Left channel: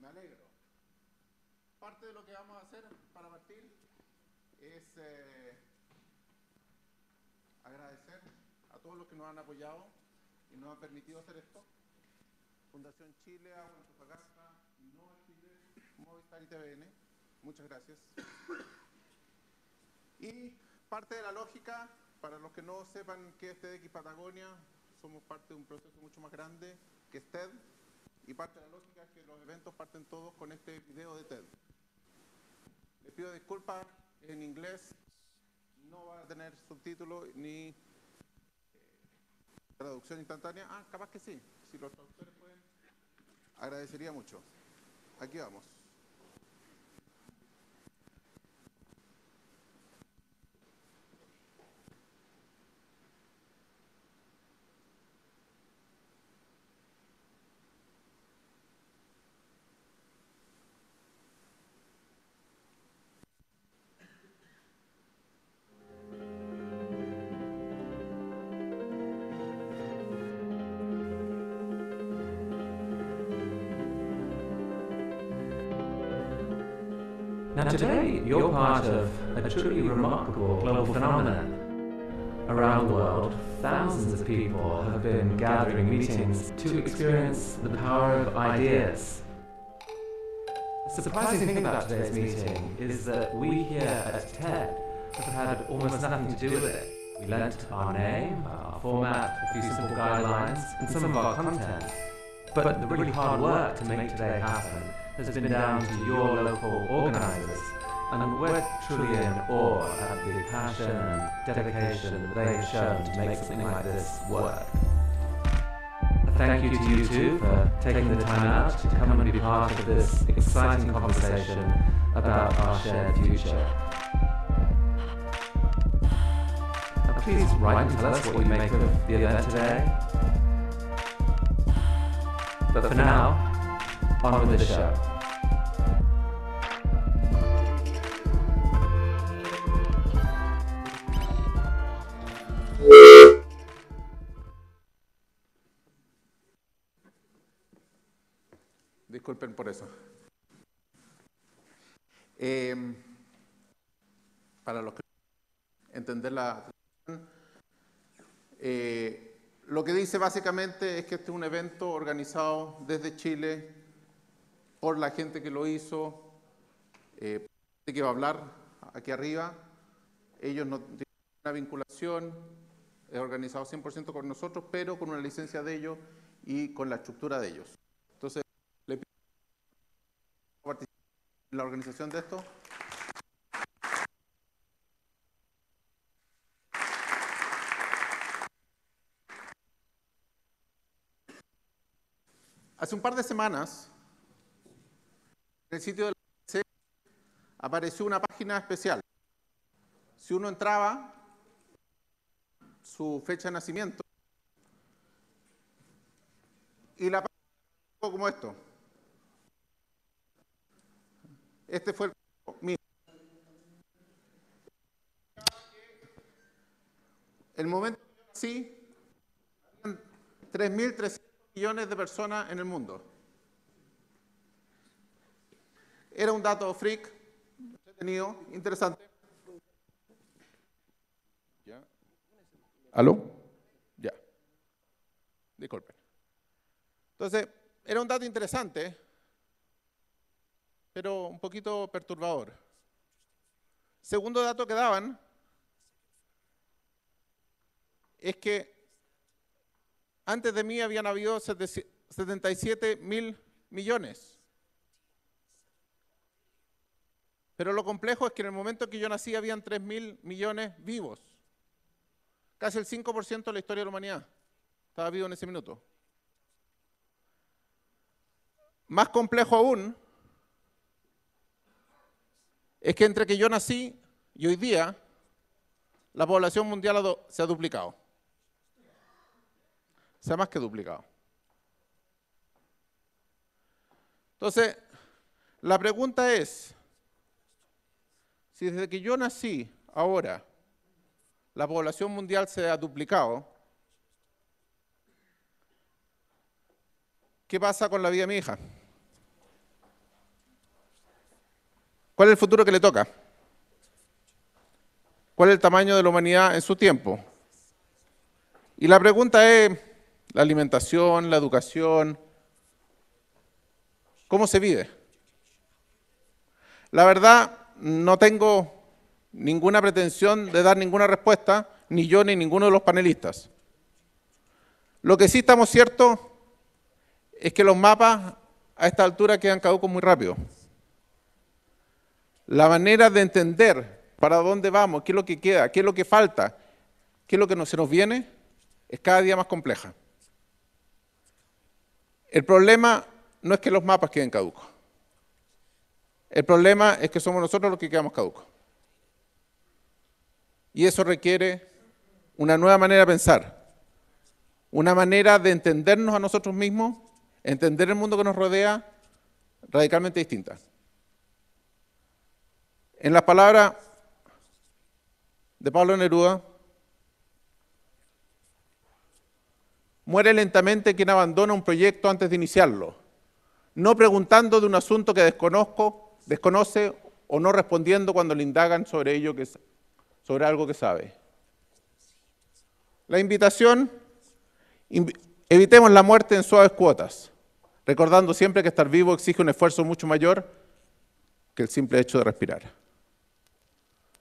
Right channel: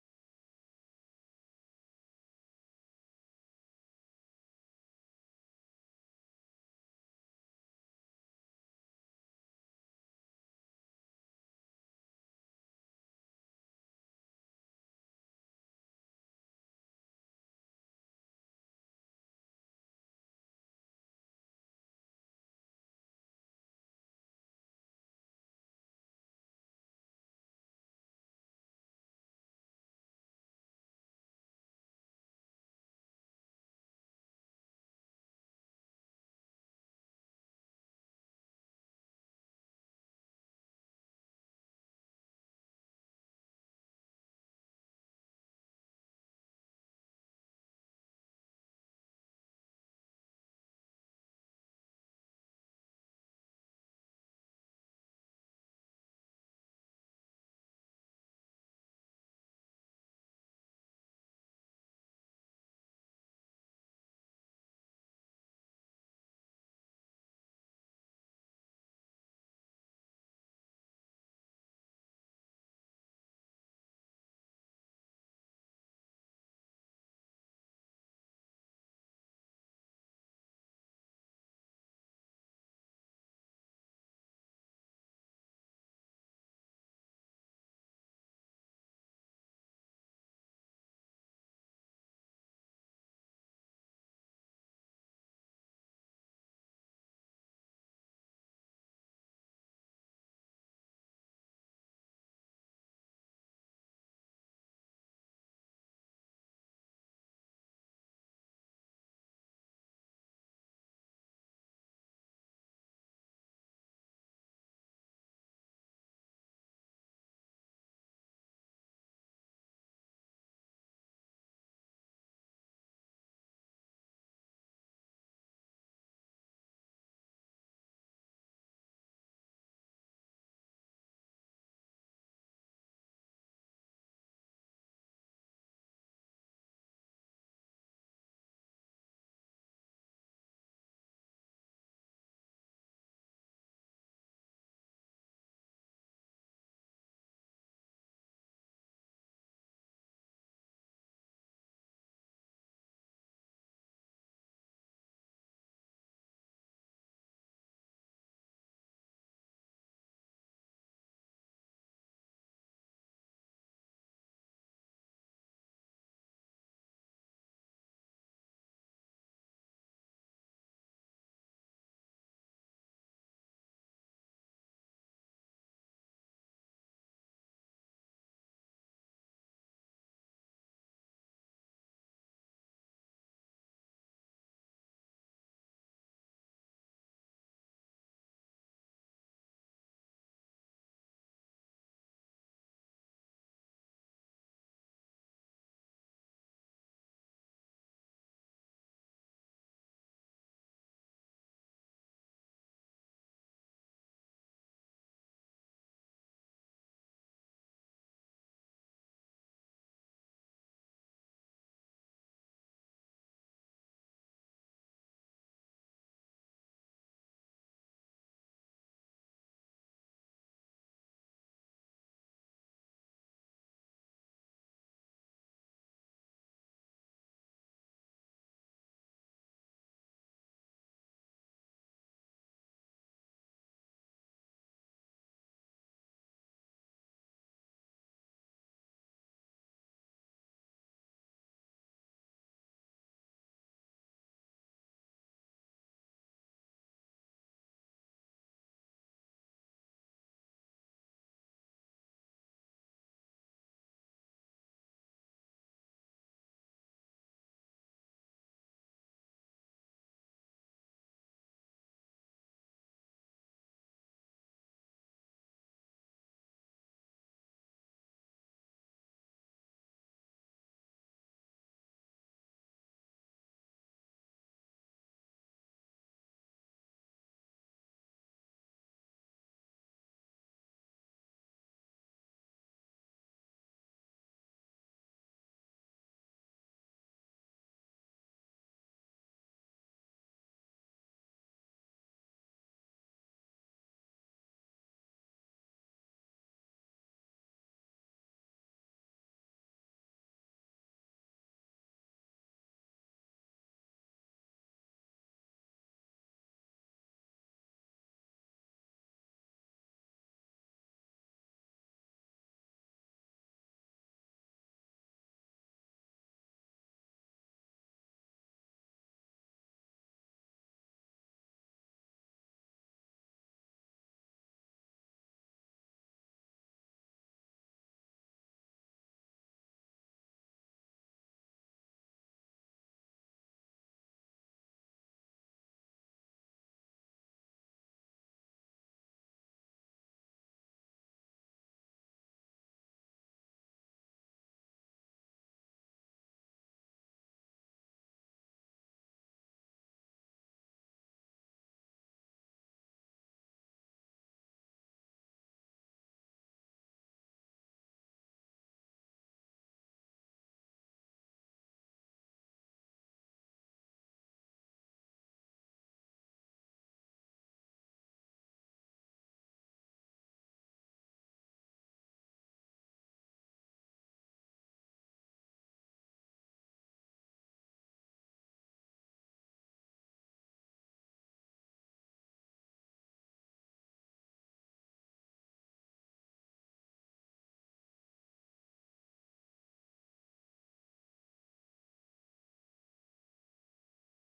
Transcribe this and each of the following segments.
Me alegro. Parte de lo que vamos a hacer para partir es agradecer a todos los que nos han apoyado y nos han permitido hacer esto. Fundación Chile, Agua Antofagasta, Innova Chile, Movistar y TVN. Muchas gracias. Y parte de la lógica, para los que no sepan qué es TEDx Patagonia, somos parte de un proceso mucho más grande que es TED. Y parte de la lógica es que los eventos parten todos con este video de TED. Les pido disculpas, en inglés no va a tener subtítulos ni traducción instantánea. Ah, capaz que sí. Si los traductores pueden, agradecería mucho. Aquí vamos. Now today, you're part of a truly remarkable global phenomenon. Around the world, thousands of people have been gathering meetings to experience the power of ideas. The surprising thing about today's meeting is that we here at TED have had almost nothing to do with it. We lent our name, our format, a few simple guidelines, and some of our content. But the really hard work to make today happen has been down to your local organisers, and we're truly in awe at the passion and dedication they have shown to make something like this work. A thank you to you too for taking the time out to come and be part of this exciting conversation about our shared future. Now please write and tell us what you make of the event today. But for now, on with the show. Disculpen por eso. Para los que entender la lo que dice básicamente es que este es un evento organizado desde Chile por la gente que lo hizo, que va a hablar aquí arriba. Ellos no tienen una vinculación, es organizado 100% con nosotros, pero con una licencia de ellos y con la estructura de ellos. Entonces, le pido participar en la organización de esto. Hace un par de semanas, en el sitio de la empresa apareció una página especial. Si uno entraba, su fecha de nacimiento, y la página era como esto. Este fue el momento que yo nací, habían 3.300 millones de personas en el mundo. Era un dato freak, entretenido, interesante. ¿Ya? ¿Aló? Ya. Disculpen. Entonces, era un dato interesante, pero un poquito perturbador. Segundo dato que daban es que antes de mí habían habido 77.000 millones. Pero lo complejo es que en el momento que yo nací habían 3.000 millones vivos. Casi el 5% de la historia de la humanidad estaba vivo en ese minuto. Más complejo aún es que entre que yo nací y hoy día la población mundial se ha duplicado. Se ha más que duplicado. Entonces, la pregunta es, si desde que yo nací, ahora, la población mundial se ha duplicado, ¿qué pasa con la vida de mi hija? ¿Cuál es el futuro que le toca? ¿Cuál es el tamaño de la humanidad en su tiempo? Y la pregunta es, la alimentación, la educación, ¿cómo se vive? La verdad, no tengo ninguna pretensión de dar ninguna respuesta, ni yo ni ninguno de los panelistas. Lo que sí estamos ciertos es que los mapas a esta altura quedan caducos muy rápido. La manera de entender para dónde vamos, qué es lo que queda, qué es lo que falta, qué es lo que se nos viene, es cada día más compleja. El problema no es que los mapas queden caducos. El problema es que somos nosotros los que quedamos caducos. Y eso requiere una nueva manera de pensar, una manera de entendernos a nosotros mismos, entender el mundo que nos rodea, radicalmente distinta. En las palabras de Pablo Neruda, muere lentamente quien abandona un proyecto antes de iniciarlo, no preguntando de un asunto que desconoce o no respondiendo cuando le indagan sobre algo que sabe. La invitación, evitemos la muerte en suaves cuotas, recordando siempre que estar vivo exige un esfuerzo mucho mayor que el simple hecho de respirar.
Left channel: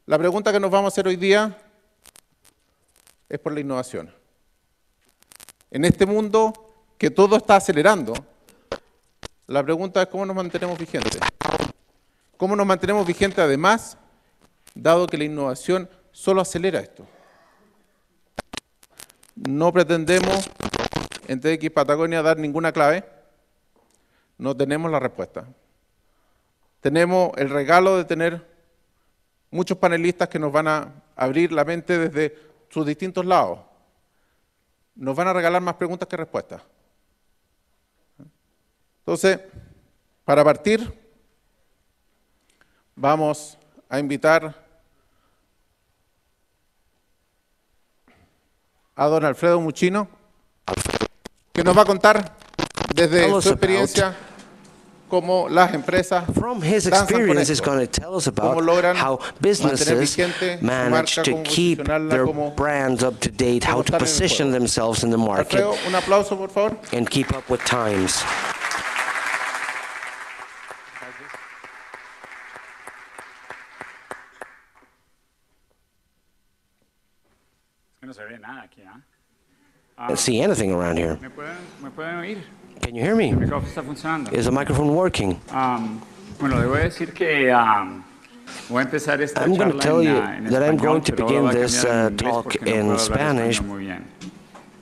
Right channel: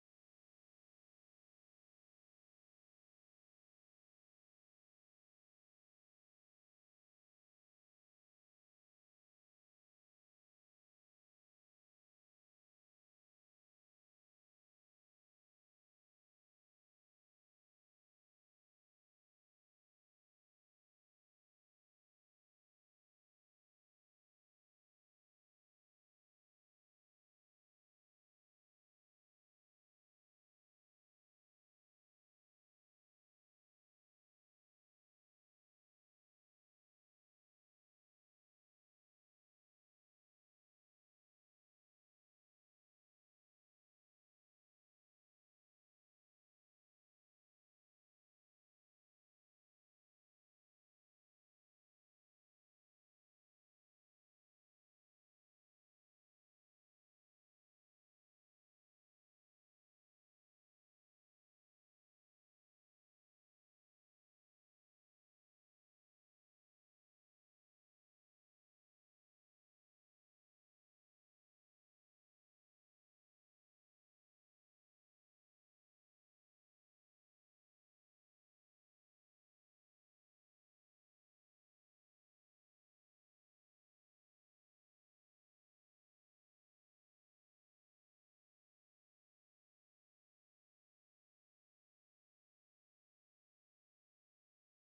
La pregunta que nos vamos a hacer hoy día es por la innovación. En este mundo que todo está acelerando, la pregunta es cómo nos mantenemos vigentes. ¿Cómo nos mantenemos vigentes además, dado que la innovación solo acelera esto? No pretendemos en TEDx Patagonia dar ninguna clave, no tenemos la respuesta. Tenemos el regalo de tener muchos panelistas que nos van a abrir la mente desde sus distintos lados. Nos van a regalar más preguntas que respuestas. Entonces, para partir, vamos a invitar a don Alfredo Muchino, que nos va a contar desde su experiencia cómo las empresas From his danzan con experience, is esto, going to tell us cómo about logran how mantener businesses vigente su manage marca, to cómo keep posicionarla, their cómo brands up to date, how to estar en el position juego. themselves in the market, Alfredo, un aplauso, por favor. and keep up with times. No se ve nada aquí, ¿ah? I can't see anything around here. ¿Me pueden oír? Can you hear me? El micrófono está funcionando. Is the microphone working? Bueno, le voy a decir que voy a empezar esta I'm going to charla tell you en that I'm español, going to pero begin ahora voy a this cambiar en inglés talk porque no in puedo hablar Spanish, español muy bien.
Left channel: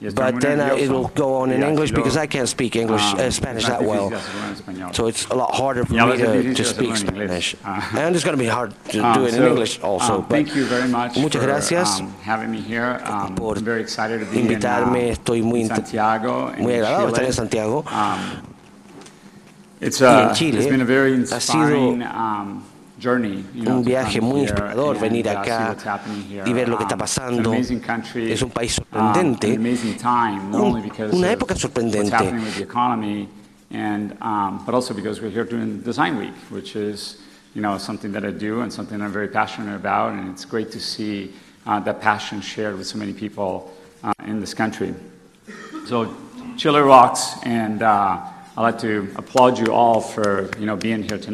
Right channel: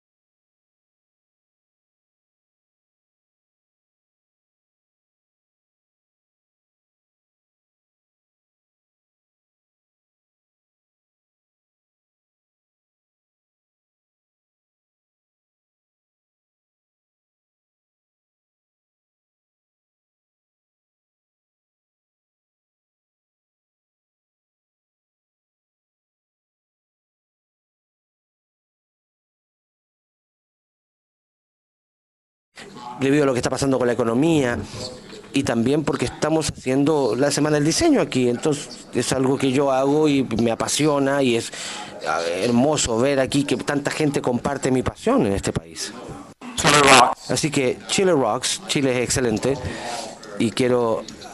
Y estoy muy but then it will nervioso. go on in Y English así because lo- I can't speak English, Spanish es that más well. difícil hacerlo en español. So it's a lot harder for Y a me veces es to difícil speak hacerlo en inglés. Spanish. And it's going to be hard to do it in English also. But Thank you very much muchas for gracias having me here. por I'm very excited to be invitarme. Estoy in Santiago, muy in agradado de estar Chile. en Santiago. It's en Chile it's been a very ha sido inspiring journey, un viaje muy inspirador venir acá y ver lo que está pasando. Es un país sorprendente, una época sorprendente debido a lo que está pasando con la economía y también porque estamos haciendo la Semana del Diseño aquí. Entonces es algo que yo hago y me apasiona y es hermoso ver aquí que tanta gente comparte mi pasión en este país. Chile rocks. Así que Chile rocks, Chile es excelente y quiero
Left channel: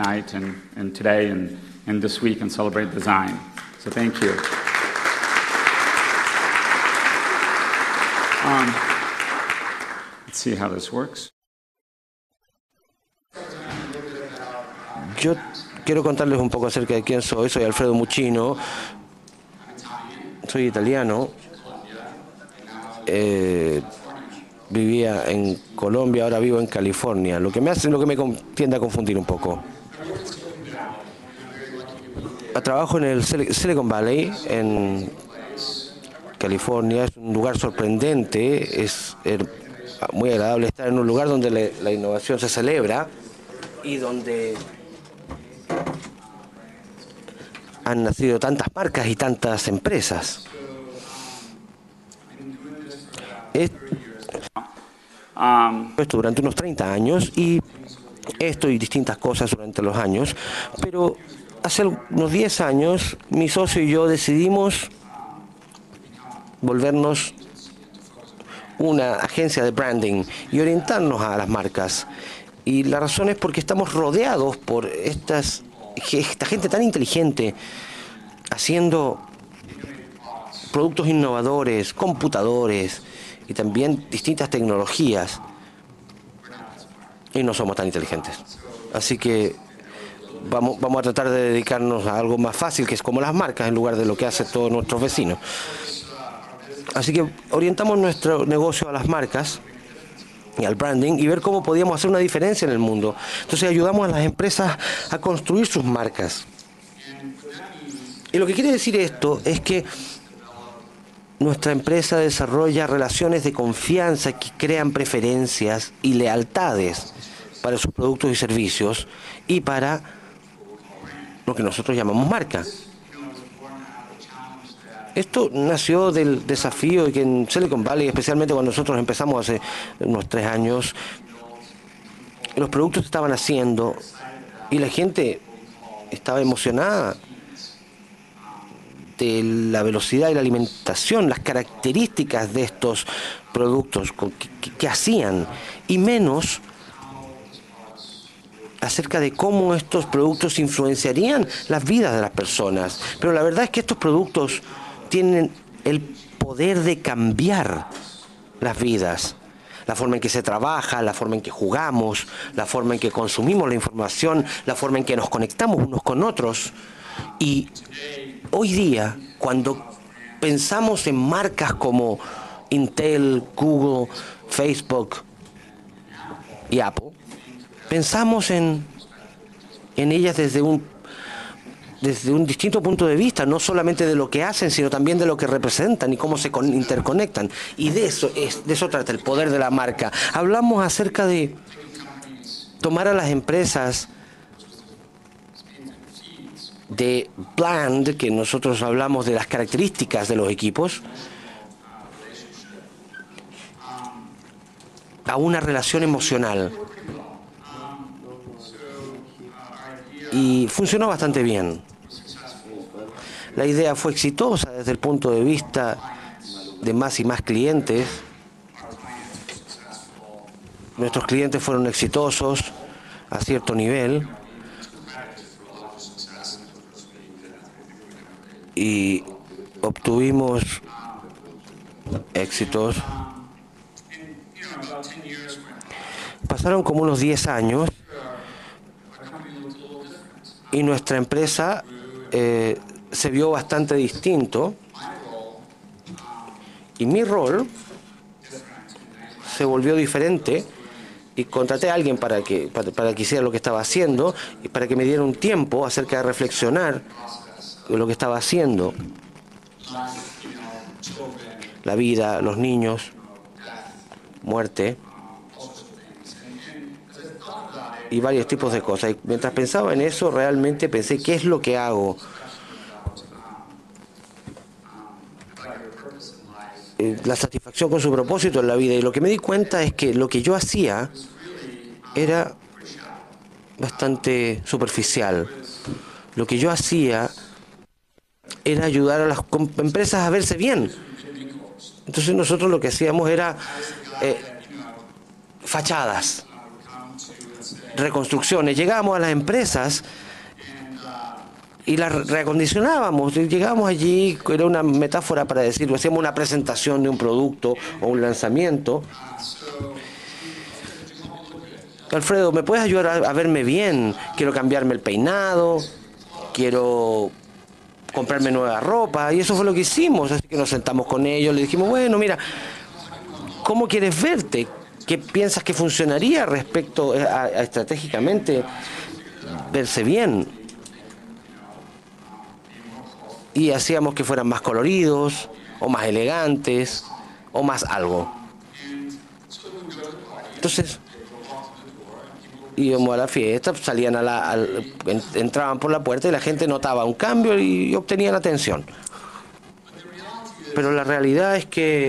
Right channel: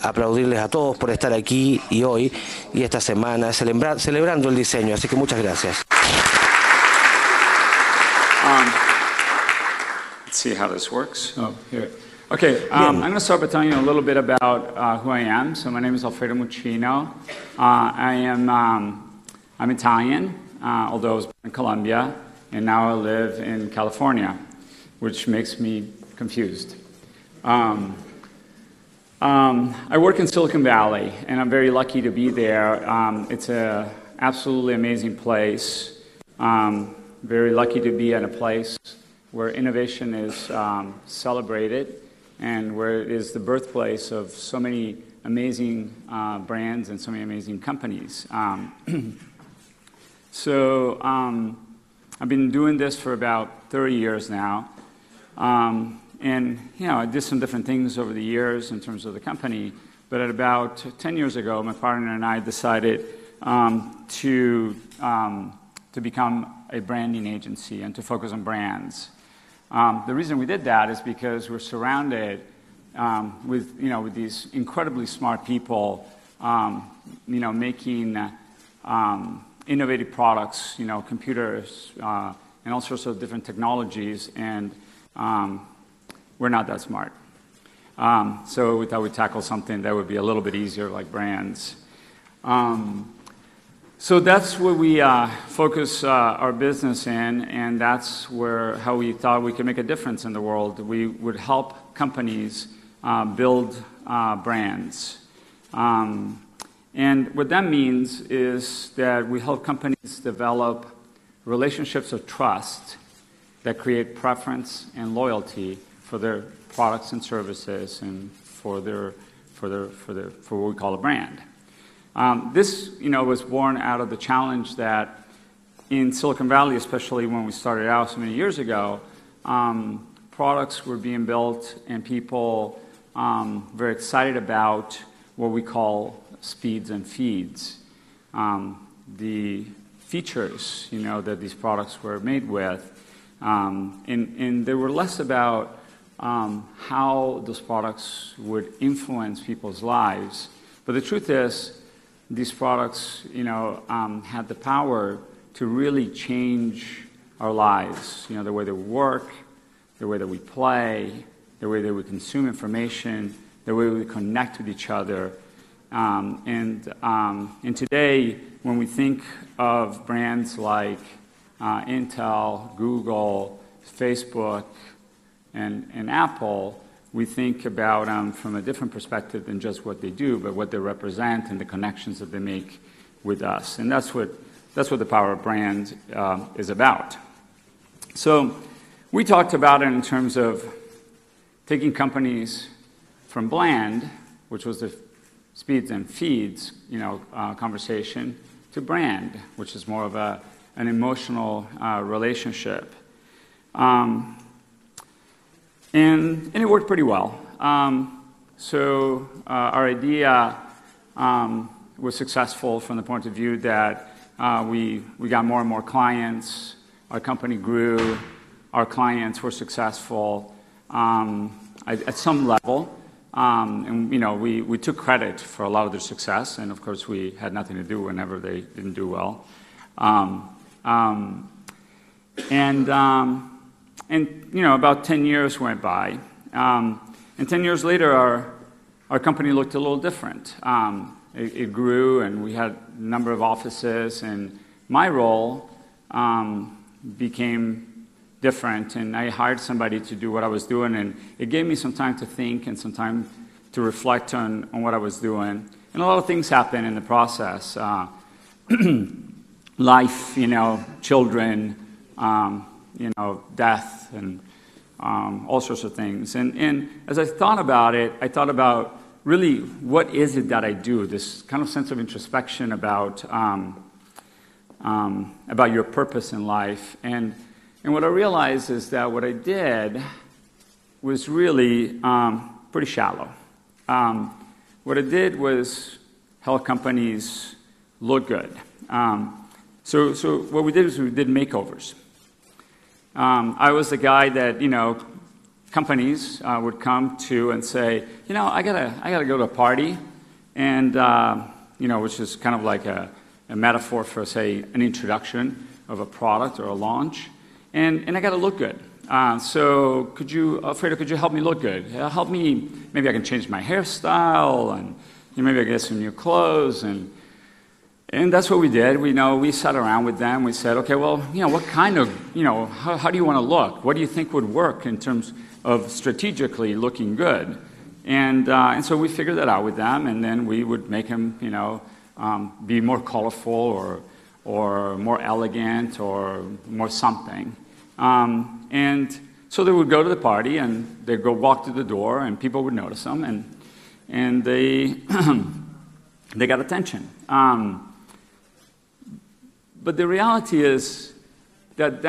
aplaudirles a todos por estar aquí y hoy y esta semana celebrando el diseño. Así que muchas gracias. Let's see how this works. Oh, here. Okay, I'm going to start by telling you a little bit about who I am. So my name Quiero is contarles Alfredo un poco acerca de Muchino. quién soy. Soy Alfredo Muchino. I'm Italian. Soy italiano. In Colombia, and now I live in California. Vivía en Colombia, ahora vivo en California, lo que me tiende a confundir un poco. I work in Silicon Valley, and I'm very lucky to be there. Trabajo en el It's Silicon Valley, absolutely en amazing place. California. Es un lugar sorprendente, es muy agradable estar en un lugar donde la innovación se celebra y donde han nacido tantas marcas y tantas empresas. So, I've been doing this for about 30 years now. Esto durante unos 30 años y esto y distintas cosas durante los años. Pero hace unos 10 años, mi socio y yo decidimos volvernos una agencia de branding y orientarnos a las marcas. Y la razón es porque estamos rodeados por esta gente tan inteligente haciendo productos innovadores, computadores y también distintas tecnologías. Y no somos tan inteligentes. Así que vamos a tratar de dedicarnos a algo más fácil, que es como las marcas, en lugar de lo que hace todos nuestros vecinos. Así que orientamos nuestro negocio a las marcas y al branding y ver cómo podíamos hacer una diferencia en el mundo. Entonces ayudamos a las empresas a construir sus marcas. Y lo que quiere decir esto es que nuestra empresa desarrolla relaciones de confianza que crean preferencias y lealtades para sus productos y servicios y para lo que nosotros llamamos marcas. Esto nació del desafío que en Silicon Valley, especialmente cuando nosotros empezamos hace unos 3 años, los productos se estaban haciendo y la gente estaba emocionada de la velocidad y la alimentación, las características de estos productos que hacían, y menos acerca de cómo estos productos influenciarían las vidas de las personas. Pero la verdad es que estos productos tienen el poder de cambiar las vidas. La forma en que se trabaja, la forma en que jugamos, la forma en que consumimos la información, la forma en que nos conectamos unos con otros. Y hoy día, cuando pensamos en marcas como Intel, Google, Facebook y Apple, pensamos en ellas desde un distinto punto de vista, no solamente de lo que hacen, sino también de lo que representan y cómo se interconectan. Y de eso trata el poder de la marca. Hablamos acerca de tomar a las empresas de Bland, que nosotros hablamos de las características de los equipos, a una relación emocional. Y funcionó bastante bien. La idea fue exitosa desde el punto de vista de más y más clientes. Nuestros clientes fueron exitosos a cierto nivel. Y obtuvimos éxitos. Pasaron como unos 10 años y nuestra empresa se vio bastante distinto y mi rol se volvió diferente y contraté a alguien para que hiciera lo que estaba haciendo y para que me diera un tiempo acerca de reflexionar de lo que estaba haciendo. La vida, los niños, muerte, y varios tipos de cosas. Y mientras pensaba en eso, realmente pensé, ¿qué es lo que hago? La satisfacción con su propósito en la vida. Y lo que me di cuenta es que lo que yo hacía era bastante superficial. Lo que yo hacía era ayudar a las empresas a verse bien. Entonces nosotros lo que hacíamos era fachadas, reconstrucciones. Llegábamos a las empresas y las reacondicionábamos. Llegamos allí, era una metáfora para decirlo, hacíamos una presentación de un producto o un lanzamiento. Alfredo, ¿me puedes ayudar a verme bien? Quiero cambiarme el peinado, quiero comprarme nueva ropa, y eso fue lo que hicimos. Nos sentamos con ellos y dijimos, bueno, mira, ¿cómo quieres verte? ¿Qué piensas que funcionaría respecto a estratégicamente verse bien? Y hacíamos que fueran más coloridos, o más elegantes, o más algo. Entonces, íbamos a la fiesta, salían entraban por la puerta y la gente notaba un cambio y obtenían atención. Pero la realidad es que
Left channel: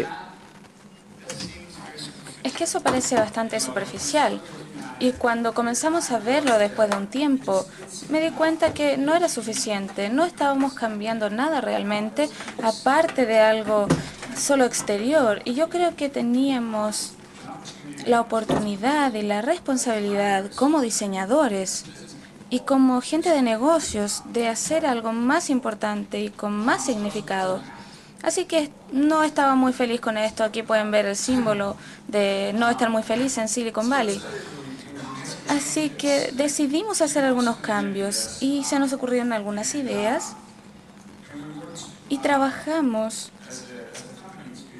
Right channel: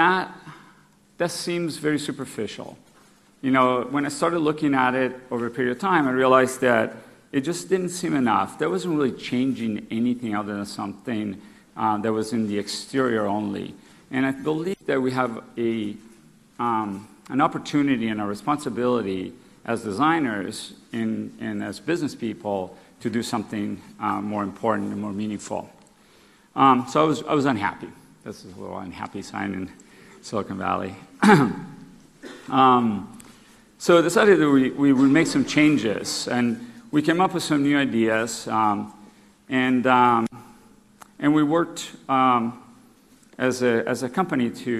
Es que eso parece bastante superficial. Y cuando comenzamos a verlo después de un tiempo, me di cuenta que no era suficiente. No estábamos cambiando nada realmente, aparte de algo solo exterior. Y yo creo que teníamos la oportunidad y la responsabilidad como diseñadores y como gente de negocios de hacer algo más importante y con más significado. Así que no estaba muy feliz con esto. Aquí pueden ver el símbolo de no estar muy feliz en Silicon Valley. Así que decidimos hacer algunos cambios y se nos ocurrieron algunas ideas. Y trabajamos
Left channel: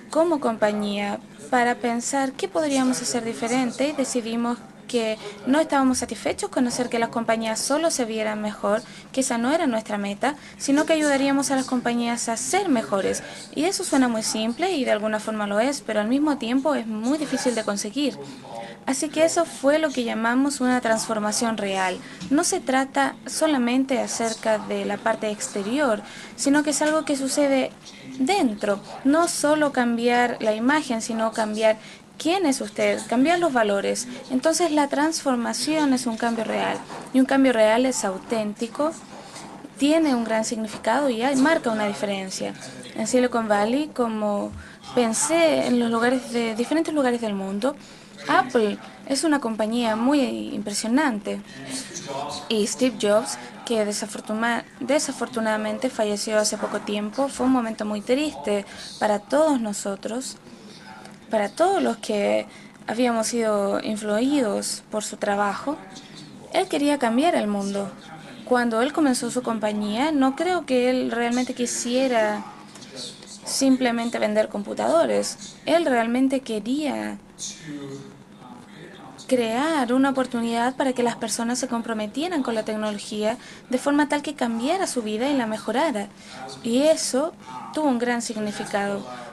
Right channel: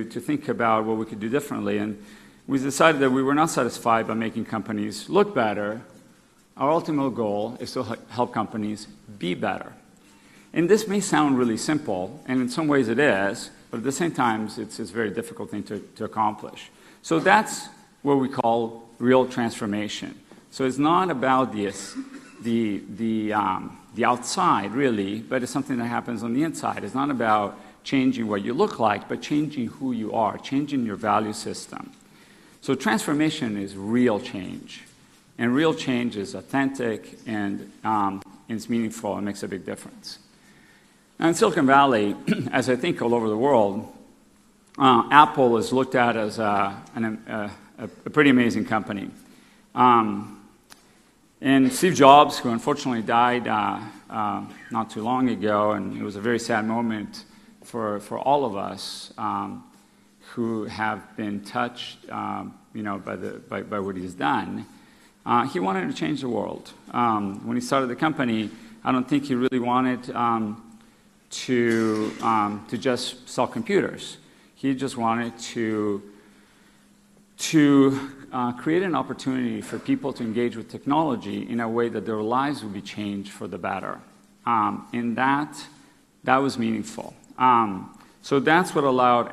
como compañía para pensar qué podríamos hacer diferente y decidimos que no estábamos satisfechos con hacer que las compañías solo se vieran mejor, que esa no era nuestra meta, sino que ayudaríamos a las compañías a ser mejores. Y eso suena muy simple y de alguna forma lo es, pero al mismo tiempo es muy difícil de conseguir. Así que eso fue lo que llamamos una transformación real. No se trata solamente acerca de la parte exterior, sino que es algo que sucede dentro. No solo cambiar la imagen, sino cambiar quién es usted, cambiar los valores. Entonces la transformación es un cambio real. Y un cambio real es auténtico, tiene un gran significado y marca una diferencia. En Silicon Valley, como pensé en los lugares de diferentes lugares del mundo, Apple es una compañía muy impresionante. Y Steve Jobs, que desafortunadamente falleció hace poco tiempo, fue un momento muy triste para todos nosotros, para todos los que habíamos sido influidos por su trabajo. Él quería cambiar el mundo. Cuando él comenzó su compañía, no creo que él realmente quisiera simplemente vender computadores. Él realmente quería crear una oportunidad para que las personas se comprometieran con la tecnología de forma tal que cambiara su vida y la mejorara. Y eso tuvo un gran significado.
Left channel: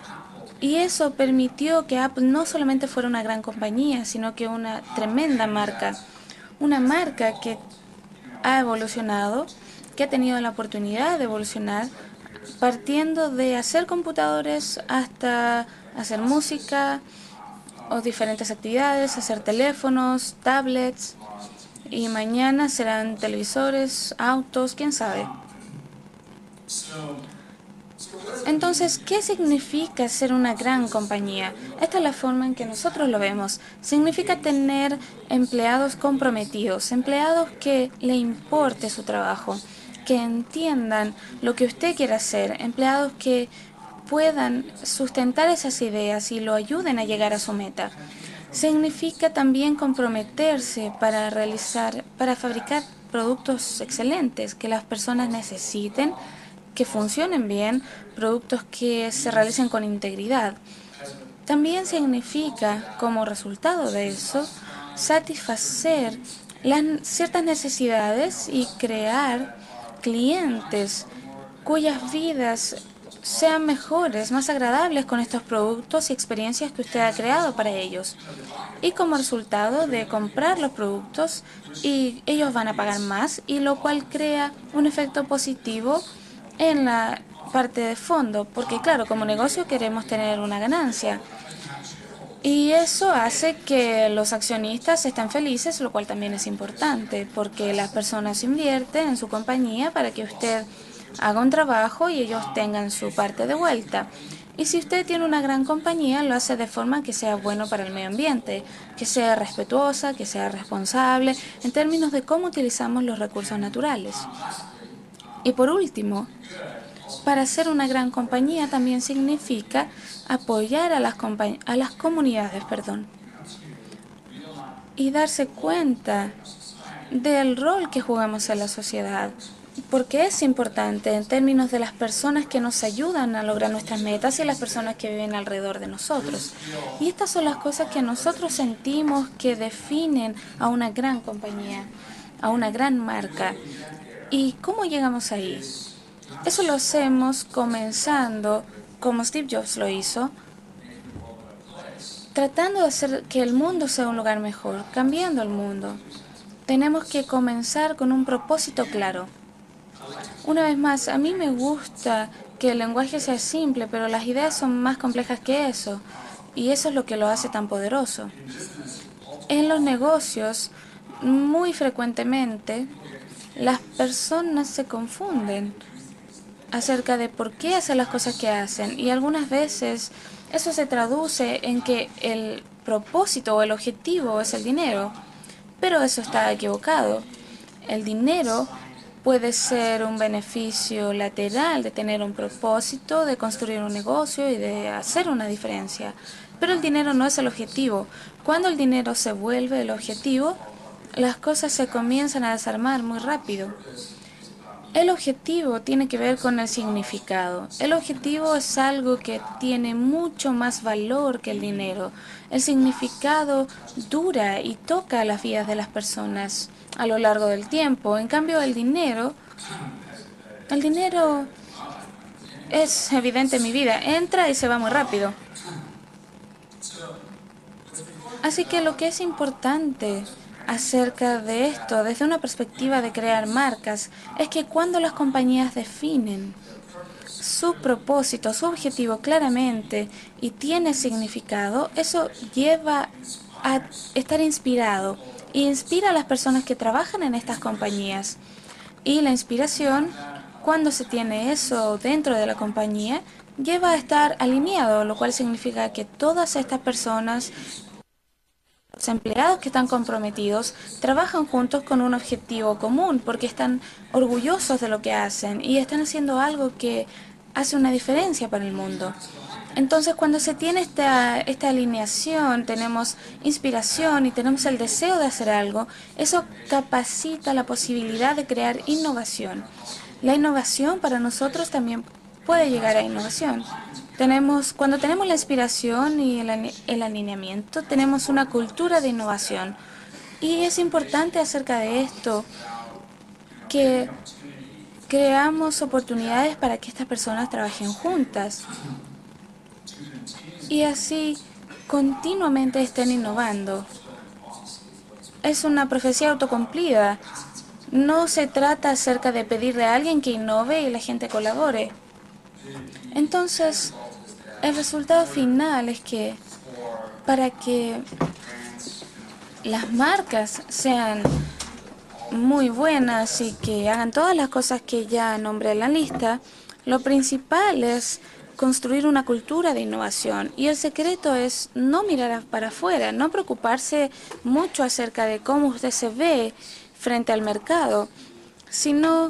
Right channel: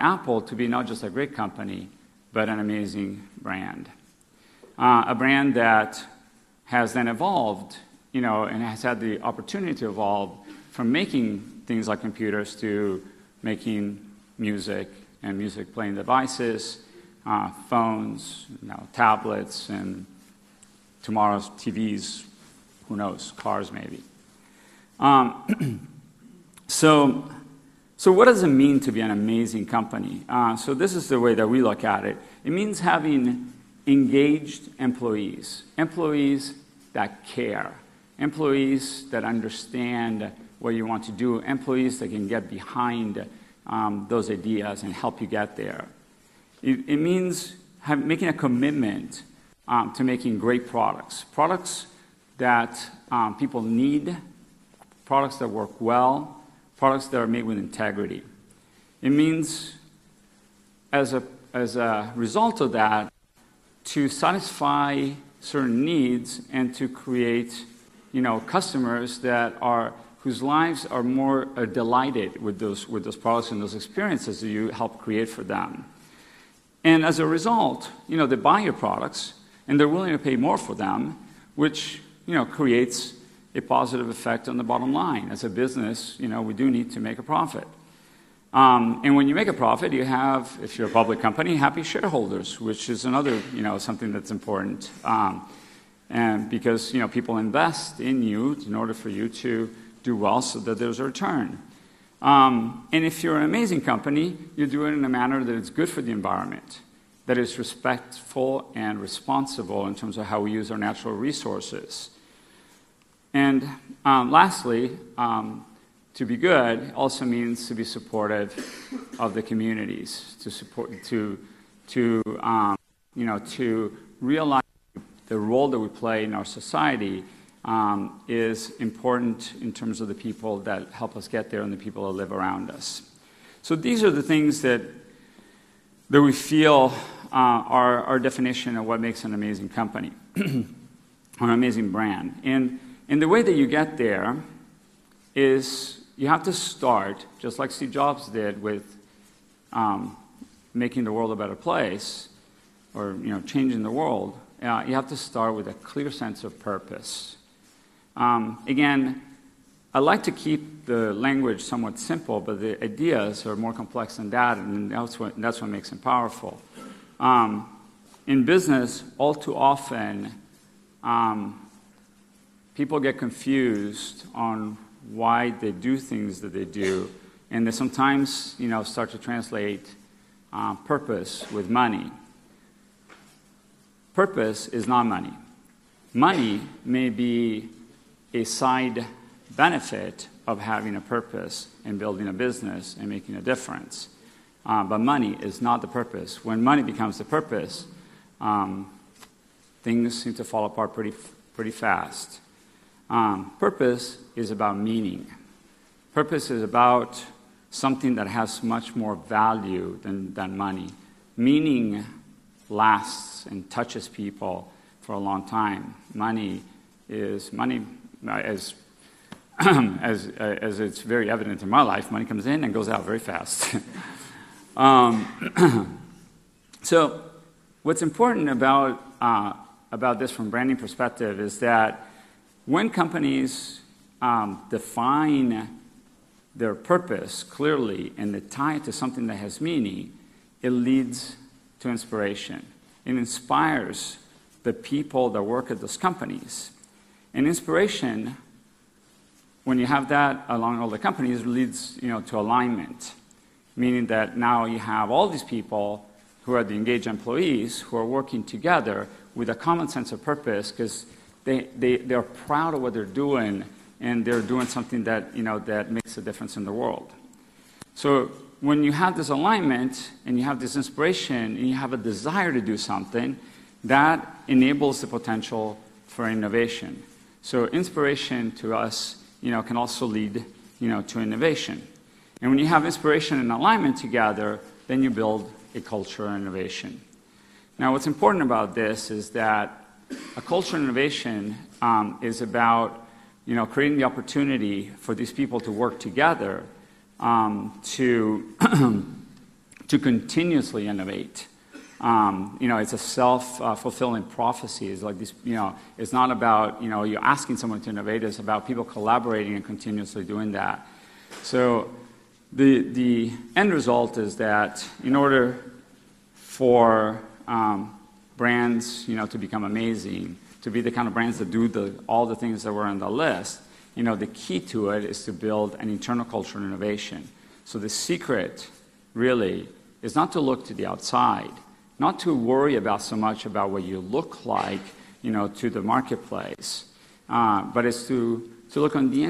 Y eso permitió que Apple no solamente fuera una gran compañía, sino que una tremenda marca. Una marca que ha evolucionado, que ha tenido la oportunidad de evolucionar, partiendo de hacer computadores hasta hacer música o diferentes actividades, hacer teléfonos, tablets, y mañana serán televisores, autos, quién sabe. Entonces, ¿qué significa ser una gran compañía? Esta es la forma en que nosotros lo vemos. Significa tener empleados comprometidos, empleados que le importe su trabajo, que entiendan lo que usted quiere hacer, empleados que puedan sustentar esas ideas y lo ayuden a llegar a su meta. Significa también comprometerse para fabricar productos excelentes que las personas necesiten, que funcionen bien, productos que se realicen con integridad. También significa, como resultado de eso, satisfacer ciertas necesidades y crear clientes cuyas vidas sean mejores, más agradables con estos productos y experiencias que usted ha creado para ellos. Y como resultado de comprar los productos, y ellos van a pagar más, y lo cual crea un efecto positivo en la parte de fondo, porque claro, como negocio queremos tener una ganancia. Y eso hace que los accionistas estén felices, lo cual también es importante, porque las personas invierten en su compañía para que usted haga un trabajo y ellos tengan su parte de vuelta. Y si usted tiene una gran compañía, lo hace de forma que sea bueno para el medio ambiente, que sea respetuosa, que sea responsable, en términos de cómo utilizamos los recursos naturales. Y por último, para ser una gran compañía también significa apoyar a las comunidades, y darse cuenta del rol que jugamos en la sociedad, porque es importante en términos de las personas que nos ayudan a lograr nuestras metas y las personas que viven alrededor de nosotros. Y estas son las cosas que nosotros sentimos que definen a una gran compañía, a una gran marca. ¿Y cómo llegamos ahí? Eso lo hacemos comenzando, como Steve Jobs lo hizo, tratando de hacer que el mundo sea un lugar mejor, cambiando el mundo. Tenemos que comenzar con un propósito claro. Una vez más, a mí me gusta que el lenguaje sea simple, pero las ideas son más complejas que eso. Y eso es lo que lo hace tan poderoso. En los negocios, muy frecuentemente, las personas se confunden acerca de por qué hacen las cosas que hacen. Y algunas veces eso se traduce en que el propósito o el objetivo es el dinero. Pero eso está equivocado. El dinero puede ser un beneficio lateral de tener un propósito, de construir un negocio y de hacer una diferencia. Pero el dinero no es el objetivo. Cuando el dinero se vuelve el objetivo, las cosas se comienzan a desarmar muy rápido. El objetivo tiene que ver con el significado. El objetivo es algo que tiene mucho más valor que el dinero. El significado dura y toca las vidas de las personas a lo largo del tiempo. En cambio, el dinero es evidente en mi vida. Entra y se va muy rápido. Así que lo que es importante acerca de esto, desde una perspectiva de crear marcas, es que cuando las compañías definen su propósito, su objetivo claramente y tiene significado, eso lleva a estar inspirado y inspira a las personas que trabajan en estas compañías. Y la inspiración, cuando se tiene eso dentro de la compañía, lleva a estar alineado, lo cual significa que todas estas personas, los empleados que están comprometidos, trabajan juntos con un objetivo común porque están orgullosos de lo que hacen y están haciendo algo que hace una diferencia para el mundo. Entonces, cuando se tiene esta alineación, tenemos inspiración y tenemos el deseo de hacer algo, eso capacita la posibilidad de crear innovación. La innovación para nosotros también puede llegar a innovación. Cuando tenemos la inspiración y el alineamiento, tenemos una cultura de innovación. Y es importante acerca de esto que creamos oportunidades para que estas personas trabajen juntas y así continuamente estén innovando. Es una profecía autocumplida. No se trata acerca de pedirle a alguien que innove y la gente colabore. Entonces, el resultado final es que para que las marcas sean muy buenas y que hagan todas las cosas que ya nombré en la lista, lo principal es construir una cultura de innovación. Y el secreto es no mirar para afuera, no preocuparse mucho acerca de cómo usted se ve frente al mercado, sino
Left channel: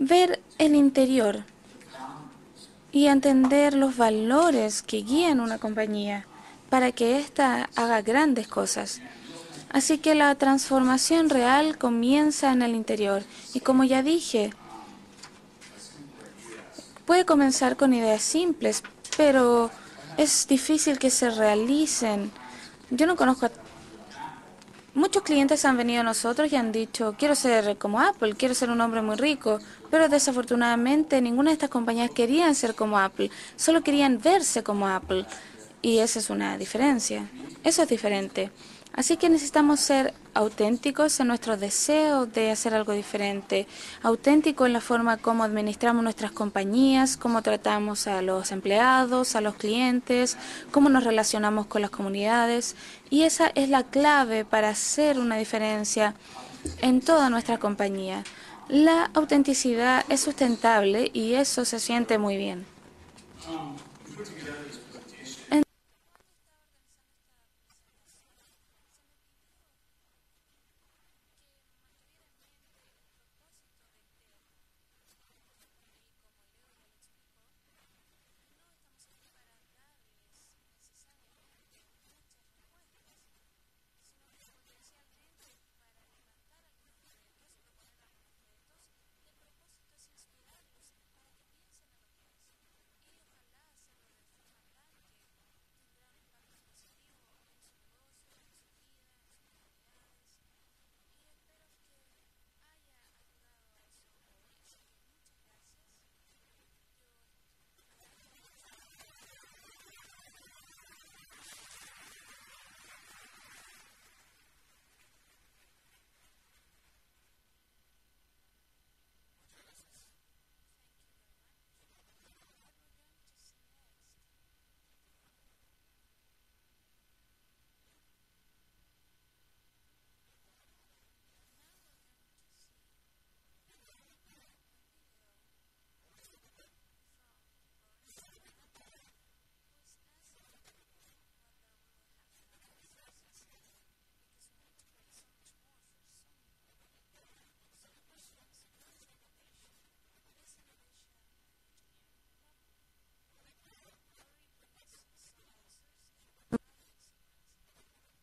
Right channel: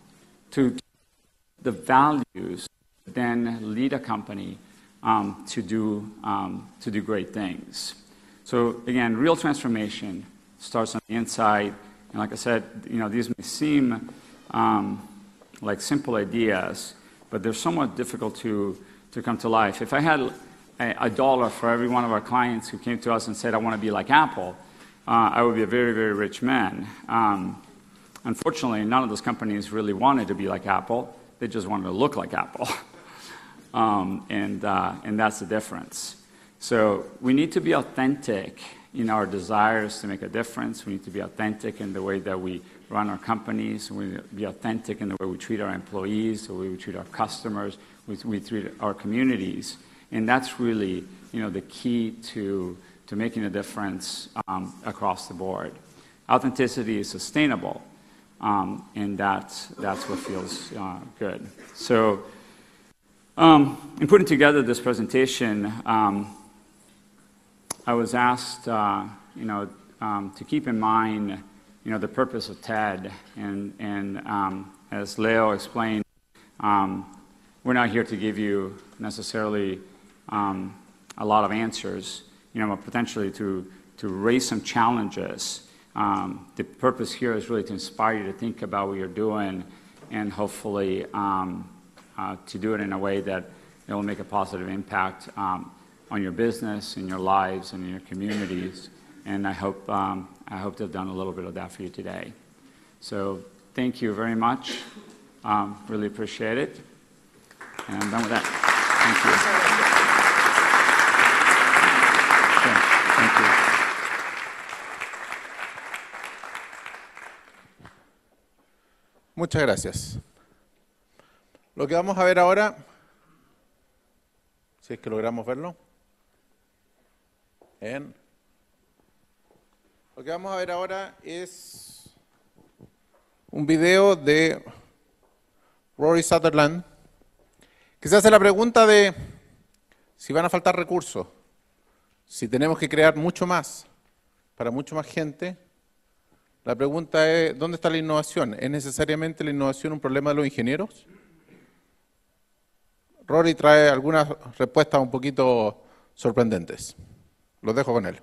ver el interior y entender los valores que guían una compañía para que ésta haga grandes cosas. Así que la transformación real comienza en el interior. Y como ya dije, puede comenzar con ideas simples, pero es difícil que se realicen. Yo no conozco. Muchos clientes han venido a nosotros y han dicho, quiero ser como Apple, quiero ser un hombre muy rico, pero desafortunadamente ninguna de estas compañías querían ser como Apple, solo querían verse como Apple. Y esa es una diferencia, eso es diferente. Así que necesitamos ser auténticos en nuestro deseo de hacer algo diferente, auténticos en la forma como administramos nuestras compañías, cómo tratamos a los empleados, a los clientes, cómo nos relacionamos con las comunidades. Y esa es la clave para hacer una diferencia en toda nuestra compañía. La autenticidad es sustentable y eso se siente muy bien. In putting together this presentation, I was asked, to keep in mind, the purpose of TED, and as Leo explained, we're not here to give you necessarily a lot of answers, but potentially to raise some challenges. The purpose here is really to inspire you to think about what you're doing, and hopefully to do it in a way that it will make a positive impact on your business, in your lives, and in your communities. And I hope to have done a little bit of that for you today. So thank you very much. Really appreciate it. And I'm done with that. Thank you. Okay, thank you. Muchas gracias. Lo que vamos a ver ahora, si es que logramos verlo. Bien. Lo que vamos a ver ahora es un video de Rory Sutherland, que se hace la pregunta de si van a faltar recursos, si tenemos que crear mucho más para mucho más gente. La pregunta es, ¿dónde está la innovación? ¿Es necesariamente la innovación un problema de los ingenieros? Rory trae algunas respuestas un poquito sorprendentes. Los dejo con él.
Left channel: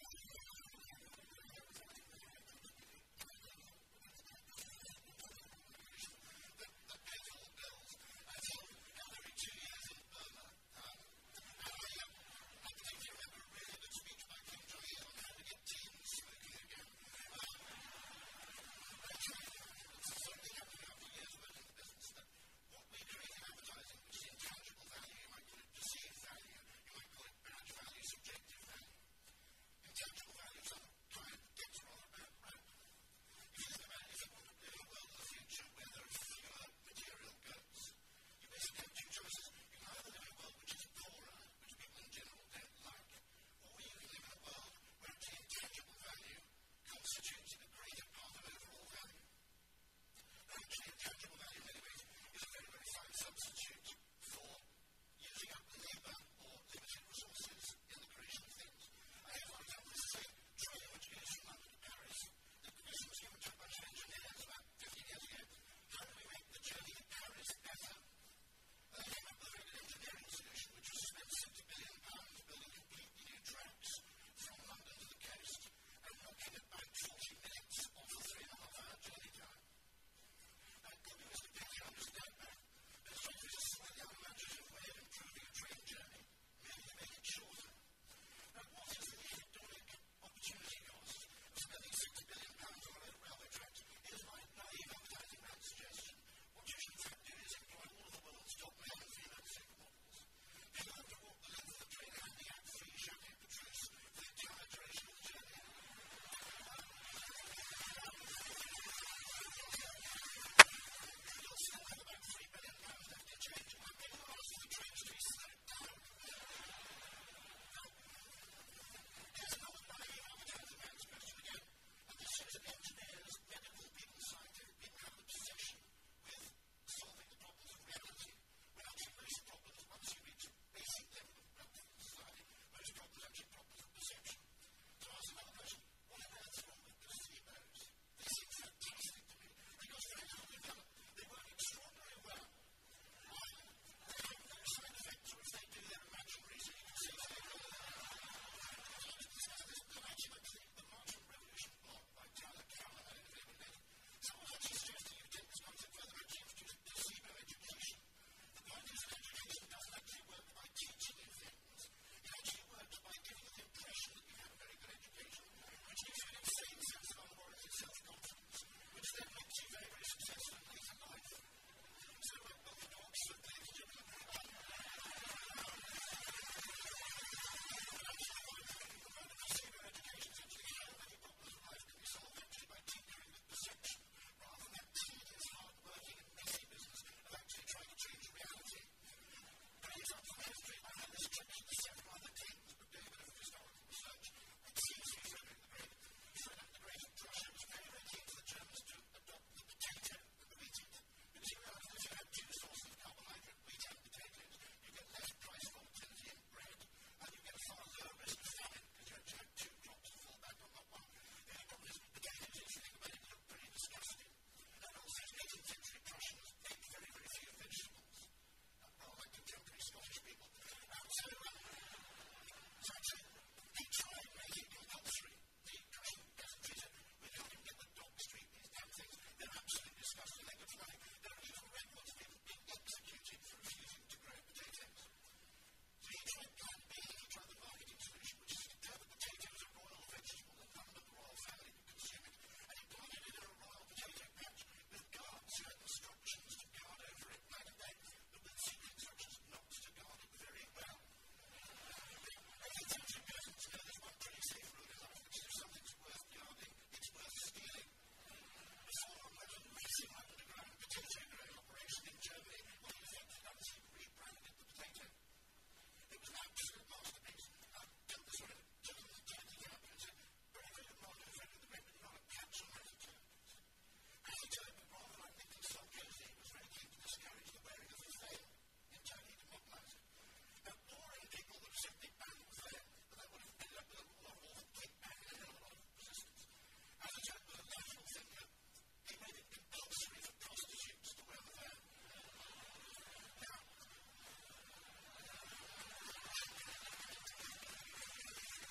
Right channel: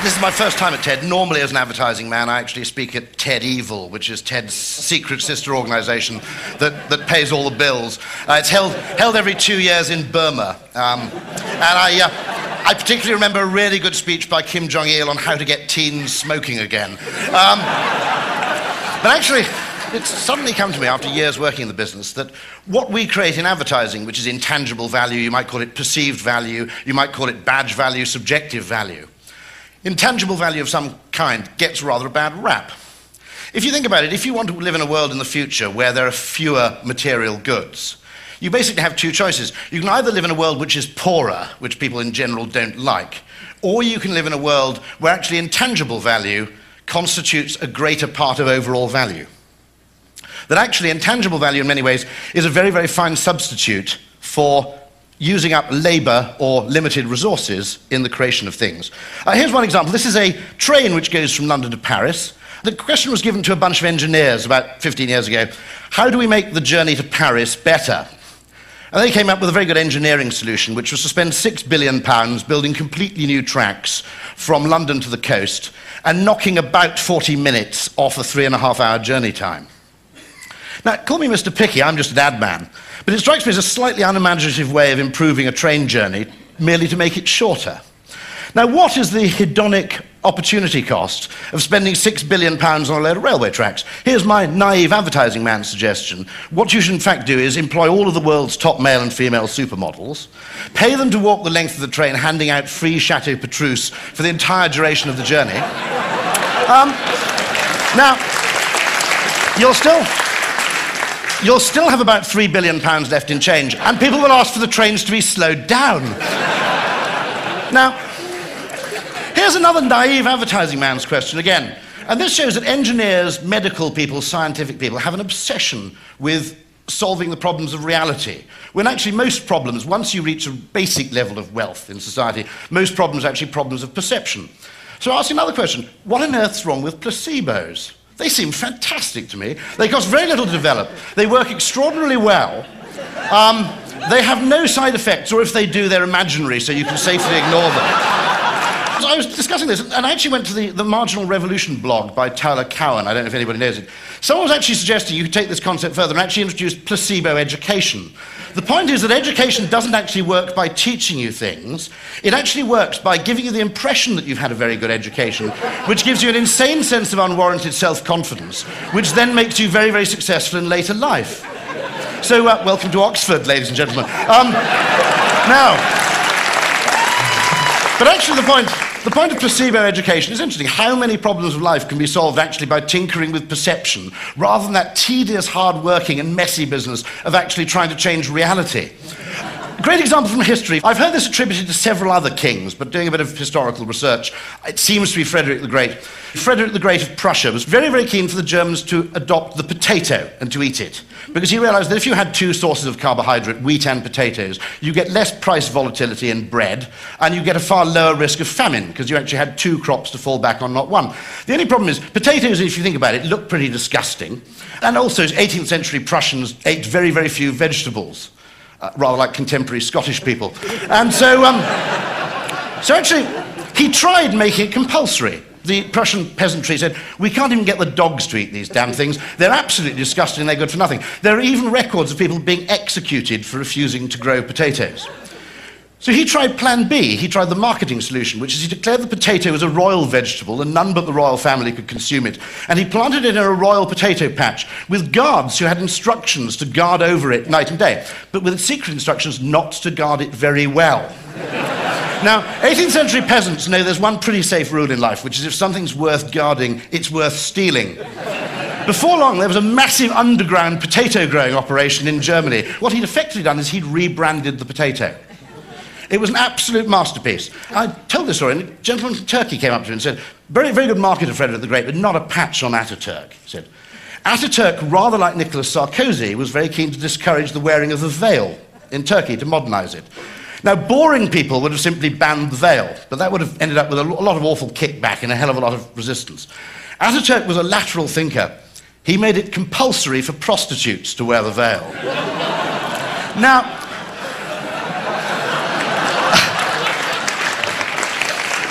This is my first time at TED. Normally, as an advertising man, I actually speak at TED Evil, which is TED's secret sister organization that pays all the bills. It's held every 2 years in Burma. And I particularly remember a really good speech by Kim Jong-il on how to get teens smoking again. But actually, it's suddenly come to me after years working in the business that what we create in advertising, which is intangible value, you might call it perceived value, you might call it badge value, subjective value. Intangible value of some kind gets rather a bad rap. If you think about it, if you want to live in a world in the future where there are fewer material goods, you basically have two choices. You can either live in a world which is poorer, which people in general don't like, or you can live in a world where actually intangible value constitutes a greater part of overall value. That actually intangible value in many ways is a very, very fine substitute for using up labor or limited resources in the creation of things. Here's one example. This is a train which goes from London to Paris. The question was given to a bunch of engineers about 15 years ago, how do we make the journey to Paris better? And they came up with a very good engineering solution, which was to spend £6 billion building completely new tracks from London to the coast and knocking about 40 minutes off a 3.5-hour journey time. Now, call me Mr. Picky, I'm just an ad man. But it strikes me as a slightly unimaginative way of improving a train journey, merely to make it shorter. Now, what is the hedonic opportunity cost of spending £6 billion on a load of railway tracks? Here's my naive advertising man's suggestion. What you should in fact do is employ all of the world's top male and female supermodels, pay them to walk the length of the train handing out free Chateau Petrus for the entire duration of the journey. Now, you'll still have about £3 billion left in change, and people will ask for the trains to be slowed down. Now, here's another naive advertising man's question again. And this shows that engineers, medical people, scientific people have an obsession with solving the problems of reality. When actually most problems, once you reach a basic level of wealth in society, most problems are actually problems of perception. So I'll ask you another question. What on earth's wrong with placebos? They seem fantastic to me. They cost very little to develop. They work extraordinarily well. They have no side effects, or if they do, they're imaginary, so you can safely ignore them. So I was discussing this, and I actually went to the Marginal Revolution blog by Tyler Cowen. I don't know if anybody knows it. Someone was actually suggesting you could take this concept further and actually introduce placebo education. The point is that education doesn't actually work by teaching you things. It actually works by giving you the impression that you've had a very good education, which gives you an insane sense of unwarranted self-confidence, which then makes you very, very successful in later life. So, welcome to Oxford, ladies and gentlemen. Now, but actually the point of placebo education is interesting. How many problems of life can be solved actually by tinkering with perception, rather than that tedious, hard-working and messy business of actually trying to change reality? A great example from history. I've heard this attributed to several other kings, but doing a bit of historical research, it seems to be Frederick the Great. Frederick the Great of Prussia was very, very keen for the Germans to adopt the potato and to eat it, because he realized that if you had two sources of carbohydrate, wheat and potatoes, you get less price volatility in bread, and you get a far lower risk of famine, because you actually had two crops to fall back on, not one. The only problem is, potatoes, if you think about it, look pretty disgusting, and also 18th century Prussians ate very, very few vegetables. Rather like contemporary Scottish people. And so actually, he tried making it compulsory. The Prussian peasantry said, we can't even get the dogs to eat these damn things. They're absolutely disgusting, they're good for nothing. There are even records of people being executed for refusing to grow potatoes. So he tried plan B, he tried the marketing solution, which is he declared the potato as a royal vegetable and none but the royal family could consume it. And he planted it in a royal potato patch with guards who had instructions to guard over it night and day, but with secret instructions not to guard it very well. Now, 18th century peasants know there's one pretty safe rule in life, which is if something's worth guarding, it's worth stealing. Before long, there was a massive underground potato growing operation in Germany. What he'd effectively done is he'd rebranded the potato. It was an absolute masterpiece. I told this story, and a gentleman from Turkey came up to me and said, very, very good marketer, Frederick the Great, but not a patch on Ataturk. He said, Ataturk, rather like Nicolas Sarkozy, was very keen to discourage the wearing of the veil in Turkey to modernize it. Now, boring people would have simply banned the veil, but that would have ended up with a lot of awful kickback and a hell of a lot of resistance. Ataturk was a lateral thinker. He made it compulsory for prostitutes to wear the veil. Now,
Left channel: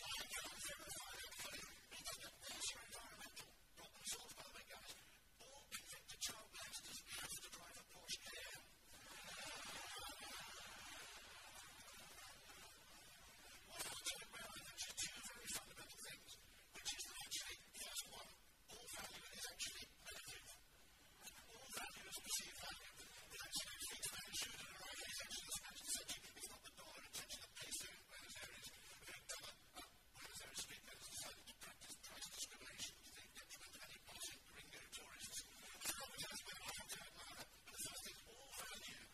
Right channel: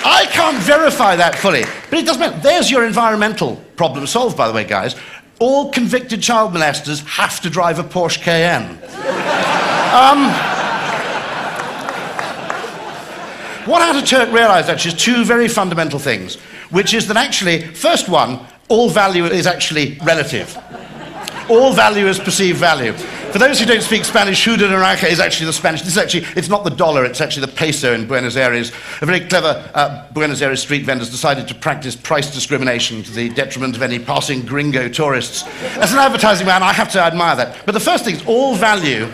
I can't verify that fully, but it doesn't matter. There's your environmental problem solved, by the way, guys. All convicted child molesters have to drive a Porsche Cayenne. What Ataturk realized, actually, is two very fundamental things, which is that actually, first one, all value is actually relative. All value is perceived value. For those who don't speak Spanish, Judo Naranja is actually the Spanish. This is actually, it's not the dollar, it's actually the peso in Buenos Aires. A very clever Buenos Aires street vendors decided to practice price discrimination to the detriment of any passing gringo tourists. As an advertising man, I have to admire that. But the first thing is all value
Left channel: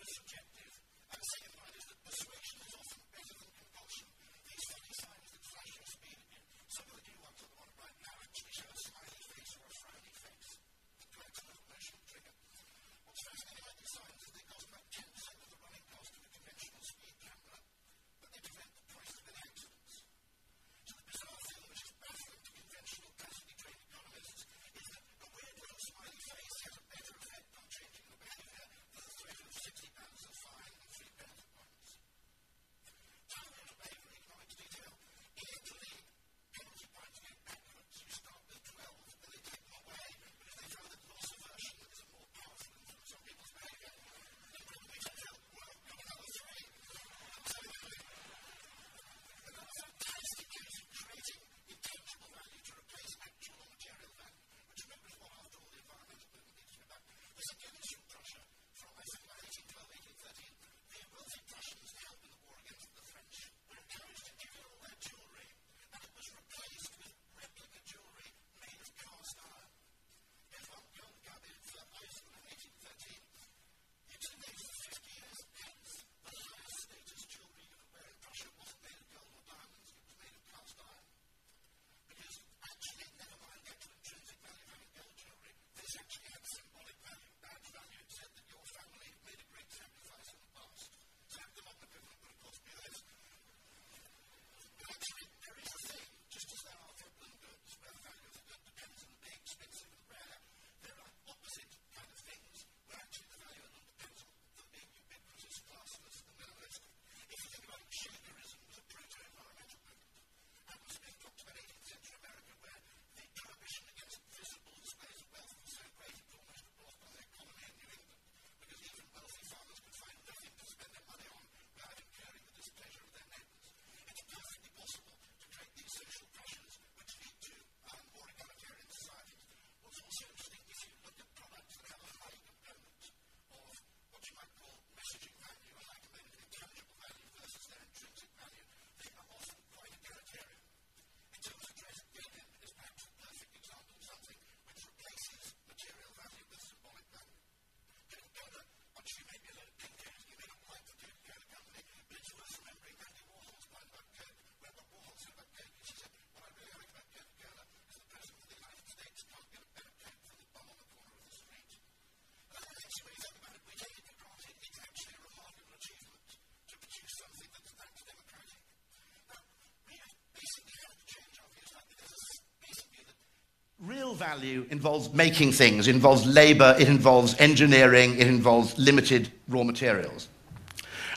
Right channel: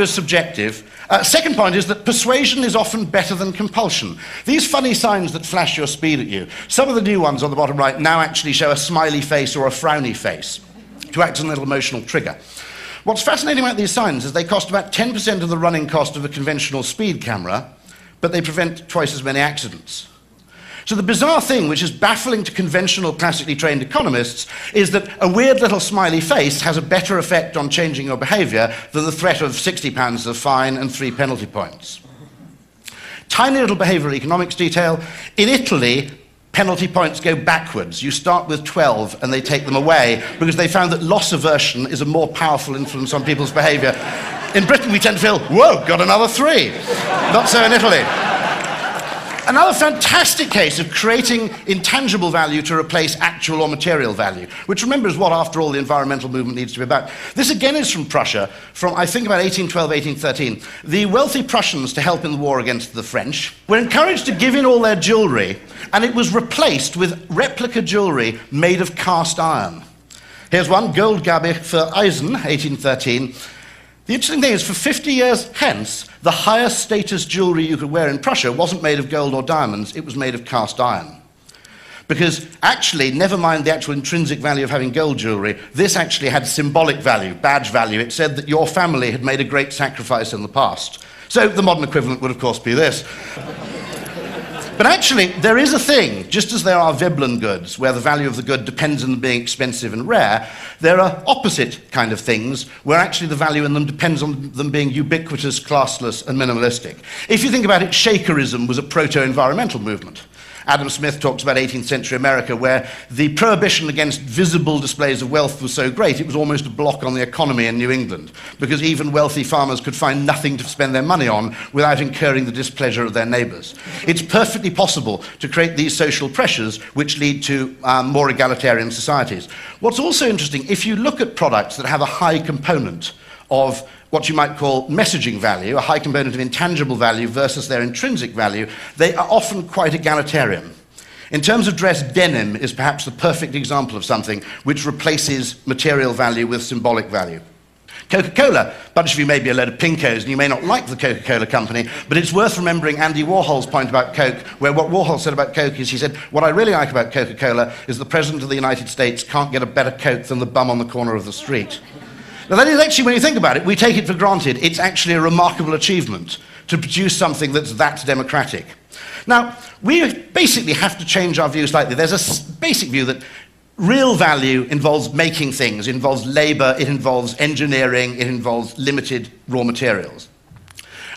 is subjective. Second point is that persuasion is often better than compulsion. These funny signs that flash your speed at you, some of the new ones on the bottom right now actually show a smiley face or a frowny face to act as a little emotional trigger. What's fascinating about these signs is they cost about 10% of the running cost of a conventional speed camera, but they prevent twice as many accidents. So the bizarre thing, which is baffling to conventional, classically trained economists, is that a weird little smiley face has a better effect on changing your behavior than the threat of £60 of fine and 3 penalty points. Tiny little behavioral economics detail. In Italy, penalty points go backwards. You start with 12 and they take them away because they found that loss aversion is a more powerful influence on people's behavior. In Britain, we tend to feel, whoa, got another 3. Not so in Italy. Another fantastic case of creating intangible value to replace actual or material value, which remember is what, after all, the environmental movement needs to be about. This again is from Prussia, from I think about 1812, 1813. The wealthy Prussians, to help in the war against the French, were encouraged to give in all their jewellery, and it was replaced with replica jewellery made of cast iron. Here's one, Goldgabe für Eisen, 1813. The interesting thing is, for 50 years hence, the highest status jewellery you could wear in Prussia wasn't made of gold or diamonds, it was made of cast iron. Because actually, never mind the actual intrinsic value of having gold jewellery, this actually had symbolic value, badge value. It said that your family had made a great sacrifice in the past. So the modern equivalent would, of course, be this. But actually, there is a thing, just as there are Veblen goods, where the value of the good depends on them being expensive and rare, there are opposite kind of things, where actually the value in them depends on them being ubiquitous, classless, and minimalistic. If you think about it, Shakerism was a proto-environmental movement. Adam Smith talks about 18th century America, where the prohibition against visible displays of wealth was so great, it was almost a block on the economy in New England, because even wealthy farmers could find nothing to spend their money on without incurring the displeasure of their neighbours. It's perfectly possible to create these social pressures which lead to more egalitarian societies. What's also interesting, if you look at products that have a high component of what you might call messaging value, a high component of intangible value versus their intrinsic value, they are often quite egalitarian. In terms of dress, denim is perhaps the perfect example of something which replaces material value with symbolic value. Coca-Cola, a bunch of you may be a load of pinkos and you may not like the Coca-Cola company, but it's worth remembering Andy Warhol's point about Coke, where what Warhol said about Coke is, he said, what I really like about Coca-Cola is the President of the United States can't get a better Coke than the bum on the corner of the street. Now that is actually, when you think about it, we take it for granted, it's actually a remarkable achievement to produce something that's that democratic. Now, we basically have to change our view slightly. There's a basic view that real value involves making things, it involves labour, it involves engineering, it involves limited raw materials.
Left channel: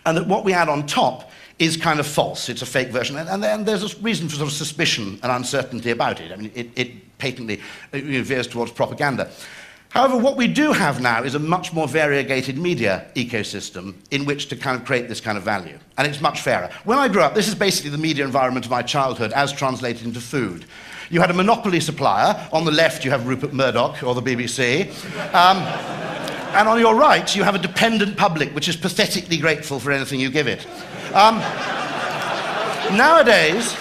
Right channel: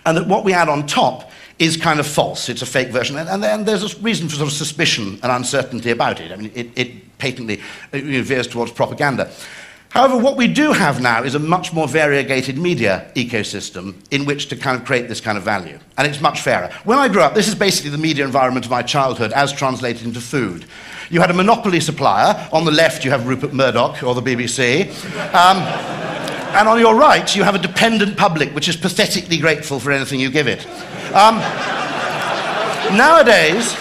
And that what we add on top is kind of false, it's a fake version, and then there's a reason for sort of suspicion and uncertainty about it. I mean, it patently veers towards propaganda. However, what we do have now is a much more variegated media ecosystem in which to kind of create this kind of value. And it's much fairer. When I grew up, this is basically the media environment of my childhood as translated into food. You had a monopoly supplier. On the left, you have Rupert Murdoch or the BBC. And on your right, you have a dependent public, which is pathetically grateful for anything you give it. Nowadays,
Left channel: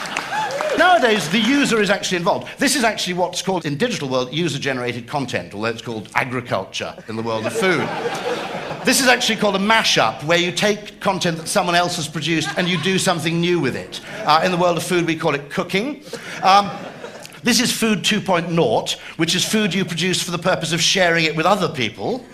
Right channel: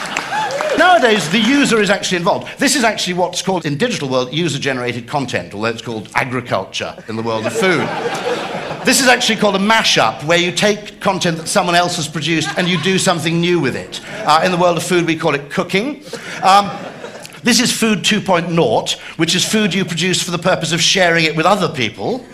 the user is actually involved. This is actually what's called, in digital world, user-generated content, although it's called agriculture in the world of food. This is actually called a mashup, where you take content that someone else has produced and you do something new with it. In the world of food, we call it cooking. This is Food 2.0, which is food you produce for the purpose of sharing it with other people.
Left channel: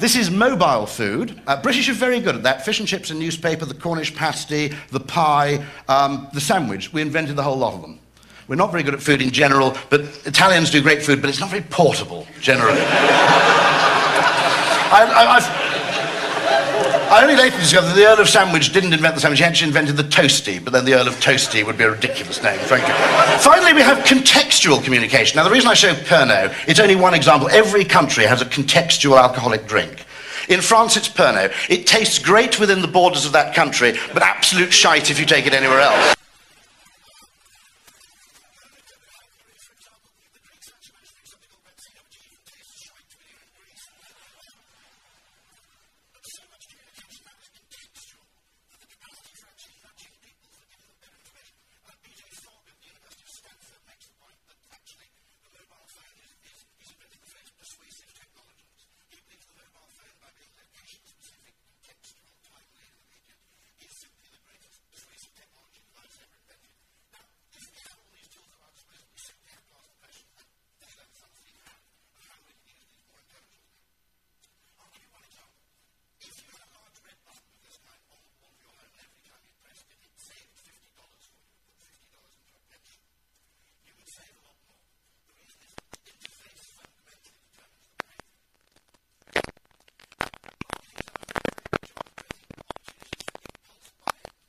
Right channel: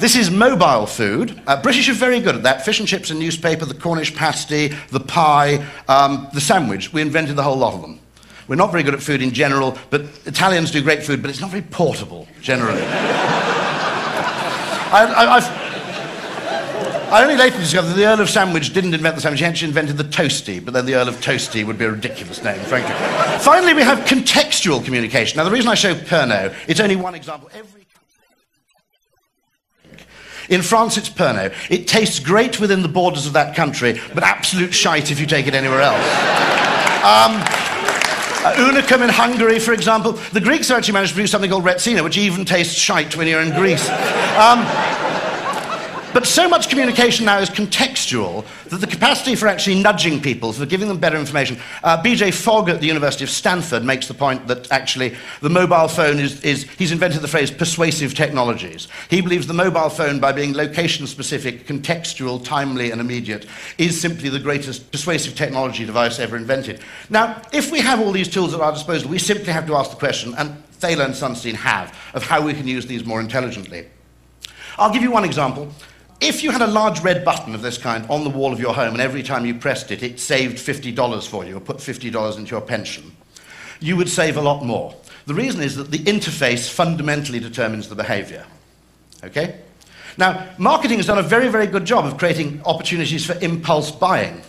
This is mobile food. British are very good at that. Fish and chips and newspaper, the Cornish pasty, the pie, the sandwich. We invented the whole lot of them. We're not very good at food in general, but Italians do great food, but it's not very portable, generally. I only later discovered that the Earl of Sandwich didn't invent the sandwich, he actually invented the toasty, but then the Earl of Toasty would be a ridiculous name, frankly. Finally, we have contextual communication. Now, the reason I show Pernod, it's only one example. Every country has a contextual alcoholic drink. In France, it's Pernod. It tastes great within the borders of that country, but absolute shite if you take it anywhere else. Unicum in Hungary, for example. The Greeks actually managed to produce something called Retsina, which even tastes shite when you're in Greece. But so much communication now is contextual that the capacity for actually nudging people, for giving them better information. B.J. Fogg at the University of Stanford makes the point that actually the mobile phone he's invented the phrase persuasive technologies. He believes the mobile phone, by being location-specific, contextual, timely, and immediate, is simply the greatest persuasive technology device ever invented. Now, if we have all these tools at our disposal, we simply have to ask the question, and Thaler and Sunstein have, of how we can use these more intelligently. I'll give you one example. If you had a large red button of this kind on the wall of your home, and every time you pressed it, it saved $50 for you, or put $50 into your pension, you would save a lot more. The reason is that the interface fundamentally determines the behavior. Okay? Now, marketing has done a very, very good job of creating opportunities for impulse buying.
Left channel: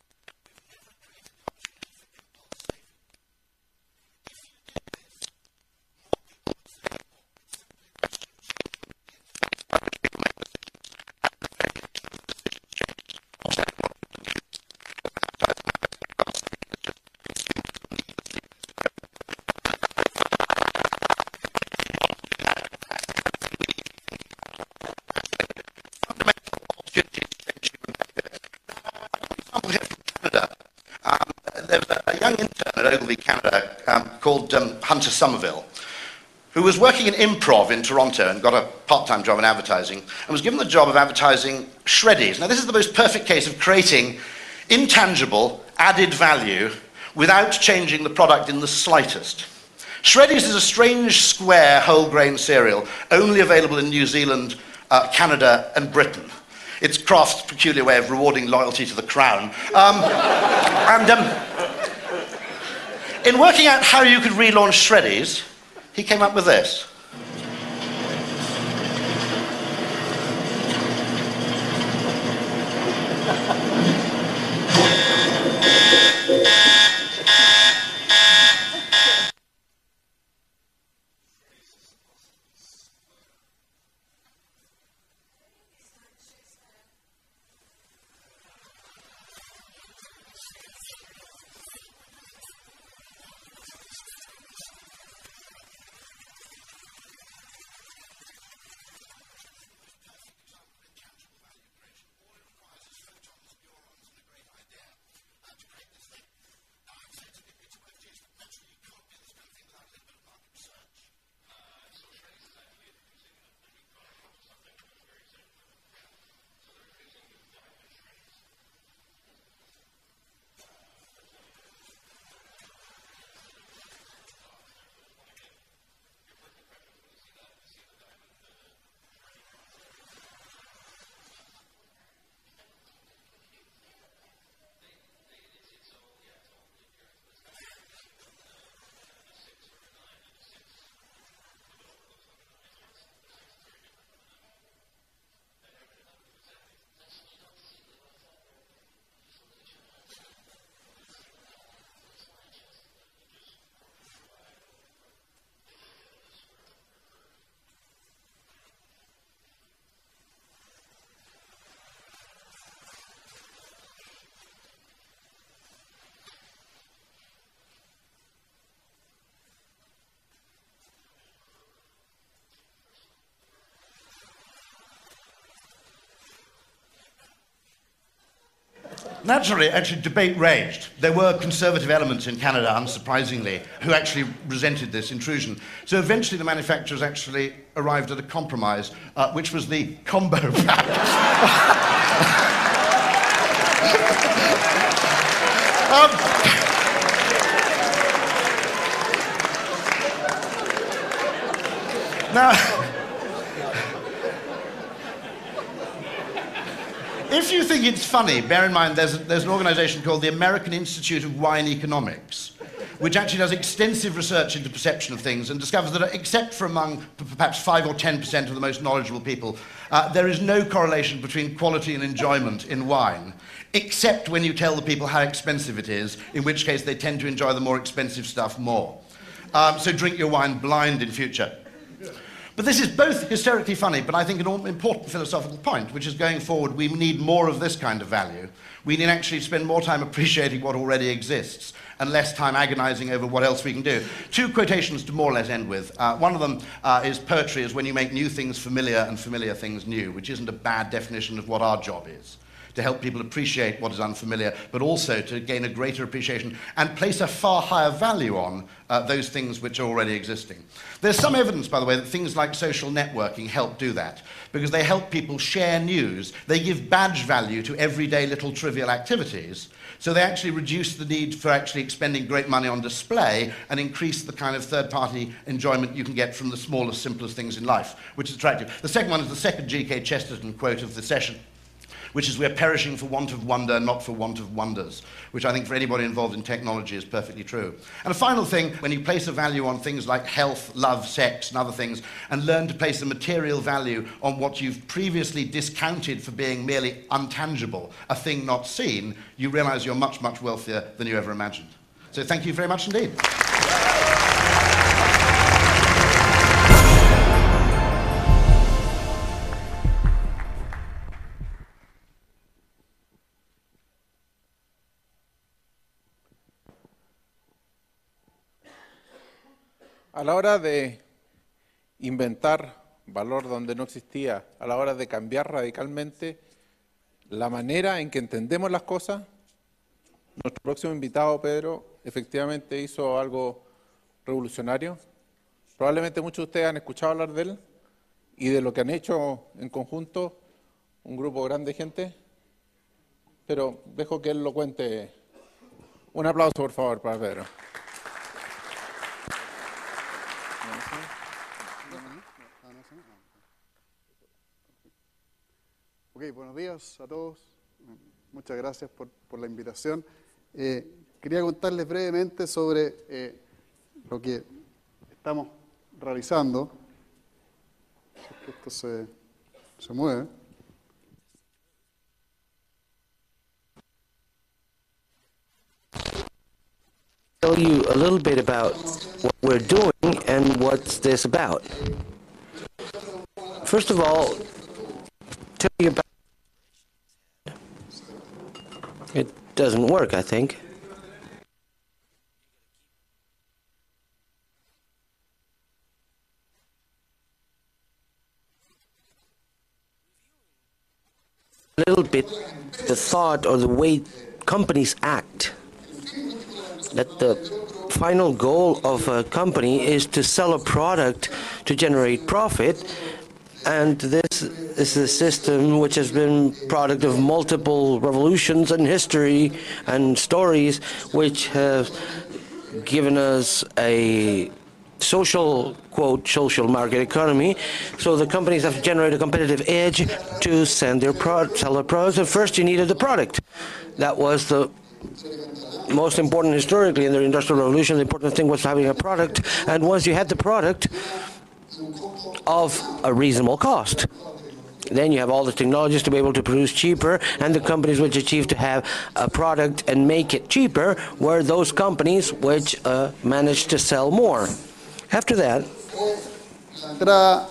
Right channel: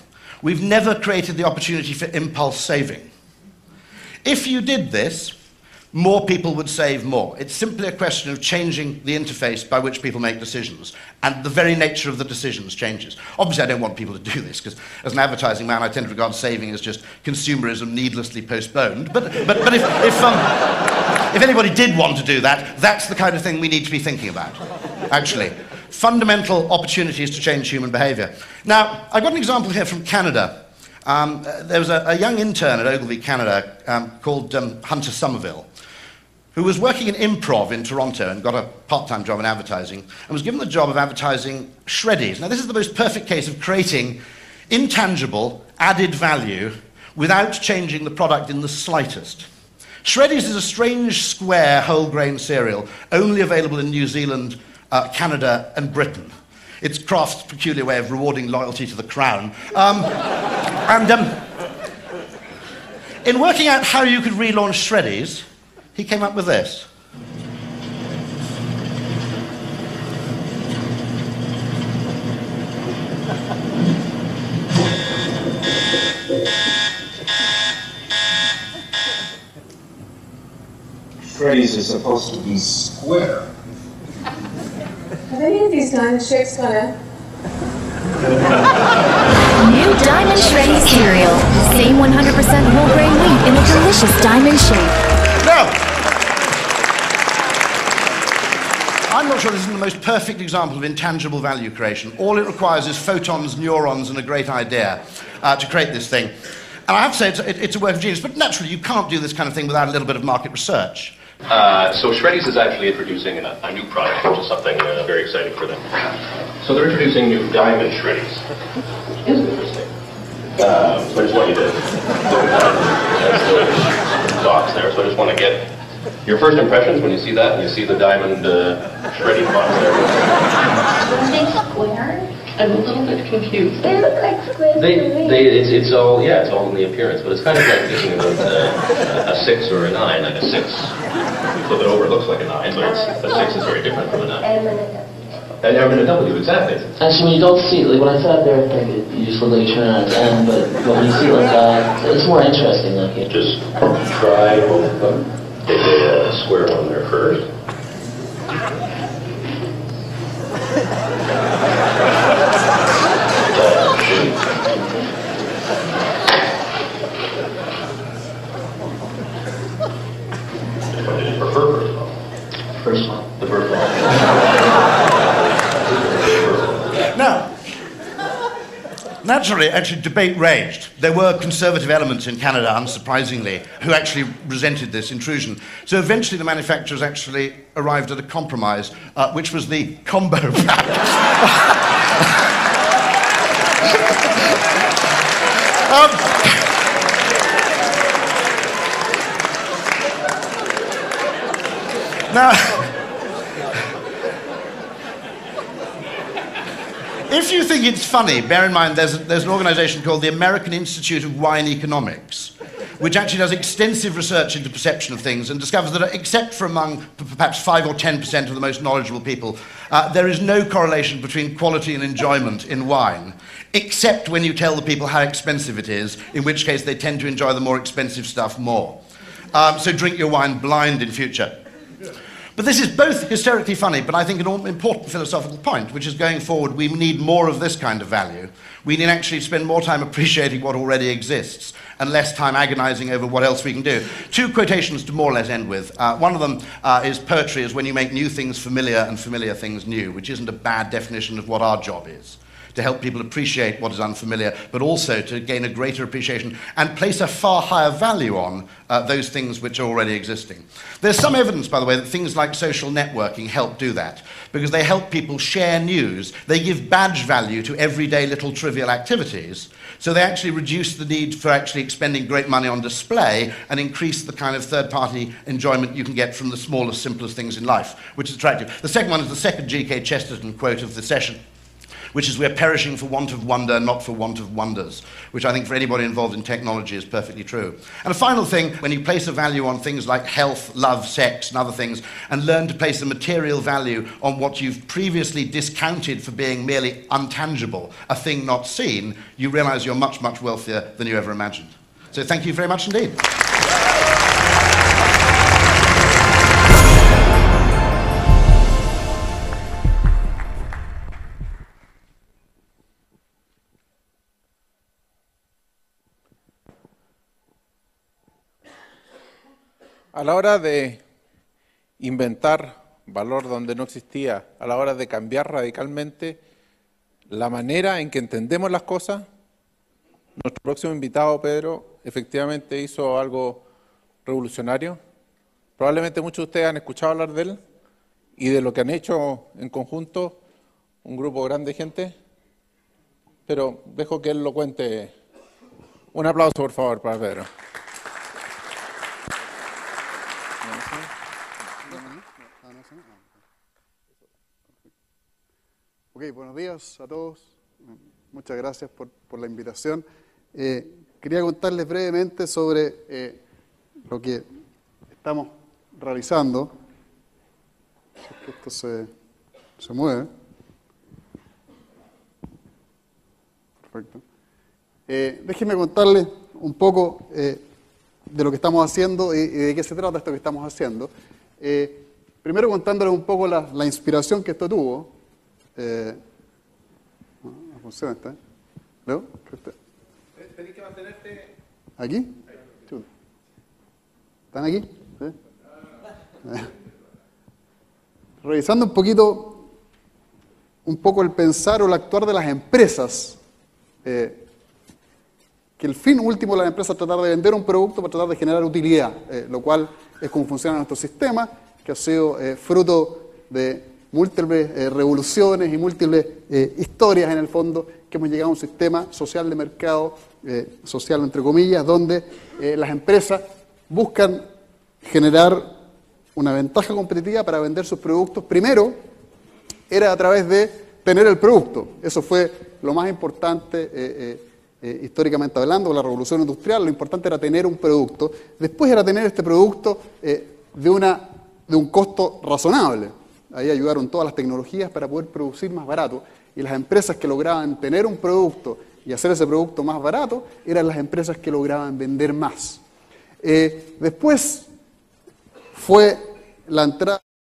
We've never created the opportunity for impulse saving. If you did this, more people would save more. It's simply a question of changing the interface by which people make decisions, and the very nature of the decisions changes. Obviously, I don't want people to do this, because as an advertising man, I tend to regard saving as just consumerism needlessly postponed. But if anybody did want to do that, that's the kind of thing we need to be thinking about, actually. Fundamental opportunities to change human behavior. Now, I've got an example here from Canada. There was a young intern at Ogilvy, Canada, called Hunter Somerville, who was working in improv in Toronto and got a part-time job in advertising, and was given the job of advertising Shreddies. Now, this is the most perfect case of creating intangible, added value without changing the product in the slightest. Shreddies is a strange, square, whole-grain cereal, only available in New Zealand, Canada, and Britain. It's Kraft's peculiar way of rewarding loyalty to the crown. In working out how you could relaunch Shreddies, he came up with this. Shreddies is supposed to be square. Are any of these diamond shapes gonna... New Diamond Shreddies cereal. Same 100% whole grain wheat in a delicious diamond shape. Now, I'm not sure this is the most perfect example of intangible value creation. All it requires is photons, neurons, and a great idea to create this thing. And I have to say, it's a work of genius, but naturally you can't do this kind of thing without a little bit of market research. So Shreddies is actually introducing a new product, which is something very exciting for them. So they're introducing new Diamond Shreddies. It's interesting. So I just want you to look at that box there. So I just want to get your first impressions when you see that, and you see the Diamond Shreddy box there. Are they square? I'm a little bit confused. They look like squares. It's all in the appearance, but it's kind of like thinking about a 6 or a 9, like a 6 flip it over, it looks like a 9, but a 6 is very different from a 9. And M and a W, exactly. Actually, when you don't see it, like when I sat there, I think you just look like you're turning on its end, but when you see it like that, it's more interesting looking. Just try both of them. Take a square one there first. Naturally, actually, debate raged. There were conservative elements in Canada, unsurprisingly, who actually resented this intrusion. So eventually the manufacturers actually arrived at a compromise, which was the combo pack. Now, if you think it's funny, bear in mind there's an organization called the American Institute of Wine Economics, which actually does extensive research into perception of things and discovers that except for among perhaps 5 or 10% of the most knowledgeable people, there is no correlation between quality and enjoyment in wine, except when you tell the people how expensive it is, in which case they tend to enjoy the more expensive stuff more. So drink your wine blind in future. But this is both hysterically funny, but I think an important philosophical point, which is going forward, we need more of this kind of value. We need actually spend more time appreciating what already exists and less time agonizing over what else we can do. 2 quotations to more or less end with. One of them is poetry is when you make new things familiar and familiar things new, which isn't a bad definition of what our job is. To help people appreciate what is unfamiliar, but also to gain a greater appreciation and place a far higher value on those things which are already existing. There's some evidence, by the way, that things like social networking help do that, because they help people share news. They give badge value to everyday little trivial activities, so they actually reduce the need for actually expending great money on display and increase the kind of third-party enjoyment you can get from the smallest, simplest things in life, which is attractive. The second one is the second G.K. Chesterton quote of the session, which is, "We're perishing for want of wonder, not for want of wonders," which I think for anybody involved in technology is perfectly true. And a final thing, when you place a value on things like health, love, sex, and other things, and learn to place a material value on what you've previously discounted for being merely untangible, a thing not seen, you realize you're much, much wealthier than you ever imagined. So thank you very much indeed. A la hora de inventar valor donde no existía, a la hora de cambiar radicalmente la manera en que entendemos las cosas, nuestro próximo invitado, Pedro, efectivamente hizo algo revolucionario. Probablemente muchos de ustedes han escuchado hablar de él y de lo que han hecho en conjunto un grupo grande de gente, pero dejo que él lo cuente. Un aplauso, por favor, para Pedro. Ok, buenos días a todos. Muchas gracias por la invitación. Quería contarles brevemente sobre lo que estamos realizando. Esto se mueve. Perfecto. Déjenme contarles un poco de lo que estamos haciendo y de qué se trata lo que estamos haciendo. Primero contándoles un poco la inspiración que esto tuvo. It doesn't work, I think. ¿Aquí? ¿Están aquí? ¿Sí? Revisando un poco el pensar o el actuar de las empresas. Que el fin último de las empresas es tratar de vender un producto para tratar de generar utilidad. Lo cual es un sistema que ha sido fruto de múltiples revoluciones y múltiples historias en el fondo, que un sistema social de mercado, social entre comillas, donde las empresas buscan generar social market economy, so the companies have to generate a competitive edge to send their product, sell their product. So first you needed the product. That was the most important historically in the Industrial Revolution. The important thing was having a product, and once you had the product, de un costo razonable. A reasonable cost. Then you have all the technologies to be able to produce cheaper, and the companies which achieved to have a product and make it cheaper were those companies which managed to sell more. After that, fue la entrada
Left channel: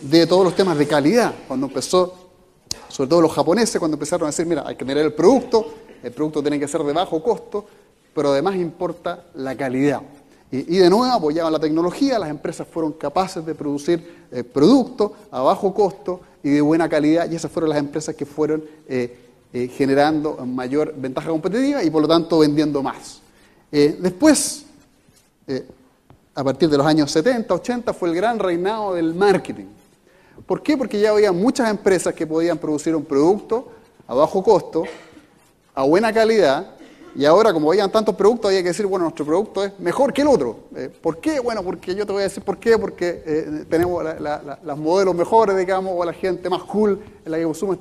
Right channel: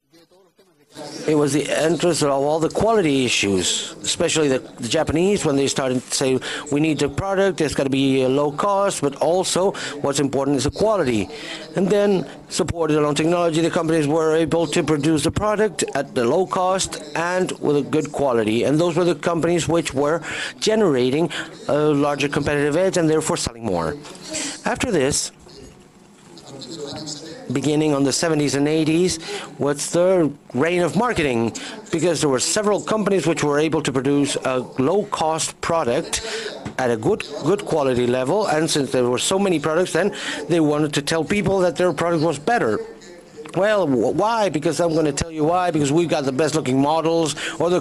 de todos los temas de calidad. It was the entrance of all the quality issues, especially the Japanese when they started to say, we need the product, it's got to be low cost, but also what's important is the quality. And then supported along technology, the companies were able to produce the product at the low cost and with a good quality. And those were the companies which were generating a larger competitive edge and therefore selling more. After this, a partir de los años 70, 80, beginning on the 70s and 80s, what's the reign of marketing? Because there were several companies which were able to produce a low-cost product at a good quality level, and since there were so many products, then they wanted to tell people that their product was better. Well, why? Because I'm going to tell you why, because we got the best-looking models, or the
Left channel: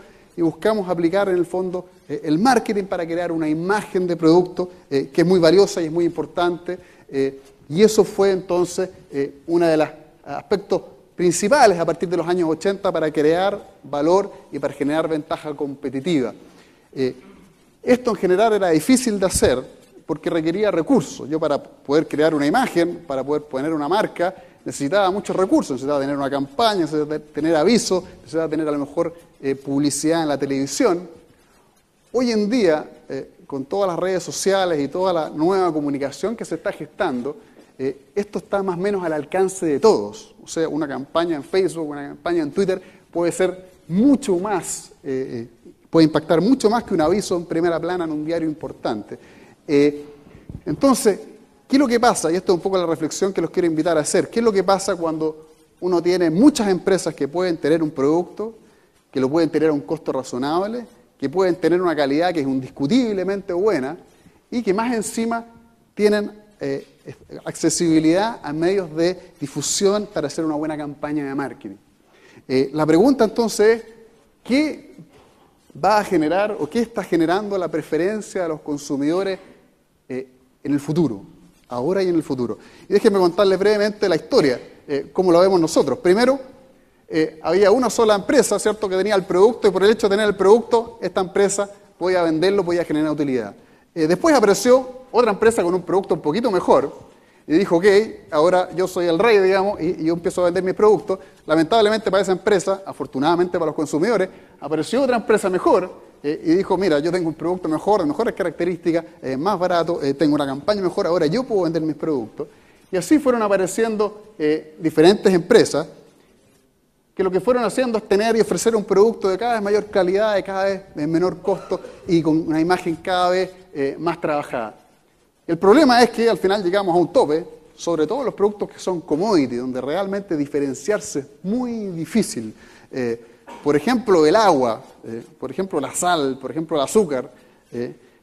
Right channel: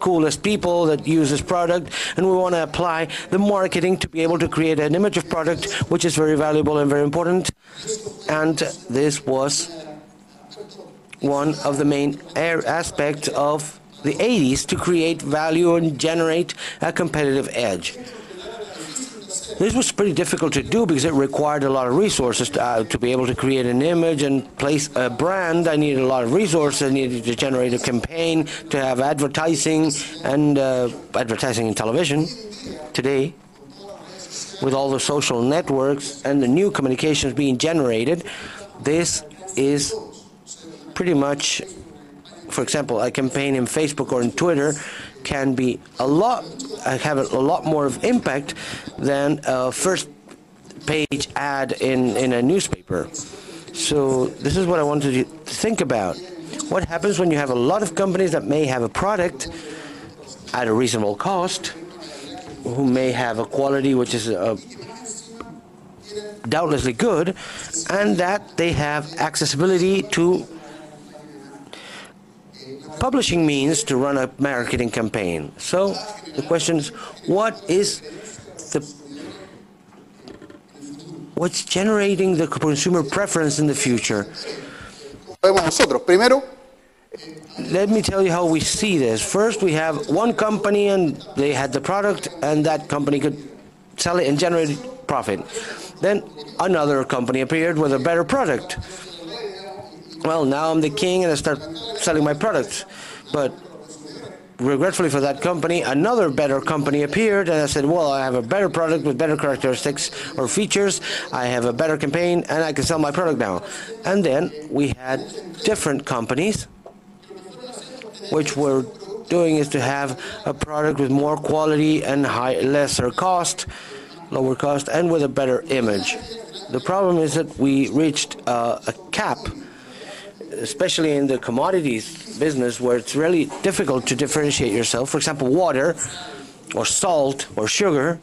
coolest people that use this product, and we want to apply the marketing to be able to create an image of product, which is very valuable and very important. Y eso fue entonces uno de los aspectos principales a partir de los años 80 para crear valor, to create value and generate a competitive edge. Esto en general era difícil de hacer. This was pretty difficult to do because it required a lot of resources to be able to create an image and place a brand. I needed a lot of resources. I needed to generate a campaign, to have advertising and advertising in television. Today, con todas las redes sociales, with all the social networks and the new communications being generated, this is pretty much, for example, a campaign in Facebook or in Twitter can be have a lot more of impact than a first page ad in a newspaper. So this is what I wanted you to think about. What happens when you have a lot of companies that may have a product at a reasonable cost, who may have a quality which is doubtlessly good, and that they have accessibility to publishing means to run a marketing campaign. So the question is, what is en el futuro. What's generating the consumer preference in the future? ¿Cómo lo vemos nosotros? Primero, había una sola empresa, ¿cierto?, que tenía el producto, y por el hecho de tener el producto, esta empresa voy a venderlo, voy a generar utilidad. Después apareció otra empresa con un producto un poquito mejor. Y dijo, ok, ahora yo soy el rey, digamos, y yo empiezo a vender mi producto. Lamentablemente para esa empresa, afortunadamente para los consumidores, apareció otra empresa mejor. Y dijo, mira, yo tengo un producto mejor, mejores características, más barato, tengo una campaña mejor, ahora yo puedo vender mi producto. Y así fueron apareciendo diferentes empresas que lo que fueron haciendo es tener y ofrecer un producto de cada vez mayor calidad, de cada vez de menor costo y con una imagen cada vez más trabajada. El problema es que al final llegamos a un tope, sobre todo los productos que son commodity, donde realmente diferenciarse es muy difícil. Por ejemplo, el agua, por ejemplo, la sal, por ejemplo, el azúcar.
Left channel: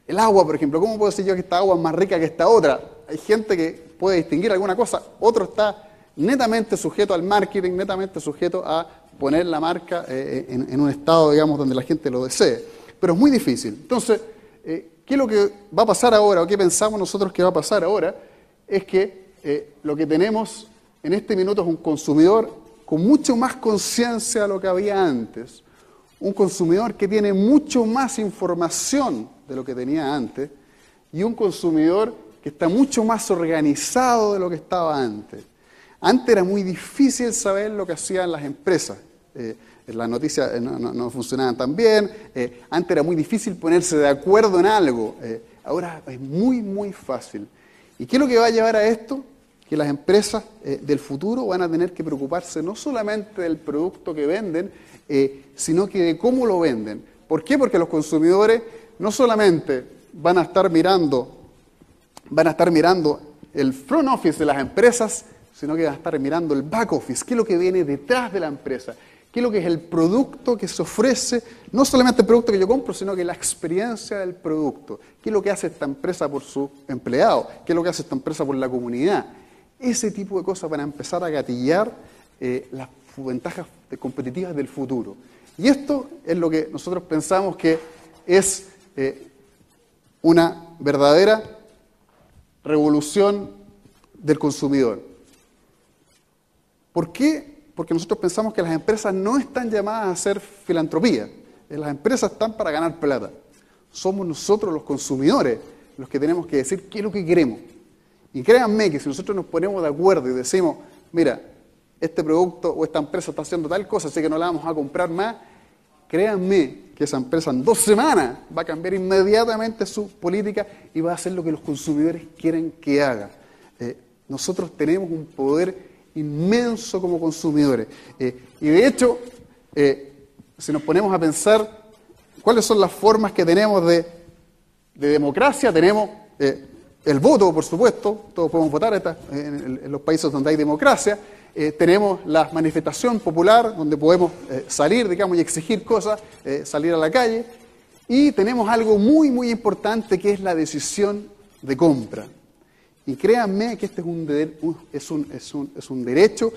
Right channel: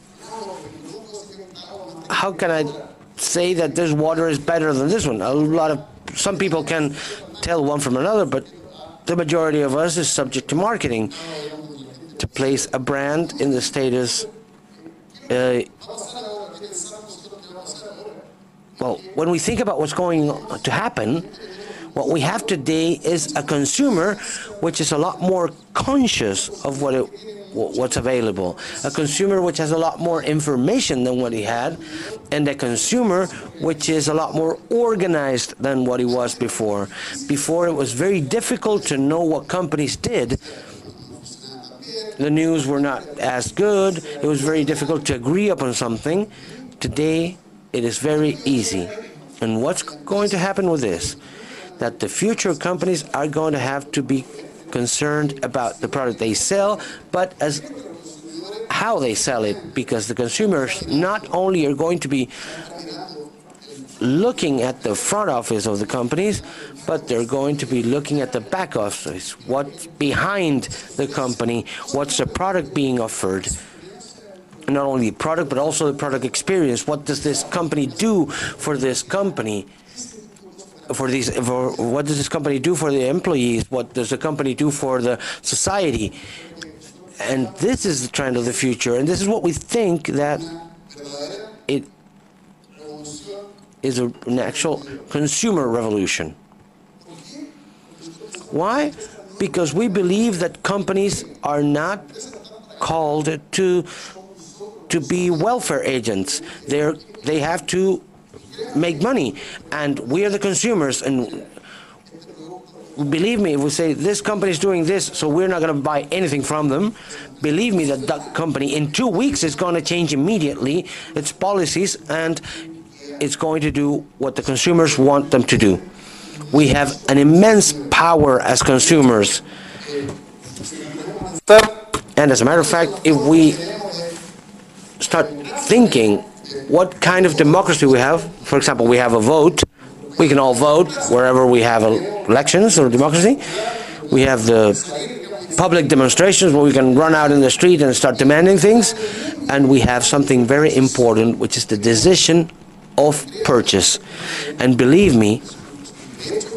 El agua, por ejemplo, ¿cómo puedo decir yo que esta agua es más rica que esta otra? Hay gente que puede distinguir alguna cosa, otro está netamente sujeto al marketing, netamente sujeto a poner la marca en un estado, digamos, donde la gente lo desee. Pero es muy difícil. Entonces, ¿qué es lo que va a pasar ahora, o qué pensamos nosotros que va a pasar ahora? Es que when we think about what's going to happen, what we have today is a consumer which is a lot more conscious of what's available, a consumer which has a lot more information than what he had, and a consumer which is a lot more organized than what he was before. Before, it was very difficult to know what companies did. The news were not as good. It was very difficult to agree upon something. Today, it is very easy. And what's going to happen with this? That the future companies are going to have to be concerned about the product they sell, but as how they sell it. Because the consumers not only are going to be looking at the front office of the companies, but they're going to be looking at the back office, what's behind the company, what's the product being offered. Not only the product, but also the product experience. What does this company do for this company? What does this company do for the employees? What does the company do for the society? And this is the trend of the future, and this is what we think that revolución del consumidor. Consumer revolution. ¿Por qué? Porque nosotros pensamos que las empresas no están llamadas a hacer filantropía. Las empresas están para ganar plata. Somos nosotros los consumidores que tenemos que decir qué es lo que queremos. Y créanme que nosotros nos ponemos de acuerdo y decimos, mira, Believe me, if we say this company is doing this, so we're not going to buy anything from them, believe me, that company in 2 weeks is going to change immediately its policies, and it's going to do what the consumers want them to do. We have an immense power as consumers. And as a matter of fact, if we start thinking what kind of democracy we have, for example, we have a vote, we can all vote wherever we have elections or democracy. We have the public demonstrations where we can run out in the street and start demanding things. And we have something very important, which is the decision of purchase. And believe me,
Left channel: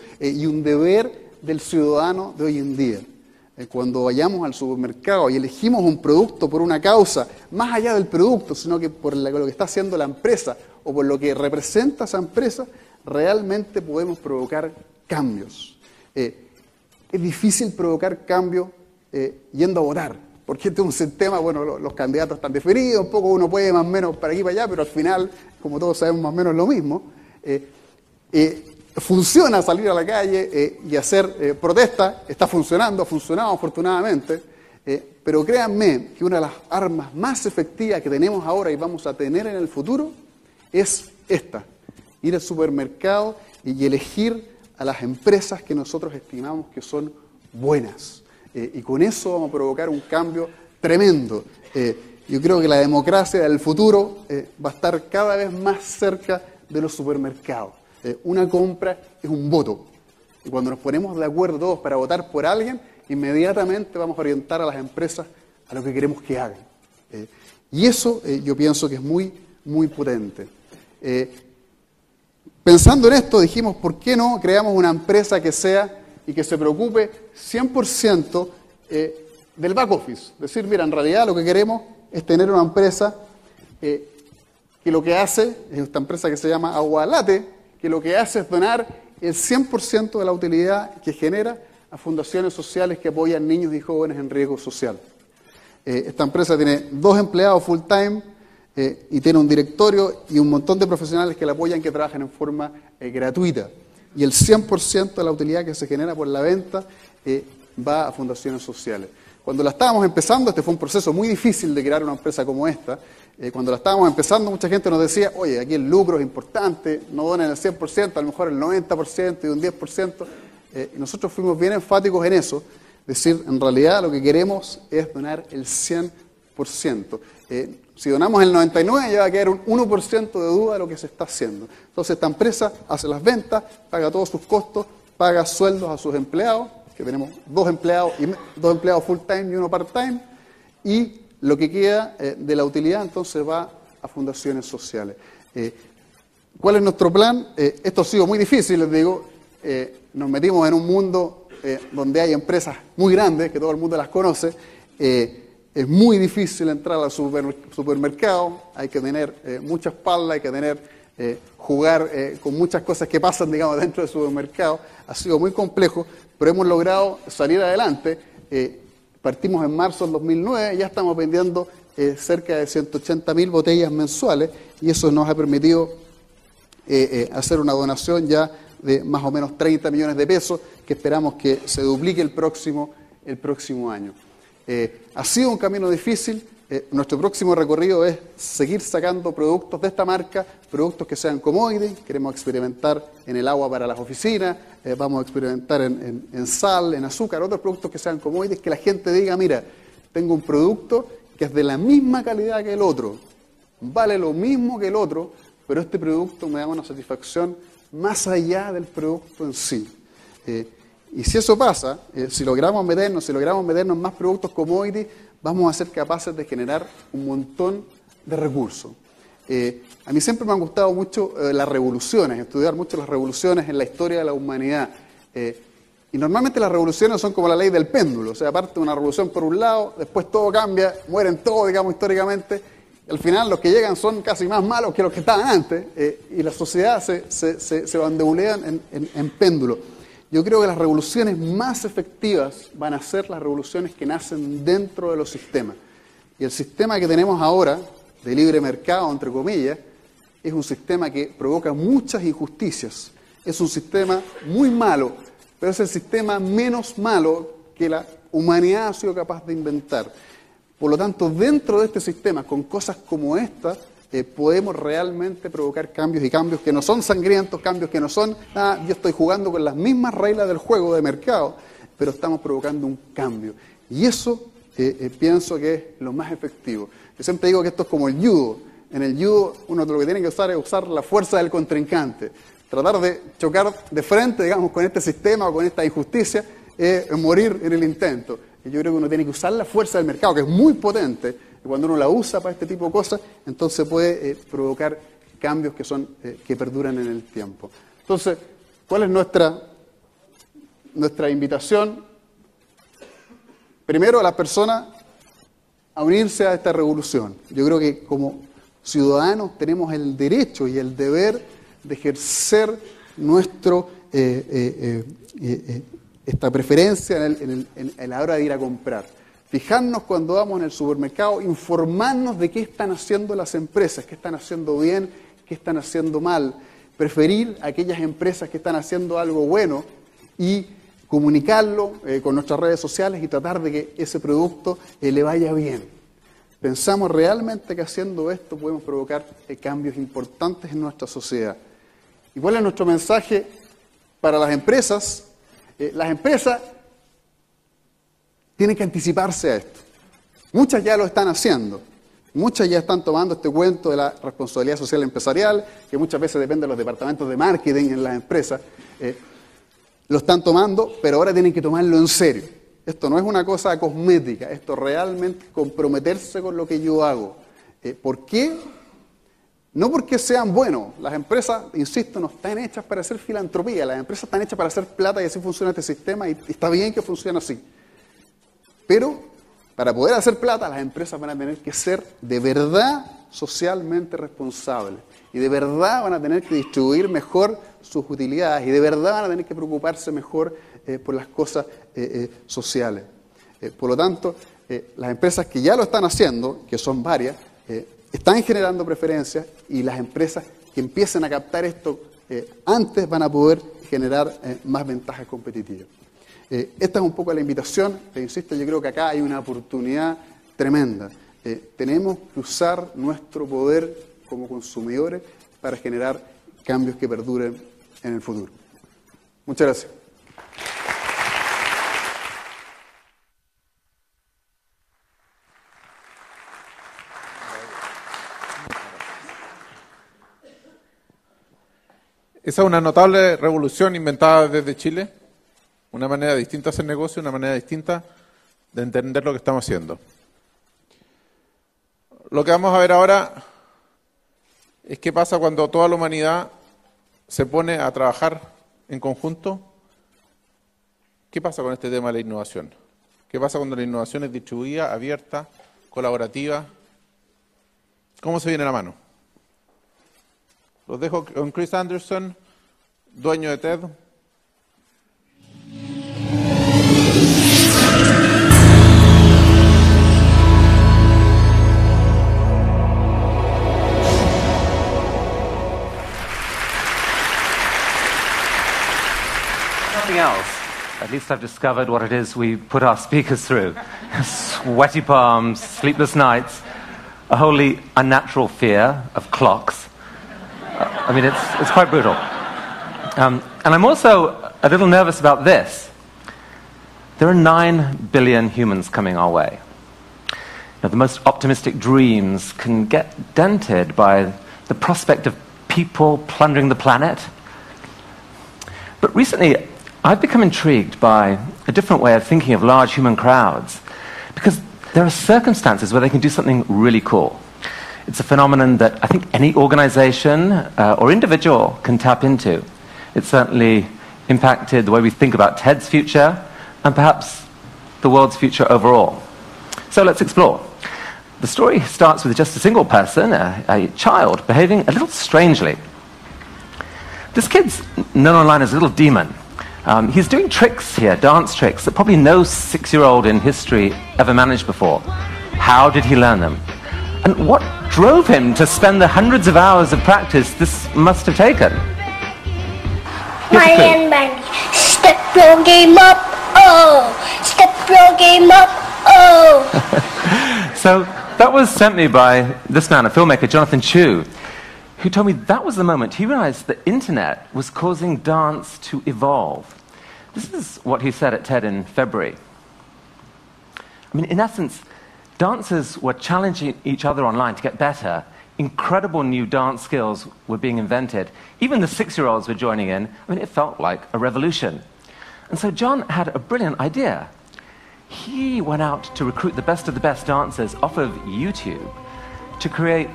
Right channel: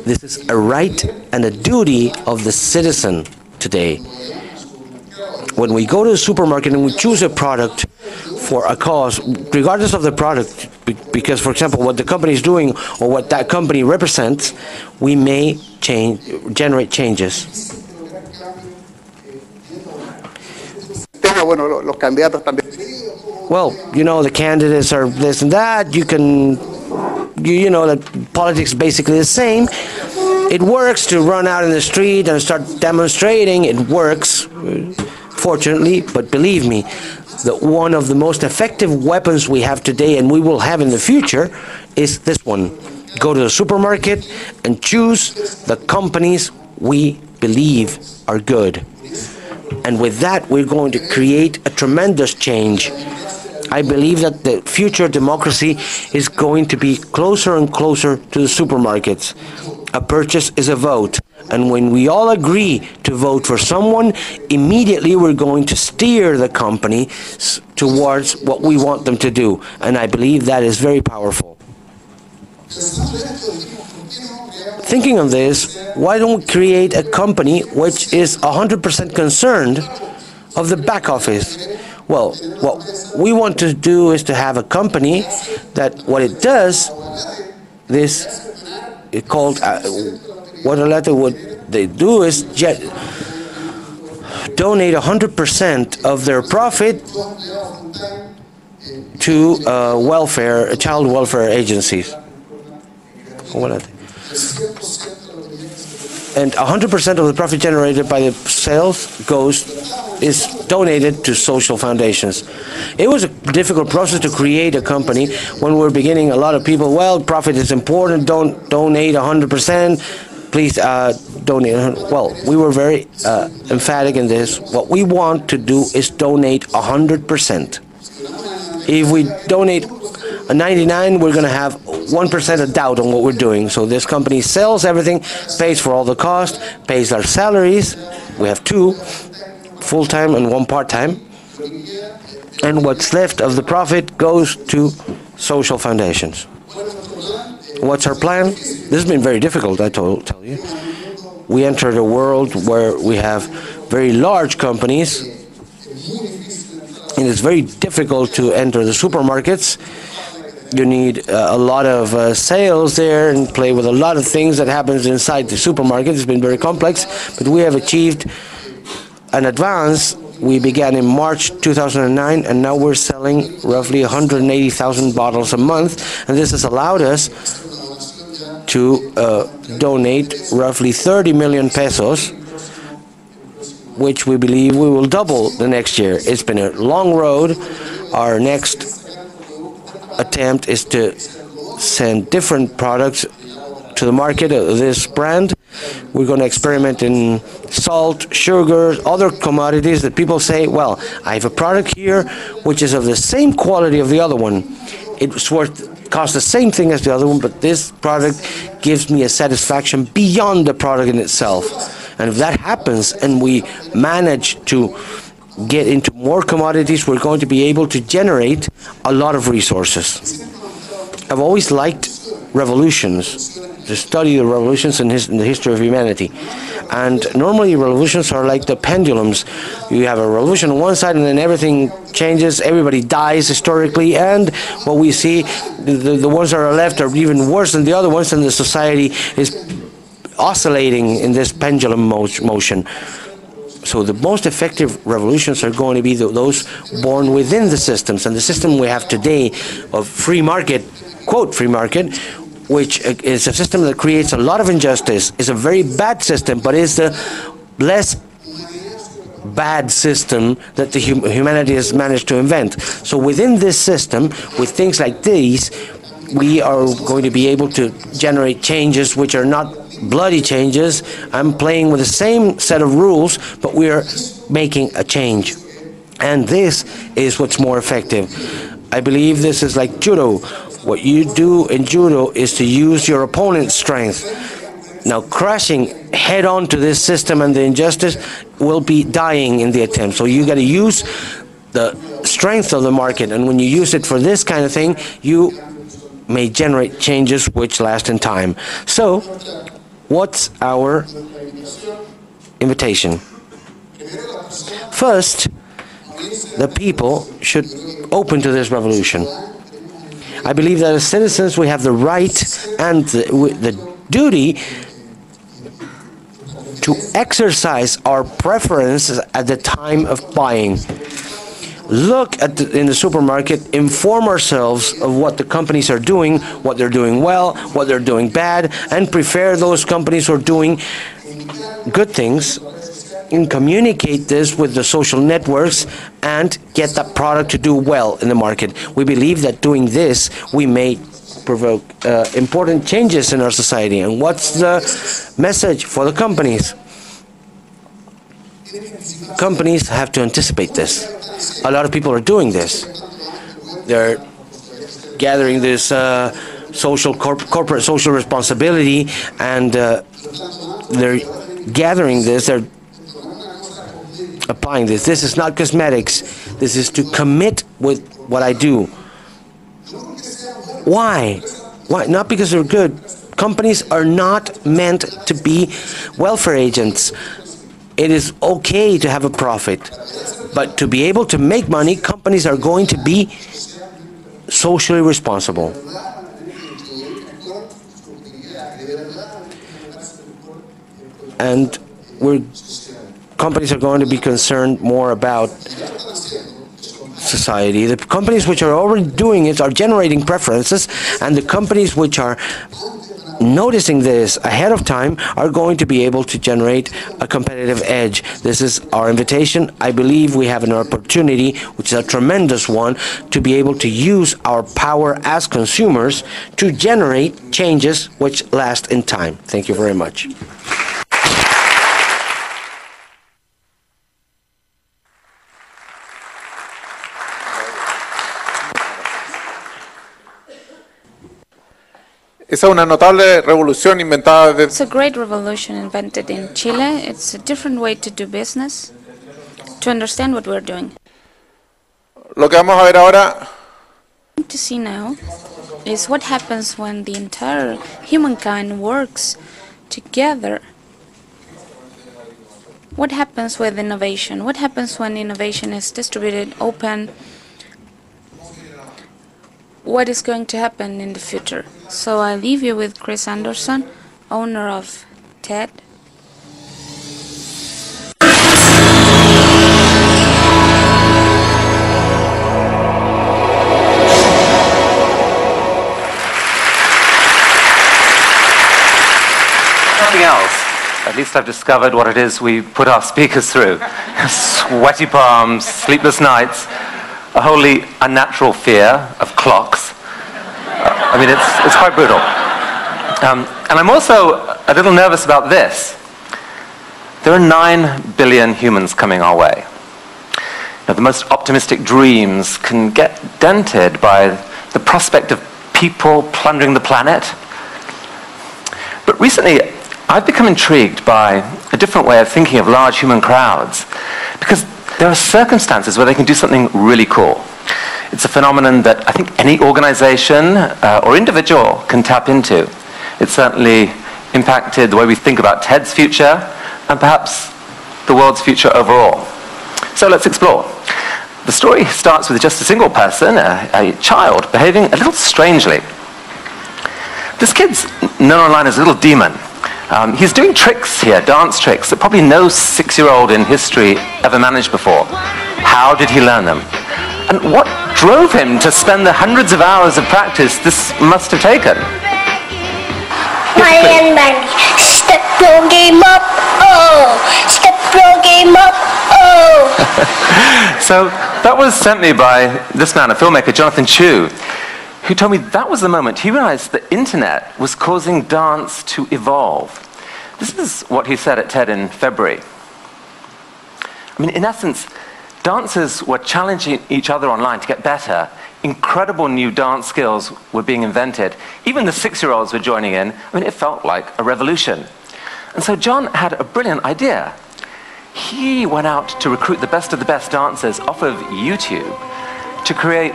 this is a right and a duty of the citizen today. When we go to the supermarket and we choose a product for a cause, regardless of the product, because, for example, what the company is doing or what that company represents, we may generate changes. Well, you know, the candidates are this and that. You know that politics is basically the same. It works to run out in the street and start demonstrating. It works, fortunately, but believe me, that one of the most effective weapons we have today and we will have in the future is this one. Go to the supermarket and choose the companies we believe are good. And with that, we're going to create a tremendous change. I believe that the future democracy is going to be closer and closer to the supermarkets. A purchase is a vote. And when we all agree to vote for someone, immediately we're going to steer the company towards what we want them to do. And I believe that is very powerful. Thinking of this, why don't we create a company which is 100% concerned of the back office? Well, what we want to do is to have a company that what it does, this is called, what they do is donate 100% of their profit to child welfare agencies. And 100% of the profit generated by the sales is donated to social foundations. It was a difficult process to create a company. When we were beginning, a lot of people, well, profit is important, don't donate 100%. Please donate. Well, we were very emphatic in this. What we want to do is donate 100%. If we donate a 99, we're going to have 1% of doubt on what we're doing. So this company sells everything, pays for all the cost, pays our salaries. We have 2, full-time and 1 part-time. And what's left of the profit goes to social foundations. What's our plan? This has been very difficult, I told. We entered a world where we have very large companies. It is very difficult to enter the supermarkets. You need a lot of sales there and play with a lot of things that happens inside the supermarket. It's been very complex, but we have achieved an advance. We began in March 2009, and now we're selling roughly 180,000 bottles a month, and this has allowed us to donate roughly 30 million pesos, which we believe we will double the next year. It's been a long road. Our next attempt is to send different products to the market of this brand. We're going to experiment in salt, sugar, other commodities that people say, well, I have a product here which is of the same quality of the other one. Costs the same thing as the other one, but this product gives me a satisfaction beyond the product in itself. And if that happens, and we manage to get into more commodities, we're going to be able to generate a lot of resources. I've always liked revolutions, to study the revolutions in the history of humanity. And normally revolutions are like the pendulums. You have a revolution on one side and then everything changes, everybody dies historically, and what we see, the ones that are left are even worse than the other ones, and the society is oscillating in this pendulum motion. So the most effective revolutions are going to be those born within the systems. And the system we have today of free market, quote free market, which is a system that creates a lot of injustice, is a very bad system, but is the less bad system that the humanity has managed to invent. So within this system, with things like these, we are going to be able to generate changes which are not bloody changes. I'm playing with the same set of rules, but we are making a change. And this is what's more effective. I believe this is like judo. What you do in judo is to use your opponent's strength. Now, crashing head on to this system and the injustice will be dying in the attempt. So you got to use the strength of the market, and when you use it for this kind of thing, you may generate changes which last in time. So, what's our invitation? First, the people should open to this revolution. I believe that as citizens we have the right and the duty to exercise our preferences at the time of buying. Look in the supermarket, inform ourselves of what the companies are doing, what they're doing well, what they're doing bad, and prefer those companies who are doing good things, and communicate this with the social networks and get that product to do well in the market. We believe that doing this, we may provoke important changes in our society. And what's the message for the companies? Companies have to anticipate this. A lot of people are doing this. They're gathering this corporate social responsibility, and they're gathering this, they're applying this. This is not cosmetics. This is to commit with what I do. Why? Why? Not because they're good. Companies are not meant to be welfare agents. It is okay to have a profit, but to be able to make money, companies are going to be socially responsible. And companies are going to be concerned more about society. The companies which are already doing it are generating preferences, and the companies which are noticing this ahead of time are going to be able to generate a competitive edge. This is our invitation. I believe we have an opportunity, which is a tremendous one, to be able to use our power as consumers to generate changes which last in time. Thank you very much. Esa es una notable revolución inventada desde Chile. It's a great revolution invented in Chile. It's a different way to do business, de entender lo que estamos haciendo. to understand what we're doing. Lo que vamos a ver ahora To see now qué pasa cuando toda la is what humanidad happens when the se pone a entire trabajar humankind en works conjunto. together. ¿Qué pasa con este tema de la innovación? What happens pasa with cuando la innovación es innovation? What happens when abierta, innovation is distributed, colaborativa? open? ¿Cómo se viene la mano? What is going to happen in the future? So I leave you with Chris dueño de Anderson, TED. owner of TED. Nothing else. At least I've discovered what it is we put our speakers through. Sweaty palms, sleepless nights, a wholly unnatural fear of clocks. I mean, it's quite brutal. And I'm also a little nervous about this. There are 9 billion humans coming our way. The most optimistic dreams can get dented by the prospect of people plundering the planet. But recently, I've become intrigued by a different way of thinking of large human crowds, because there are circumstances where they can do something really cool. It's a phenomenon that I think any organization or individual can tap into. It's certainly impacted the way we think about TED's future and perhaps the world's future overall. So let's explore. The story starts with just a single person, a child, behaving a little strangely. This kid's known online as a little demon. He's doing tricks here, dance tricks, that probably no 6-year-old in history ever managed before. How did he learn them? And what drove him to spend the hundreds of hours of practice this must have taken? Step your game up, oh! Step your game up, oh! So that was sent me by this man, a filmmaker, Jonathan Chu, who told me that was the moment he realized the internet was causing dance to evolve. This is what he said at TED in February. I mean, in essence, dancers were challenging each other online to get better. Incredible new dance skills were being invented. Even the 6-year-olds were joining in. I mean, it felt like a revolution. And so John had a brilliant idea. He went out to recruit the best of the best dancers off of YouTube to create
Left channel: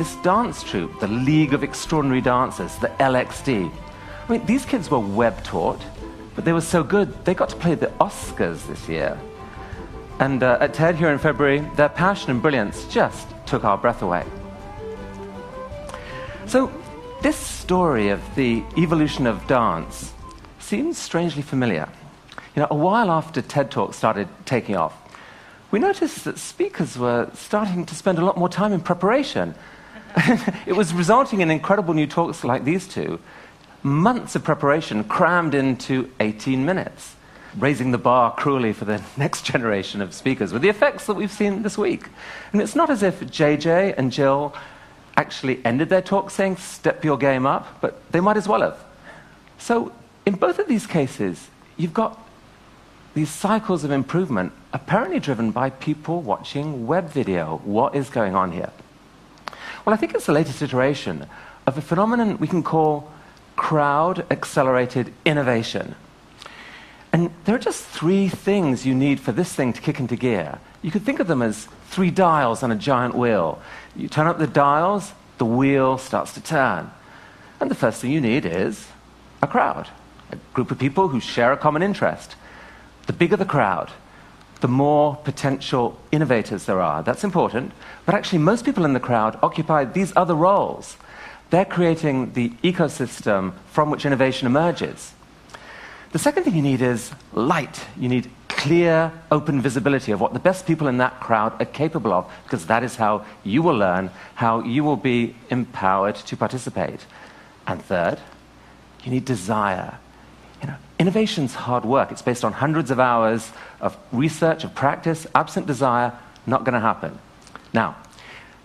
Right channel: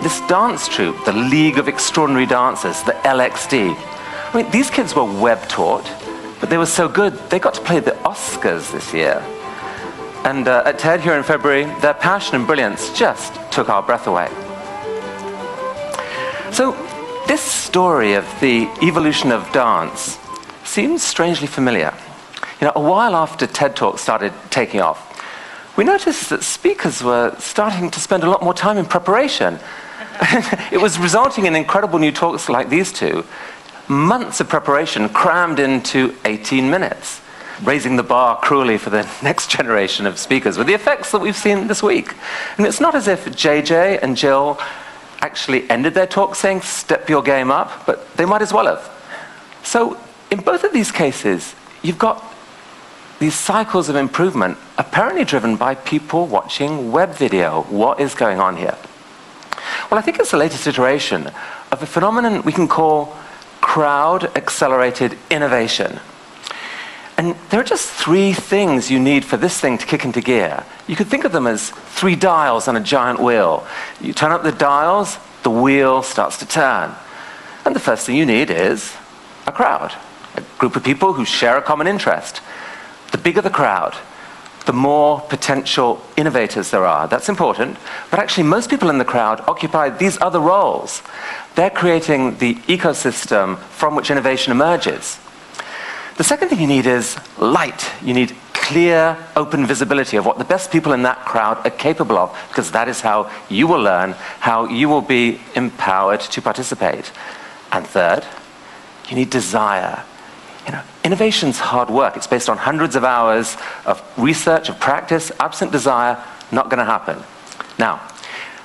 this dance troupe, the League of Extraordinary Dancers, the LXD. I mean, these kids were web-taught, but they were so good, they got to play the Oscars this year. And at TED here in February, their passion and brilliance just took our breath away. So this story of the evolution of dance seems strangely familiar. You know, a while after TED Talks started taking off, we noticed that speakers were starting to spend a lot more time in preparation. It was resulting in incredible new talks like these two, months of preparation crammed into 18 minutes, raising the bar cruelly for the next generation of speakers with the effects that we've seen this week. I mean, it's not as if JJ and Jill actually ended their talk saying, step your game up, but they might as well have. So in both of these cases, you've got these cycles of improvement apparently driven by people watching web video. What is going on here? Well, I think it's the latest iteration of a phenomenon we can call crowd-accelerated innovation. And there are just 3 things you need for this thing to kick into gear. You could think of them as 3 dials on a giant wheel. You turn up the dials, the wheel starts to turn. And the first thing you need is a crowd, a group of people who share a common interest. The bigger the crowd, the more potential innovators there are. That's important. But actually, most people in the crowd occupy these other roles. They're creating the ecosystem from which innovation emerges. The second thing you need is light. You need clear, open visibility of what the best people in that crowd are capable of, because that is how you will learn, how you will be empowered to participate. And third, you need desire. You know, innovation's hard work. It's based on hundreds of hours of research and practice. Absent desire, not going to happen. Now,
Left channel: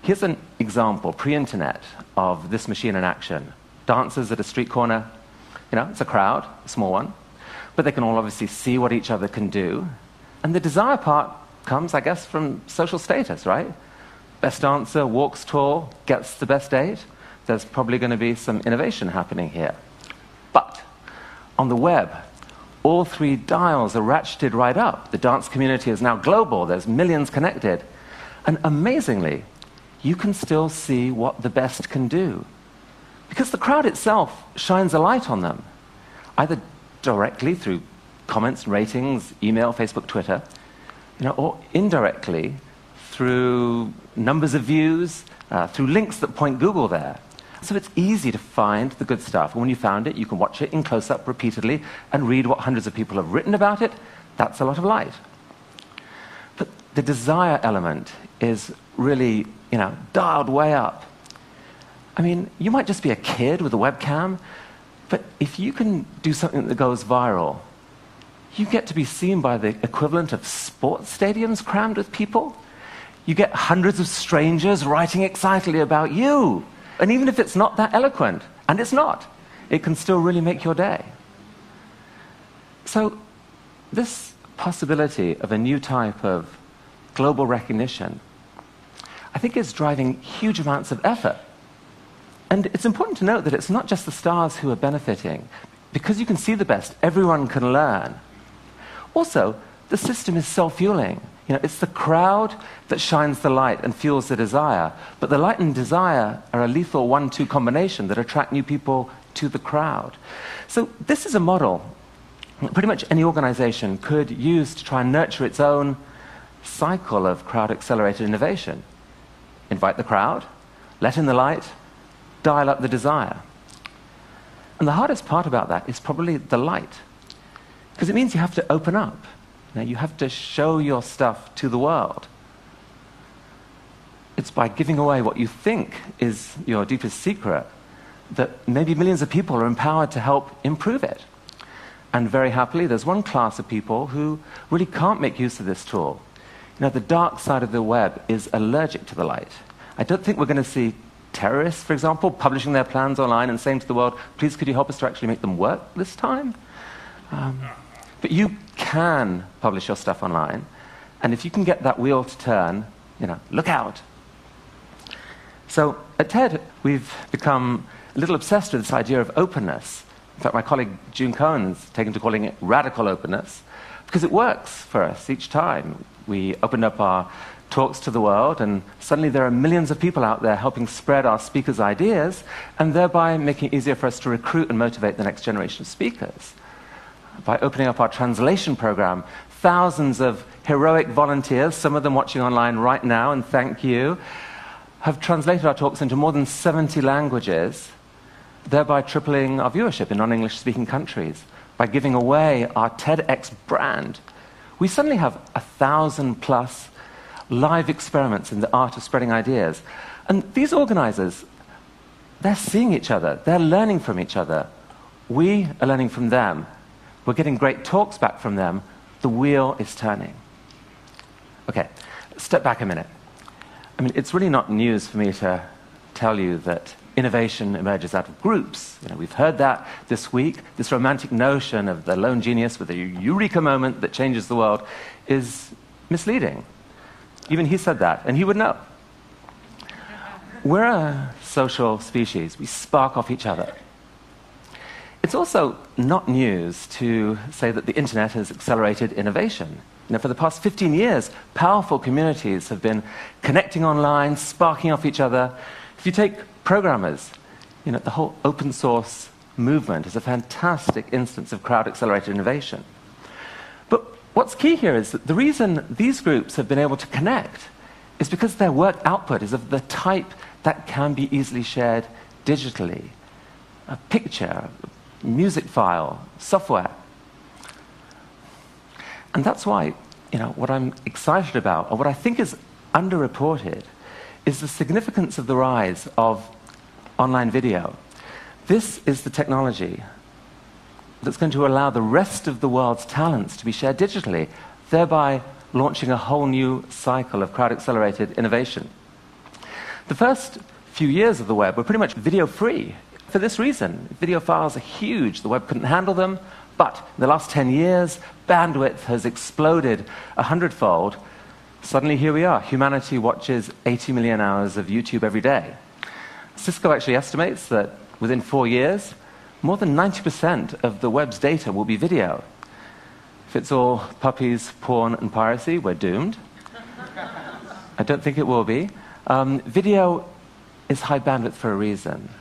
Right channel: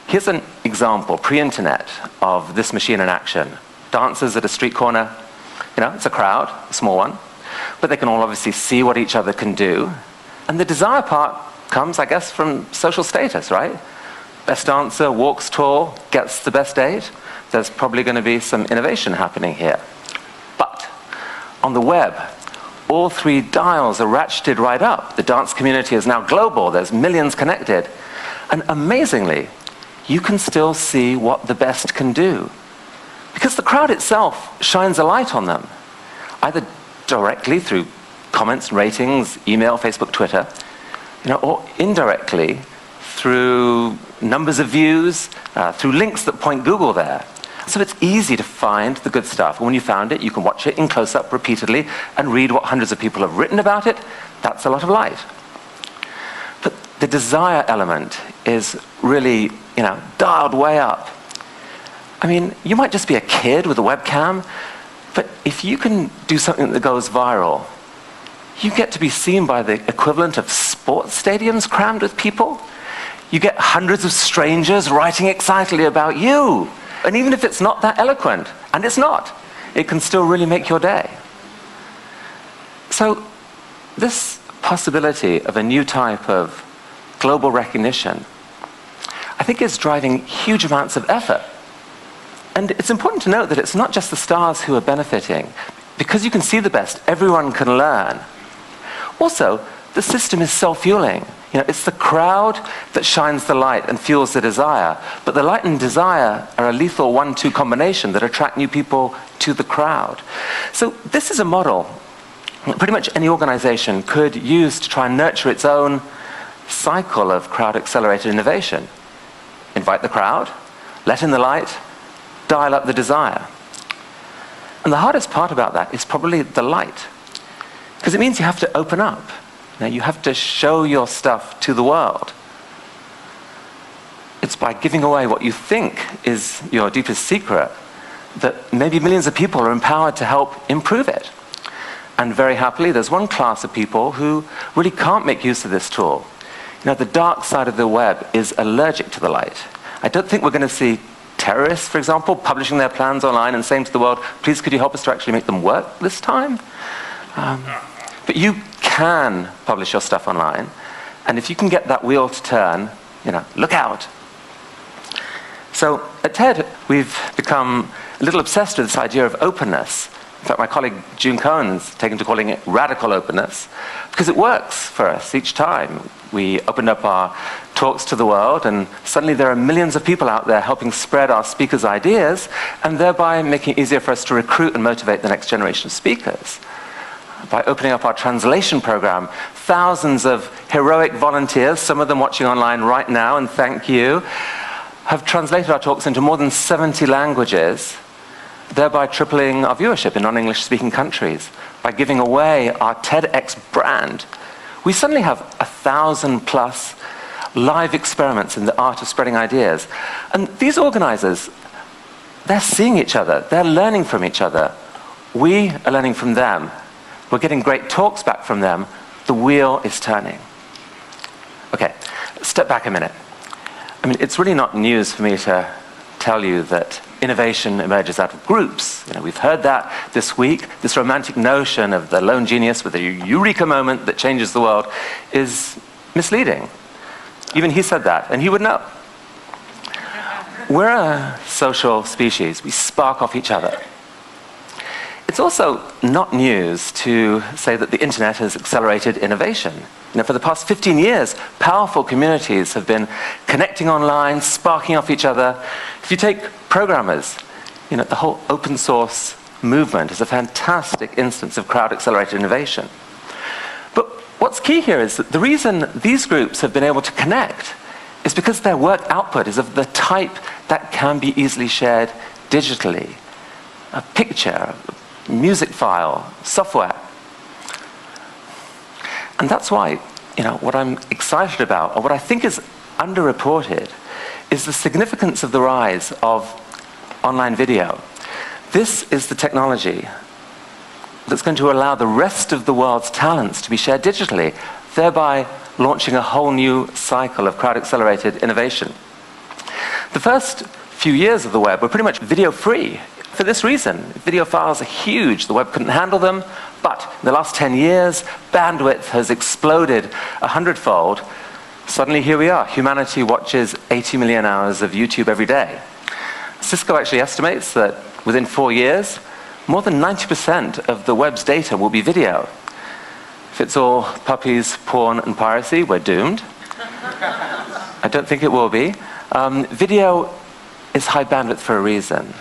here's an example, pre-internet, of this machine in action. Dancers at a street corner. You know, it's a crowd, a small one. But they can all obviously see what each other can do. And the desire part comes, I guess, from social status, right? Best dancer walks tall, gets the best date. There's probably going to be some innovation happening here. But on the web, all 3 dials are ratcheted right up. The dance community is now global. There's millions connected. And amazingly, you can still see what the best can do. Because the crowd itself shines a light on them, either directly through comments and ratings, email, Facebook, Twitter, you know, or indirectly through numbers of views, through links that point Google there. So it's easy to find the good stuff. And when you found it, you can watch it in close-up repeatedly and read what hundreds of people have written about it. That's a lot of light. But the desire element is really, you know, dialed way up. I mean, you might just be a kid with a webcam, but if you can do something that goes viral, you get to be seen by the equivalent of sports stadiums crammed with people. You get hundreds of strangers writing excitedly about you. And even if it's not that eloquent, and it's not, it can still really make your day. So this possibility of a new type of global recognition, I think is driving huge amounts of effort. And it's important to note that it's not just the stars who are benefiting. Because you can see the best, everyone can learn. Also, the system is self-fueling. You know, it's the crowd that shines the light and fuels the desire. But the light and desire are a lethal 1-2 combination that attract new people to the crowd. So this is a model that pretty much any organization could use to try and nurture its own cycle of crowd-accelerated innovation. Invite the crowd, let in the light, dial up the desire. And the hardest part about that is probably the light. Because it means you have to open up. You have to show your stuff to the world. It's by giving away what you think is your deepest secret that maybe millions of people are empowered to help improve it. And very happily, there's one class of people who really can't make use of this tool. The dark side of the web is allergic to the light. I don't think we're going to see terrorists, for example, publishing their plans online and saying to the world, please could you help us to actually make them work this time? But you can publish your stuff online, and if you can get that wheel to turn, look out. So at TED, we've become a little obsessed with this idea of openness. In fact, my colleague June Cohen's taken to calling it radical openness, because it works for us each time. We open up our talks to the world, and suddenly there are millions of people out there helping spread our speakers' ideas, and thereby making it easier for us to recruit and motivate the next generation of speakers. By opening up our translation program, thousands of heroic volunteers, some of them watching online right now, and thank you, have translated our talks into more than 70 languages, thereby tripling our viewership in non-English speaking countries. By giving away our TEDx brand, we suddenly have 1,000+ live experiments in the art of spreading ideas. And these organizers, they're seeing each other, they're learning from each other. We are learning from them. We're getting great talks back from them. The wheel is turning. Okay, step back a minute. It's really not news for me to tell you that innovation emerges out of groups. We've heard that this week. This romantic notion of the lone genius with a eureka moment that changes the world is misleading. Even he said that, and he would know. We're a social species. We spark off each other. It's also not news to say that the internet has accelerated innovation. For the past 15 years, powerful communities have been connecting online, sparking off each other. If you take programmers, the whole open source movement is a fantastic instance of crowd-accelerated innovation. But what's key here is that the reason these groups have been able to connect is because their work output is of the type that can be easily shared digitally. A picture, music file, software. And that's why, what I'm excited about, or what I think is underreported, is the significance of the rise of online video. This is the technology that's going to allow the rest of the world's talents to be shared digitally, thereby launching a whole new cycle of crowd-accelerated innovation. The first few years of the web were pretty much video-free. For this reason, video files are huge, the web couldn't handle them, but in the last 10 years, bandwidth has exploded 100-fold. Suddenly here we are, humanity watches 80 million hours of YouTube every day. Cisco actually estimates that within 4 years, more than 90% of the web's data will be video. If it's all puppies, porn, and piracy, we're doomed. I don't think it will be. Video is high bandwidth for a reason.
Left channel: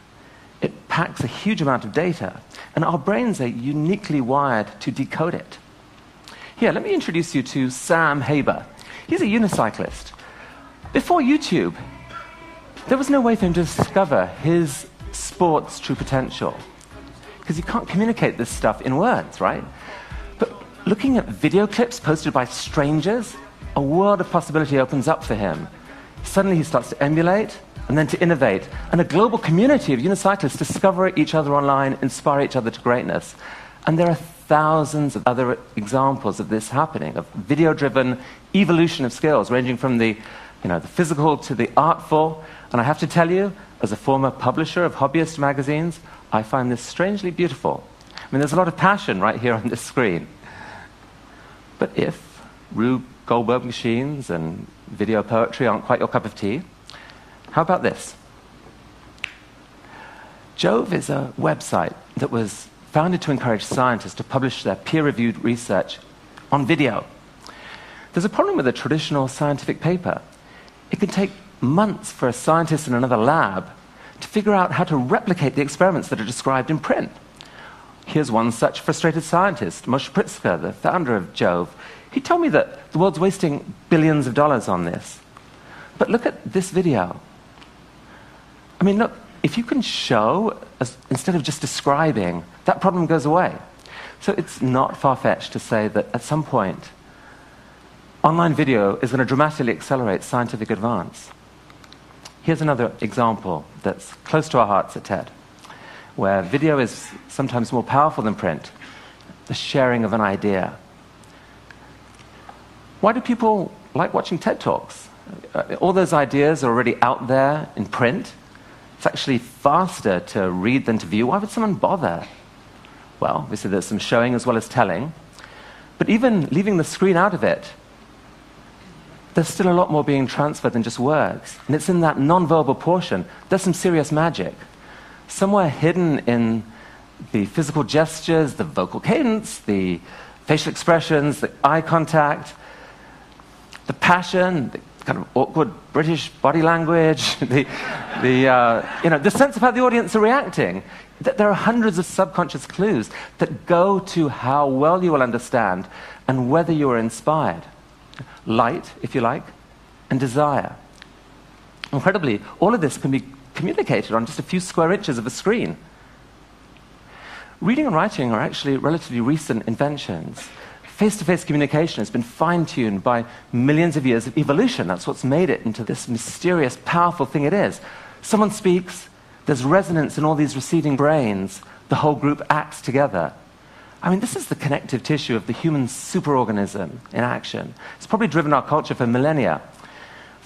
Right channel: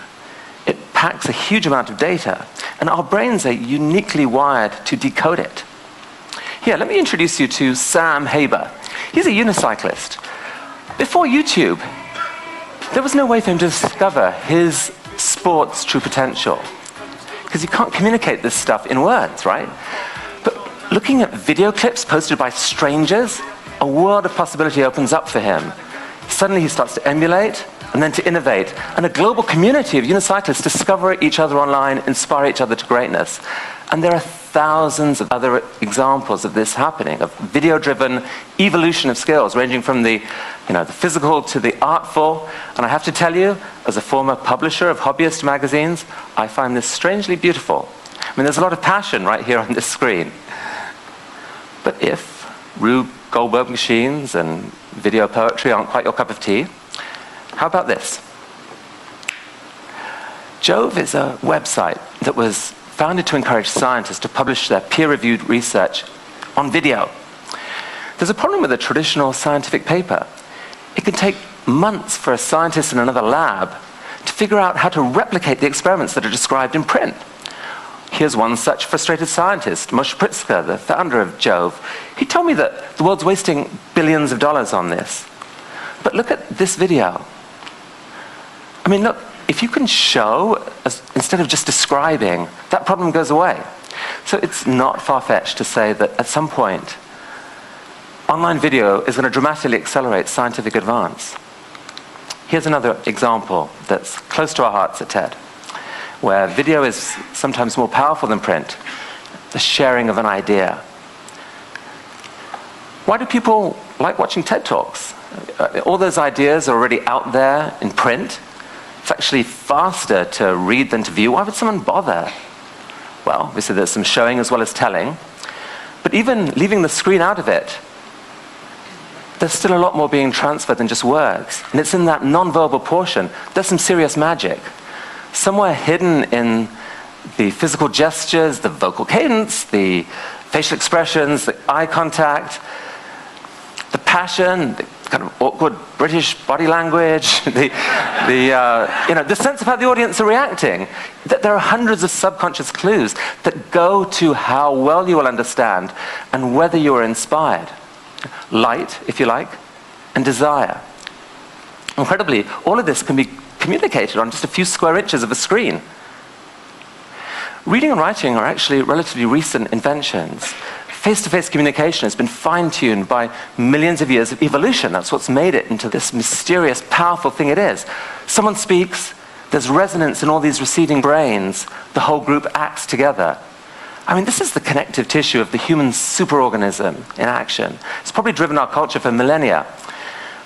It packs a huge amount of data, and our brains are uniquely wired to decode it. Here, let me introduce you to Sam Haber. He's a unicyclist. Before YouTube, there was no way for him to discover his sport's true potential, because you can't communicate this stuff in words, right? But looking at video clips posted by strangers, a world of possibility opens up for him. Suddenly he starts to emulate, and then to innovate. And a global community of unicyclists discover each other online, inspire each other to greatness. And there are thousands of other examples of this happening, of video-driven evolution of skills, ranging from the physical to the artful. And I have to tell you, as a former publisher of hobbyist magazines, I find this strangely beautiful. There's a lot of passion right here on this screen. But if Rube Goldberg machines and video poetry aren't quite your cup of tea, how about this? Jove is a website that was founded to encourage scientists to publish their peer-reviewed research on video. There's a problem with a traditional scientific paper. It can take months for a scientist in another lab to figure out how to replicate the experiments that are described in print. Here's one such frustrated scientist, Moshe Pritzker, the founder of Jove. He told me that the world's wasting billions of dollars on this. But look at this video. Look, if you can show, instead of just describing, that problem goes away. So it's not far-fetched to say that at some point, online video is going to dramatically accelerate scientific advance. Here's another example that's close to our hearts at TED, where video is sometimes more powerful than print, the sharing of an idea. Why do people like watching TED Talks? All those ideas are already out there in print. It's actually faster to read than to view. Why would someone bother? Well, obviously there's some showing as well as telling. But even leaving the screen out of it, there's still a lot more being transferred than just words. And it's in that non-verbal portion. There's some serious magic. Somewhere hidden in the physical gestures, the vocal cadence, the facial expressions, the eye contact, the passion, the kind of awkward British body language, the sense of how the audience are reacting. There are hundreds of subconscious clues that go to how well you understand and whether you are inspired. Light, if you like, and desire. Incredibly, all of this can be communicated on just a few square inches of a screen. Reading and writing are actually relatively recent inventions. Face-to-face communication has been fine-tuned by millions of years of evolution. That's what's made it into this mysterious, powerful thing it is. Someone speaks, there's resonance in all these receding brains, the whole group acts together. I mean, this is the connective tissue of the human superorganism in action. It's probably driven our culture for millennia.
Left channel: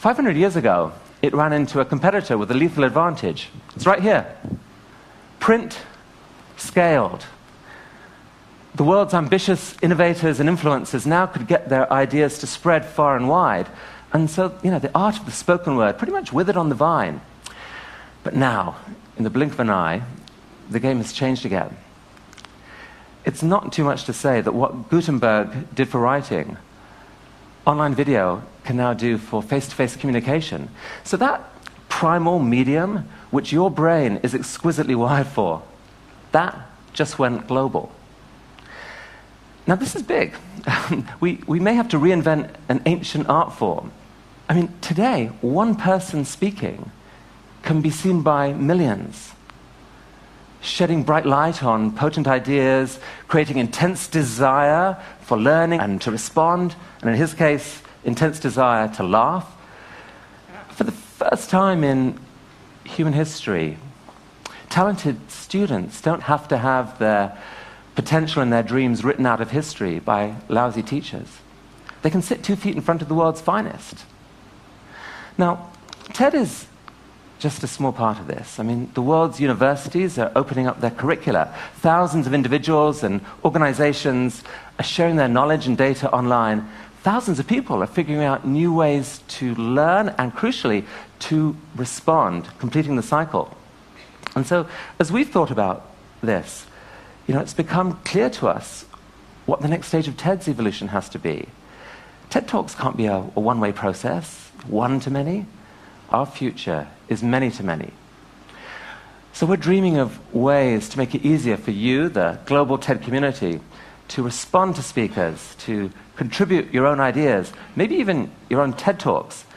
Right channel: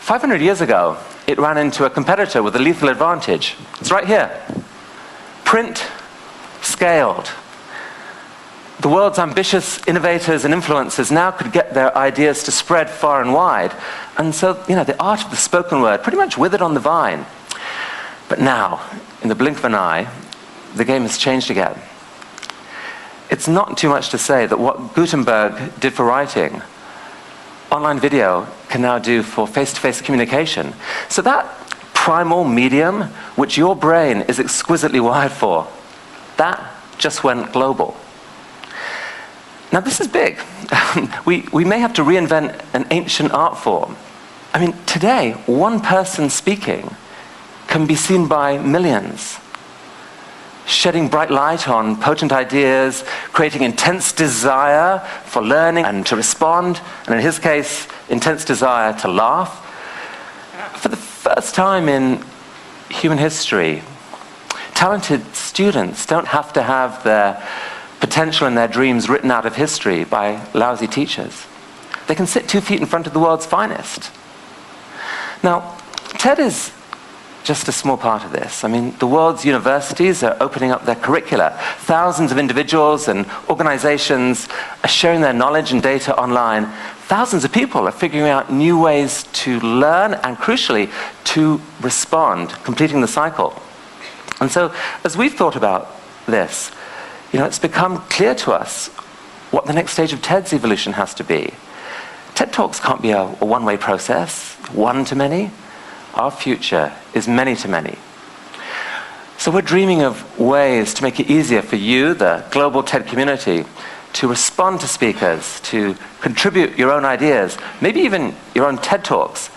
500 years ago, it ran into a competitor with a lethal advantage. It's right here. Print scaled. The world's ambitious innovators and influencers now could get their ideas to spread far and wide. And so, the art of the spoken word pretty much withered on the vine. But now, in the blink of an eye, the game has changed again. It's not too much to say that what Gutenberg did for writing, online video can now do for face-to-face communication. So that primal medium, which your brain is exquisitely wired for, that just went global. Now this is big. we may have to reinvent an ancient art form. I mean, today, one person speaking can be seen by millions, shedding bright light on potent ideas, creating intense desire for learning and to respond, and in his case, intense desire to laugh. For the first time in human history, talented students don't have to have their potential and their dreams written out of history by lousy teachers. They can sit 2 feet in front of the world's finest. Now, TED is just a small part of this. I mean, the world's universities are opening up their curricula. Thousands of individuals and organizations are sharing their knowledge and data online. Thousands of people are figuring out new ways to learn and, crucially, to respond, completing the cycle. And so, as we've thought about this, it's become clear to us what the next stage of TED's evolution has to be. TED Talks can't be a one-way process, one to many. Our future is many to many. So we're dreaming of ways to make it easier for you, the global TED community, to respond to speakers, to contribute your own ideas, maybe even your own TED Talks,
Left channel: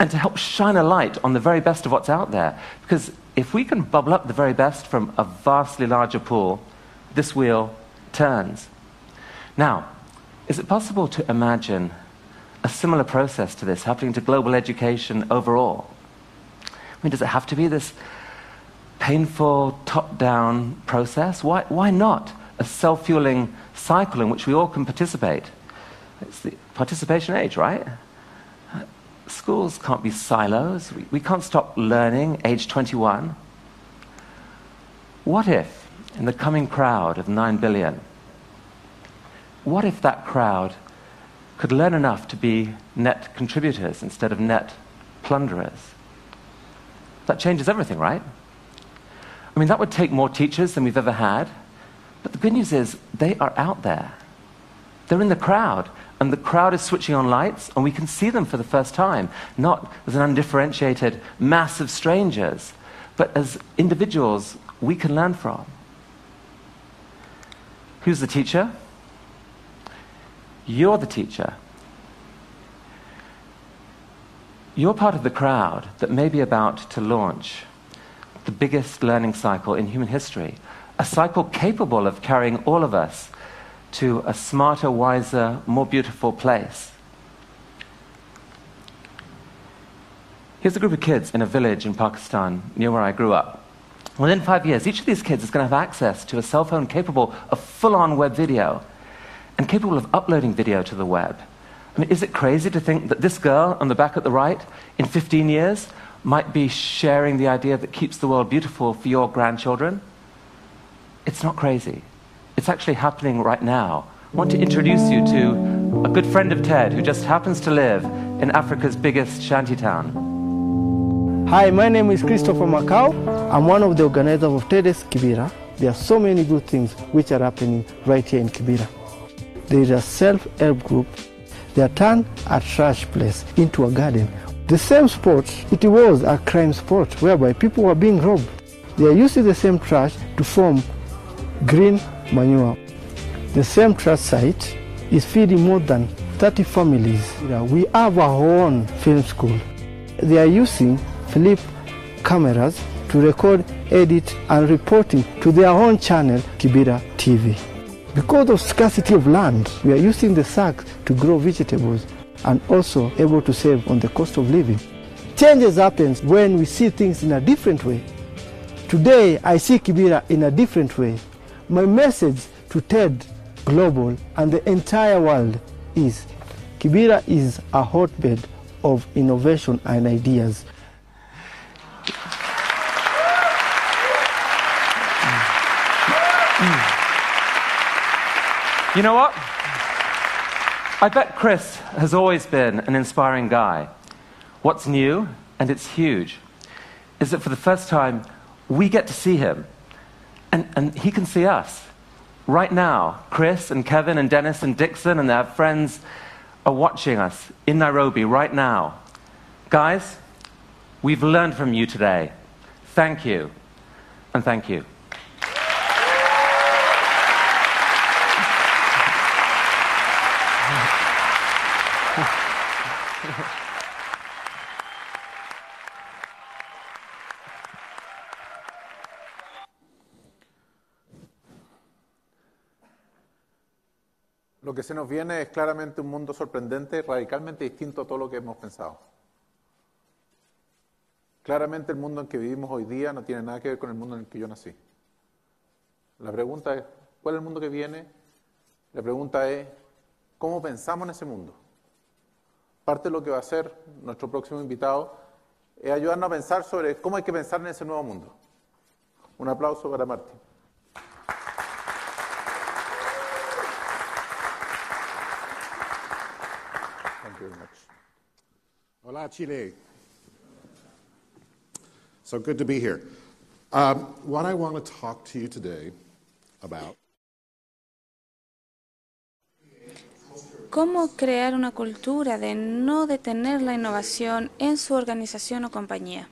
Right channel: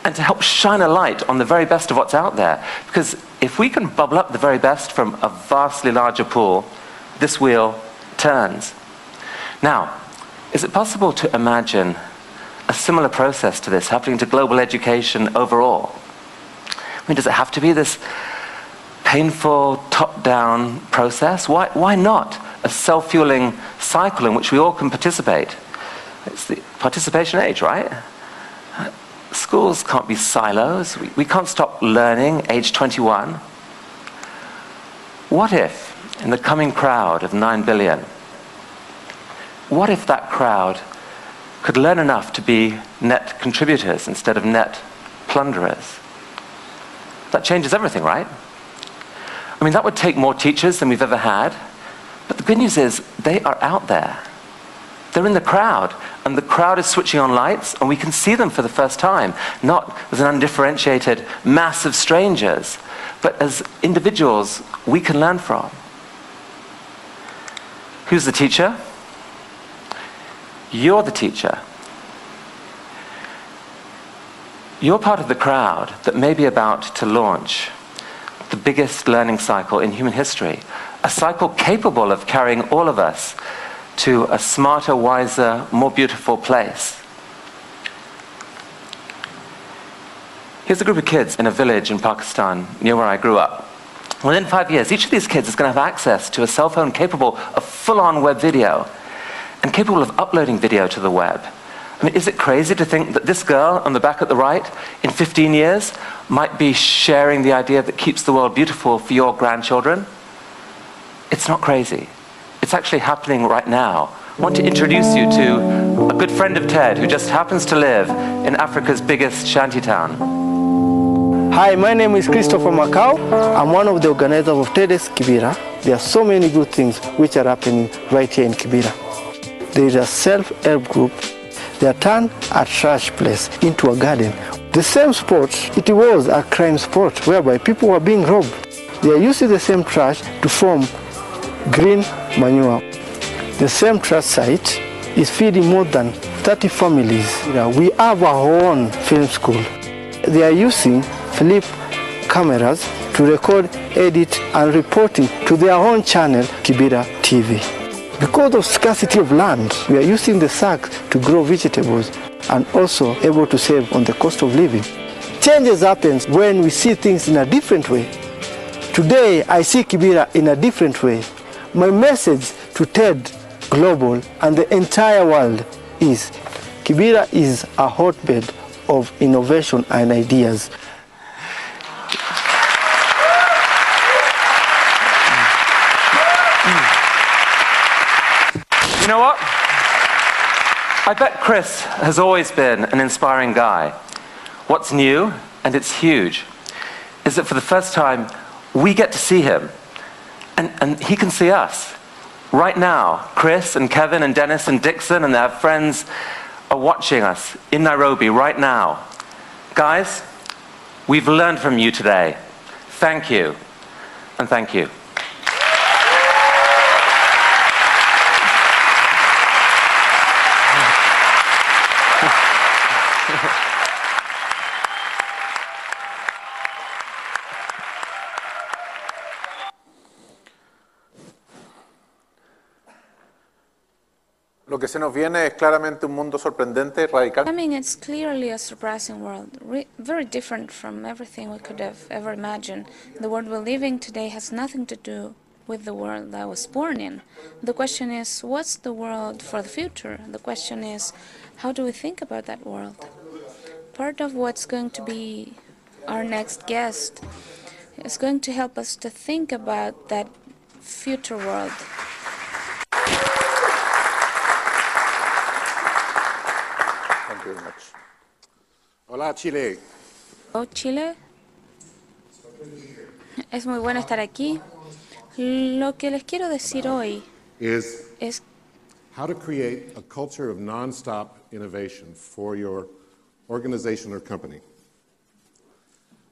and to help shine a light on the very best of what's out there. Because if we can bubble up the very best from a vastly larger pool, this wheel turns. Now, is it possible to imagine a similar process to this happening to global education overall? I mean, does it have to be this painful, top-down process? Why not a self-fueling cycle in which we all can participate? It's the participation age, right? Schools can't be silos. We can't stop learning age 21. What if, in the coming crowd of 9 billion, what if that crowd could learn enough to be net contributors instead of net plunderers? That changes everything, right? I mean, that would take more teachers than we've ever had. But the good news is, they are out there. They're in the crowd, and the crowd is switching on lights, and we can see them for the first time, not as an undifferentiated mass of strangers, but as individuals we can learn from. Who's the teacher? You're the teacher. You're part of the crowd that may be about to launch the biggest learning cycle in human history, a cycle capable of carrying all of us to a smarter, wiser, more beautiful place. Here's a group of kids in a village in Pakistan, near where I grew up. Well, in 5 years, each of these kids is going to have access to a cell phone capable of full-on web video and capable of uploading video to the web. I mean, is it crazy to think that this girl on the back at the right, in 15 years, might be sharing the idea that keeps the world beautiful for your grandchildren? It's not crazy. It's actually happening right now. I want to introduce you to a good friend of Ted who just happens to live in Africa's biggest shantytown. Hi, my name is Christopher Macau. I'm one of the organizers of TEDx Kibera. There are so many good things which are happening right here in Kibera. There is a self-help group that turned a trash place into a garden. The same spot, it was a crime spot whereby people were being robbed. They are using the same trash to form green manure. The same trash site is feeding more than 30 families. We have our own film school. They are using flip cameras to record, edit, and reporting to their own channel, Kibera TV. Because of scarcity of land, we are using the sack to grow vegetables and also able to save on the cost of living. Changes happens when we see things in a different way. Today, I see Kibera in a different way. My message to TED Global and the entire world is Kibera is a hotbed of innovation and ideas. You know what? I bet Chris has always been an inspiring guy. What's new, and it's huge, is that for the first time, we get to see him, and he can see us. Right now, Chris and Kevin and Dennis and Dixon and their friends are watching us in Nairobi right now. Guys, we've learned from you today. Thank you, and thank you. Lo que se nos viene es claramente un mundo sorprendente, radicalmente I mean, it's distinto a todo lo que clearly a hemos pensado. surprising world, very different from everything we could Claramente el have mundo en ever que vivimos hoy imagined. día no The tiene world nada we're que ver con el living mundo en today el que has yo nací. nothing to do with the world La that I was pregunta es, born in. ¿cuál es el mundo que The viene? question is, what's the La world pregunta for es, the future? The ¿cómo question pensamos en is, ese mundo? how do we think about that world? Parte de lo que va a ser Part nuestro of what's próximo going to invitado be es ayudarnos our a next pensar sobre guest cómo hay que pensar en ese nuevo is mundo. going to help us to think Un aplauso about para that Marco. future world. Thank you very much. Hola, Chile. Oh, Chile, So good to be here. es muy bueno estar What I aquí. want to talk to you today Lo que les quiero decir about hoy is es how to create a culture of cómo nonstop crear una innovation cultura de for your no detener la organization or innovación company. en su organización o compañía.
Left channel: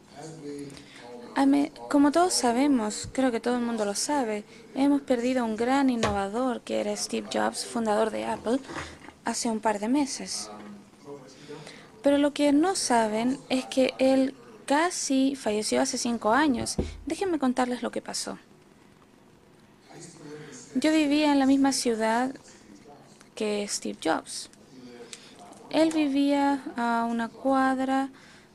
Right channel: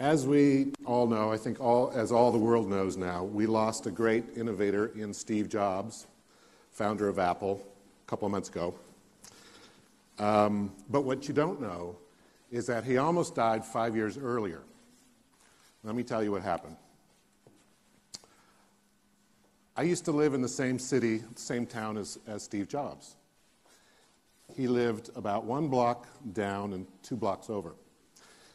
As we all know, I think Como as all todos the world knows sabemos, now, creo que we todo el lost mundo a lo great sabe, innovator hemos in perdido Steve un gran Jobs, innovador que era founder of Steve Apple, Jobs, fundador de a couple Apple, months ago. hace un par de meses. But what you don't know Pero lo que is no that he almost saben died es que 5 years él earlier. casi falleció hace Let me tell 5 you what años. Déjenme contarles lo que pasó. I used to live in the same Yo city, vivía en la same misma town ciudad as Steve Jobs. que Steve Jobs. He lived about one Él block vivía down and a 2 una blocks over. cuadra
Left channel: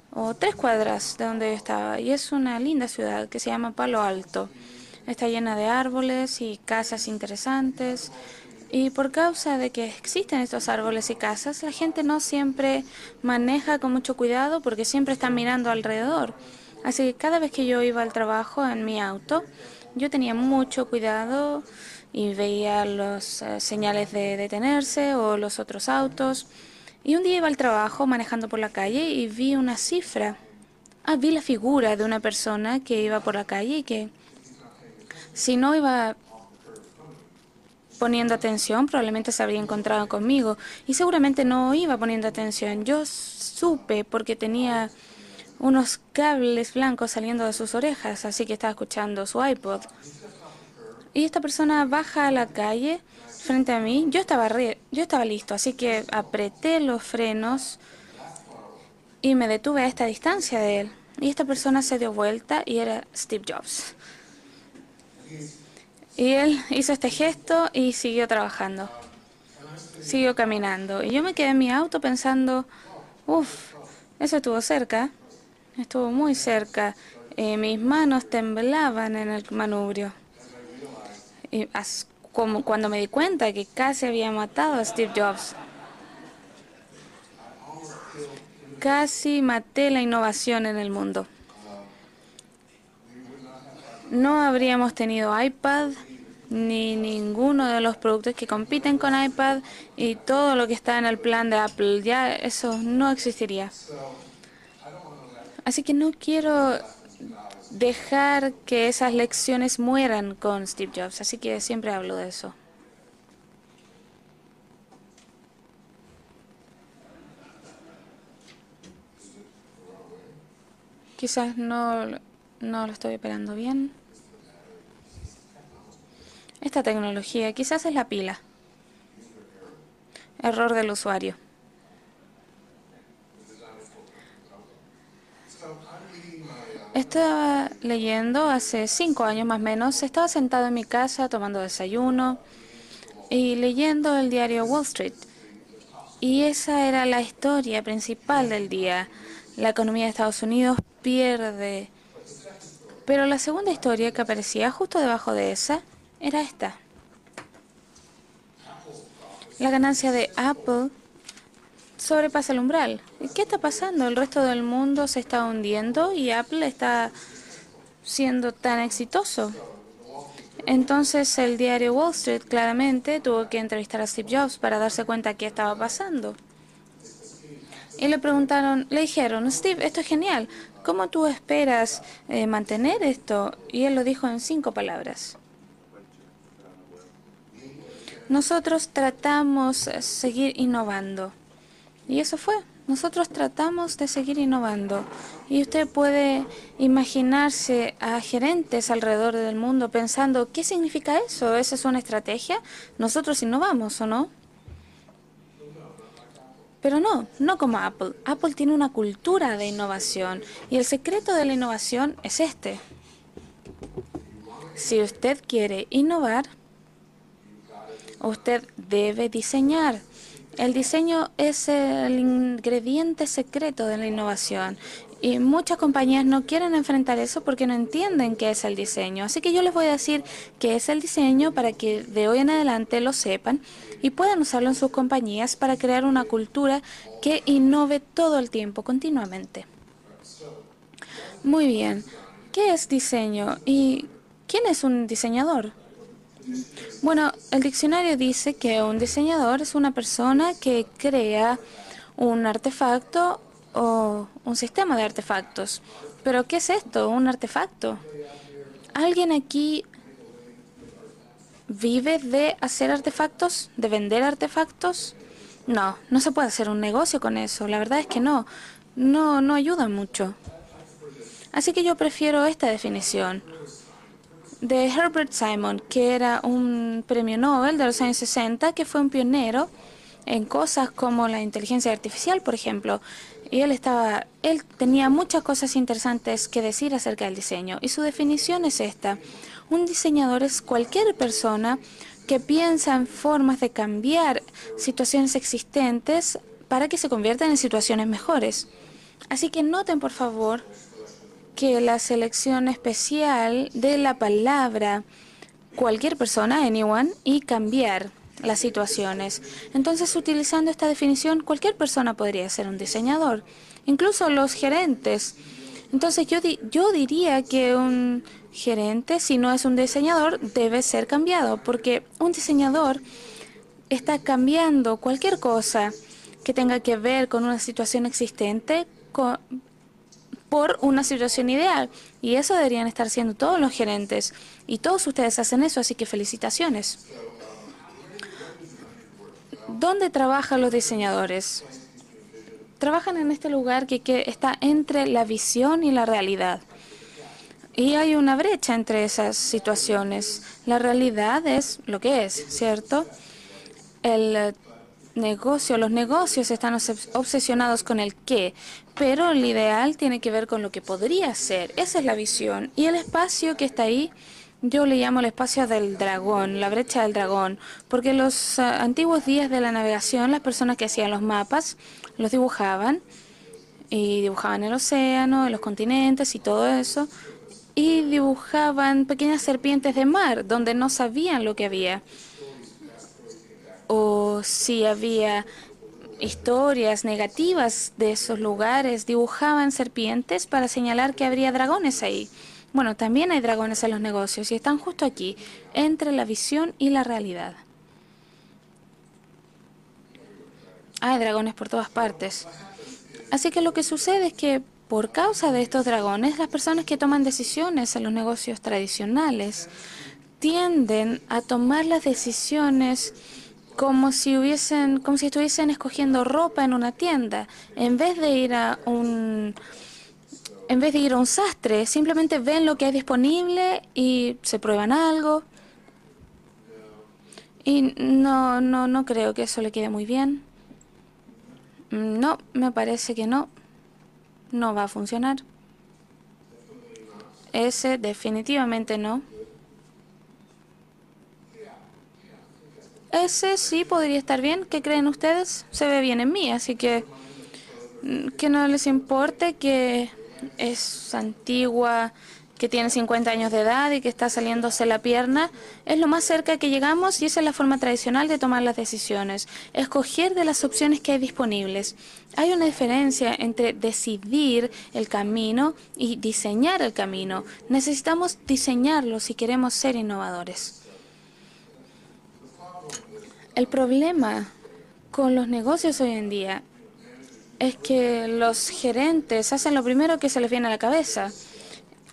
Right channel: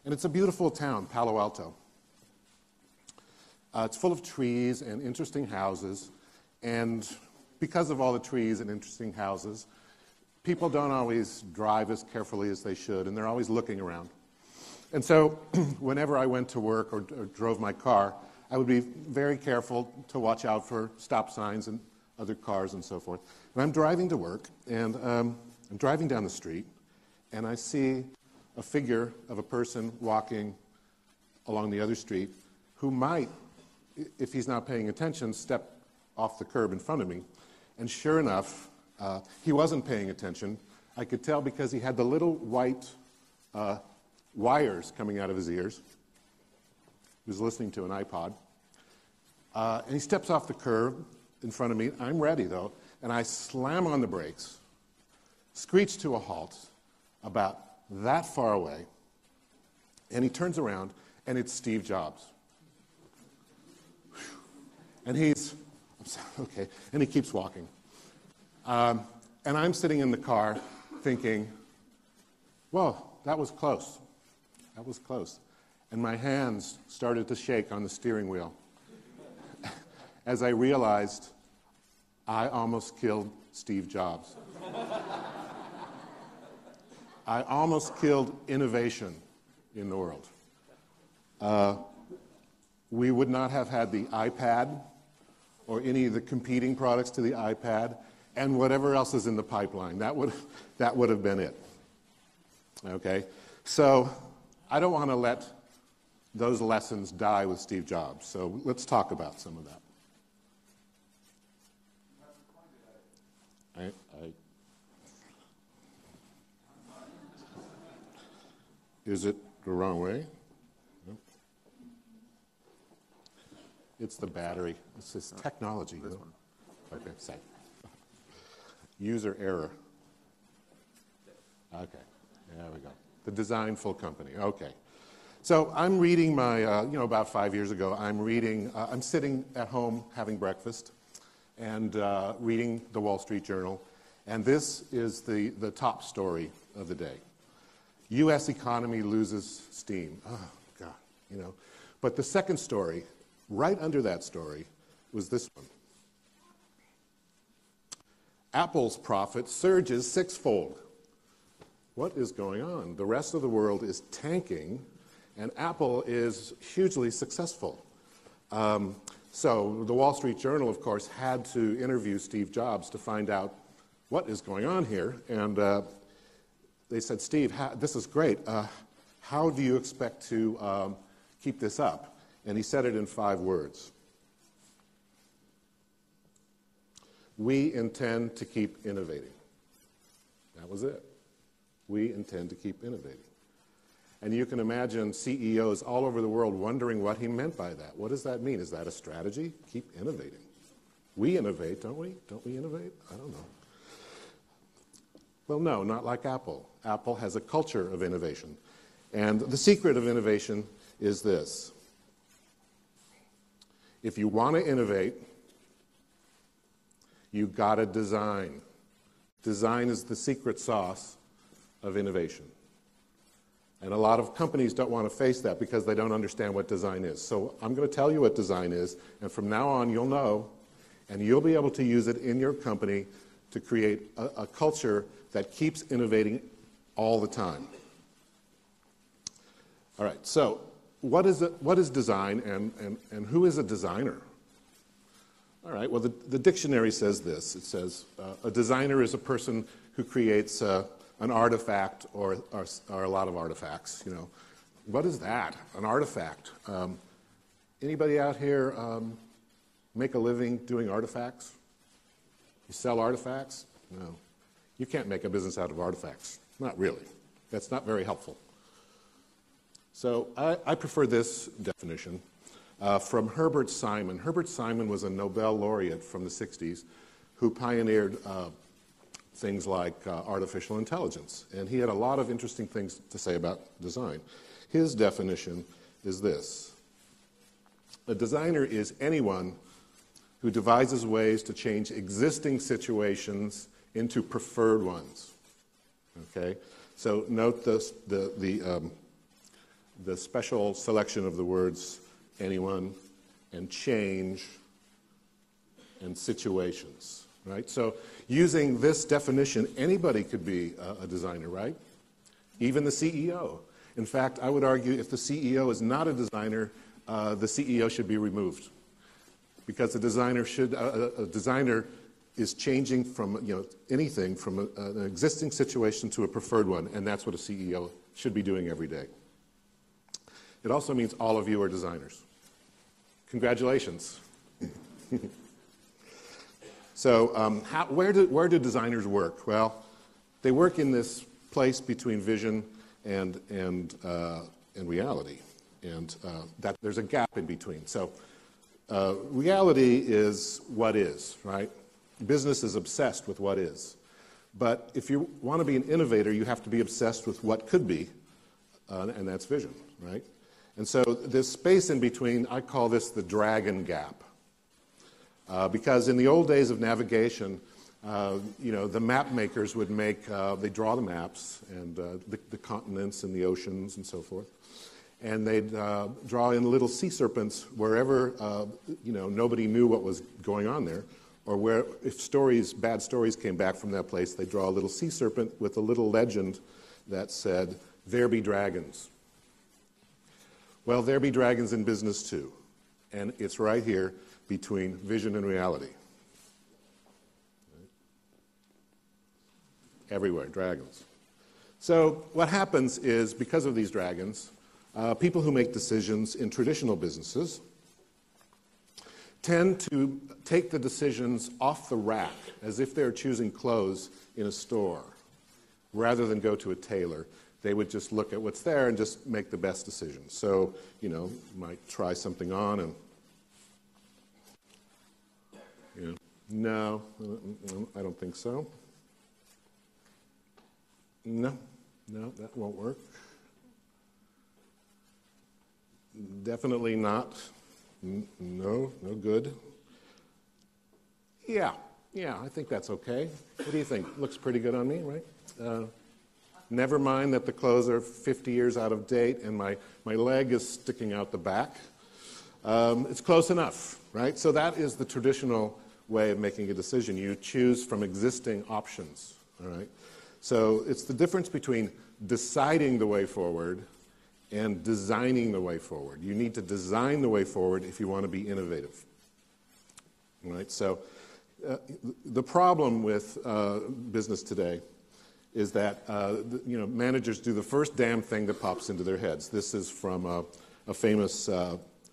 And it's a o 3 beautiful town, cuadras de Palo donde yo Alto. estaba. Y es una linda ciudad que se llama Palo full of Alto. trees and Está interesting llena de houses. árboles y casas And because interesantes. of all the trees and Y por interesting causa houses, de que existen estos people don't árboles y always casas, la drive gente as no carefully as they siempre should, and they're always maneja looking con mucho around. cuidado porque siempre And so, están mirando whenever I alrededor. went to work Así or que cada vez drove que my yo iba car, al trabajo I would en be mi very auto, careful yo to tenía watch out mucho for stop cuidado signs and y other cars veía and so forth. las And I'm señales driving to de work, detenerse and, o los otros driving down the autos. street, Y un día iba and al I trabajo see manejando por a la calle figure y of a vi una person cifra. walking Vi la along the figura other de una street persona who que iba might, por la calle y que, if he's not paying attention, si step no iba off the curb in front of me. And sure poniendo enough, atención, probablemente se he habría wasn't encontrado paying conmigo. attention. Y I could seguramente tell no because he iba had the poniendo little atención. white, Yo supe porque tenía wires coming out of his ears. unos cables blancos saliendo de listening sus to an orejas, iPod. así que estaba escuchando su iPod. And he steps off the curb Y esta in front of persona me. baja I'm a la ready, though, calle and I frente a slam on mí. the brakes, Yo estaba listo, así que screeched to a halt, apreté los frenos about that far away. y me detuve a esta he distancia turns de él. around, Y esta persona se dio vuelta y era Steve Jobs. Y él hizo este gesto y siguió trabajando. Siguió caminando. Y yo me quedé en mi auto pensando, uff, eso estuvo cerca. Estuvo muy cerca. Mis manos temblaban en el manubrio. Y como cuando me di cuenta que casi había matado a Steve Jobs. Casi maté la innovación en el mundo. No habríamos tenido iPad ni ninguno de los productos que compiten con iPad y todo lo que está en el plan de Apple. Ya eso no existiría. Así que no quiero dejar que esas lecciones mueran con Steve Jobs. Así que siempre hablo de eso. Quizás no lo estoy operando bien. Esta tecnología, quizás es la pila. Error del usuario. Estaba leyendo hace 5 años más o menos. Estaba sentado en mi casa tomando desayuno y leyendo el diario Wall Street. Y esa era la historia principal del día. La economía de Estados Unidos pierde. Pero la segunda historia que aparecía justo debajo de esa era esta. La ganancia de Apple sobrepasa el umbral. ¿Qué está pasando? El resto del mundo se está hundiendo y Apple está siendo tan exitoso. Entonces el diario Wall Street claramente tuvo que entrevistar a Steve Jobs para darse cuenta de qué estaba pasando. Y le preguntaron, le dijeron, Steve, esto es genial. ¿Cómo tú esperas mantener esto? Y él lo dijo en 5 palabras. Nosotros tratamos de seguir innovando. Y eso fue. Nosotros tratamos de seguir innovando. Y usted puede imaginarse a gerentes alrededor del mundo pensando, ¿qué significa eso? ¿Esa es una estrategia? Nosotros innovamos, ¿o no? Pero no como Apple. Apple tiene una cultura de innovación. Y el secreto de la innovación es este. Si usted quiere innovar, usted debe diseñar. El diseño es el ingrediente secreto de la innovación. Y muchas compañías no quieren enfrentar eso porque no entienden qué es el diseño. Así que yo les voy a decir qué es el diseño para que de hoy en adelante lo sepan y puedan usarlo en sus compañías para crear una cultura que innove todo el tiempo, continuamente. Muy bien. ¿Qué es diseño? ¿Y quién es un diseñador? Bueno, el diccionario dice que un diseñador es una persona que crea un artefacto o un sistema de artefactos. ¿Pero qué es esto, un artefacto? ¿Alguien aquí vive de hacer artefactos, de vender artefactos? No se puede hacer un negocio con eso. La verdad es que no ayuda mucho. Así que yo prefiero esta definición de Herbert Simon, que era un premio Nobel de los años 60, que fue un pionero en cosas como la inteligencia artificial, por ejemplo. Y él tenía muchas cosas interesantes que decir acerca del diseño. Y su definición es esta. Un diseñador es cualquier persona que piensa en formas de cambiar situaciones existentes para que se conviertan en situaciones mejores. Así que noten, por favor, que la selección especial de la palabra cualquier persona, anyone, y cambiar las situaciones. Entonces, utilizando esta definición, cualquier persona podría ser un diseñador, incluso los gerentes. Entonces, yo diría que un gerente, si no es un diseñador, debe ser cambiado, porque un diseñador está cambiando cualquier cosa que tenga que ver con una situación existente por una situación ideal. Y eso deberían estar haciendo todos los gerentes. Y todos ustedes hacen eso, así que felicitaciones. ¿Dónde trabajan los diseñadores? Trabajan en este lugar que está entre la visión y la realidad. Y hay una brecha entre esas situaciones. La realidad es lo que es, ¿cierto? Los negocios están obsesionados con el qué, pero el ideal tiene que ver ver con lo que podría ser. Esa es la visión. Y el espacio que está ahí, yo le llamo el espacio del dragón, la brecha del dragón, porque en los antiguos días de la navegación, las personas que hacían los mapas los dibujaban, y dibujaban el océano, los continentes y todo eso, y dibujaban pequeñas serpientes de mar, donde no sabían lo que había. O si había historias negativas de esos lugares, dibujaban serpientes para señalar que habría dragones ahí. Bueno, también hay dragones en los negocios y están justo aquí, entre la visión y la realidad. Hay dragones por todas partes. Así que lo que sucede es que por causa de estos dragones, las personas que toman decisiones en los negocios tradicionales tienden a tomar las decisiones como si estuviesen escogiendo ropa en una tienda. En vez de ir a un sastre, simplemente ven lo que hay disponible y se prueban algo. Y no creo que eso le quede muy bien. No, me parece que no. No va a funcionar. Ese definitivamente no. Ese sí podría estar bien. ¿Qué creen ustedes? Se ve bien en mí, así que no les importe que es antigua, que tiene 50 años de edad y que está saliéndose la pierna. Es lo más cerca que llegamos y esa es la forma tradicional de tomar las decisiones. Escoger de las opciones que hay disponibles. Hay una diferencia entre decidir el camino y diseñar el camino. Necesitamos diseñarlo si queremos ser innovadores. El problema con los negocios hoy en día es que los gerentes hacen lo primero que se les viene a la cabeza.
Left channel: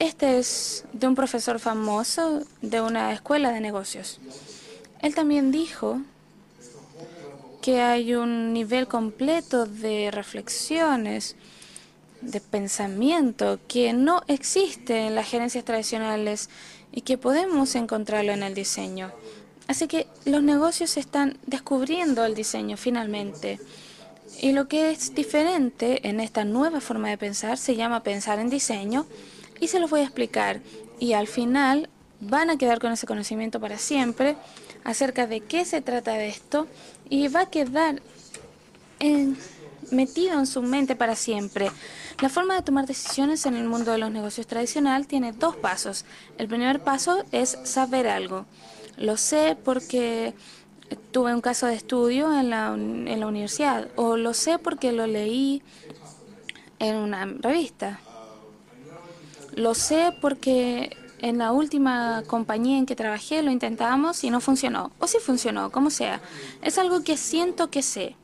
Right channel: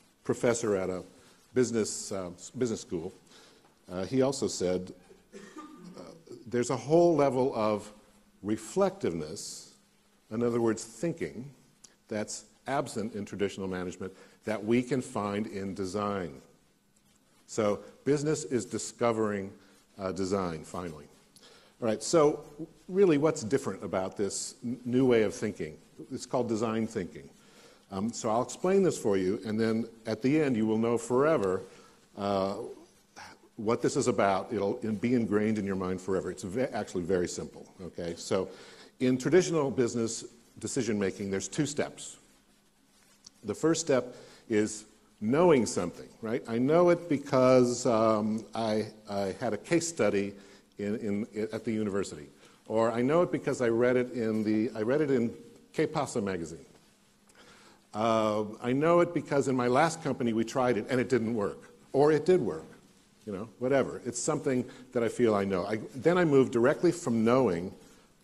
Este es de un profesor famoso de una escuela de negocios. Él también dijo que hay un nivel completo de reflexiones, de pensamiento, que no existe en las gerencias tradicionales y que podemos encontrarlo en el diseño. Así que los negocios están descubriendo el diseño finalmente. Y lo que es diferente en esta nueva forma de pensar se llama pensar en diseño, y se los voy a explicar. Y al final van a quedar con ese conocimiento para siempre acerca de qué se trata de esto, y va a quedar metido en su mente para siempre. La forma de tomar decisiones en el mundo de los negocios tradicional tiene dos pasos. El primer paso es saber algo. Lo sé porque tuve un caso de estudio en la universidad, o lo sé porque lo leí en una revista. Lo sé porque en la última compañía en que trabajé lo intentamos y no funcionó. O sí funcionó, como sea. Es algo que siento que sé.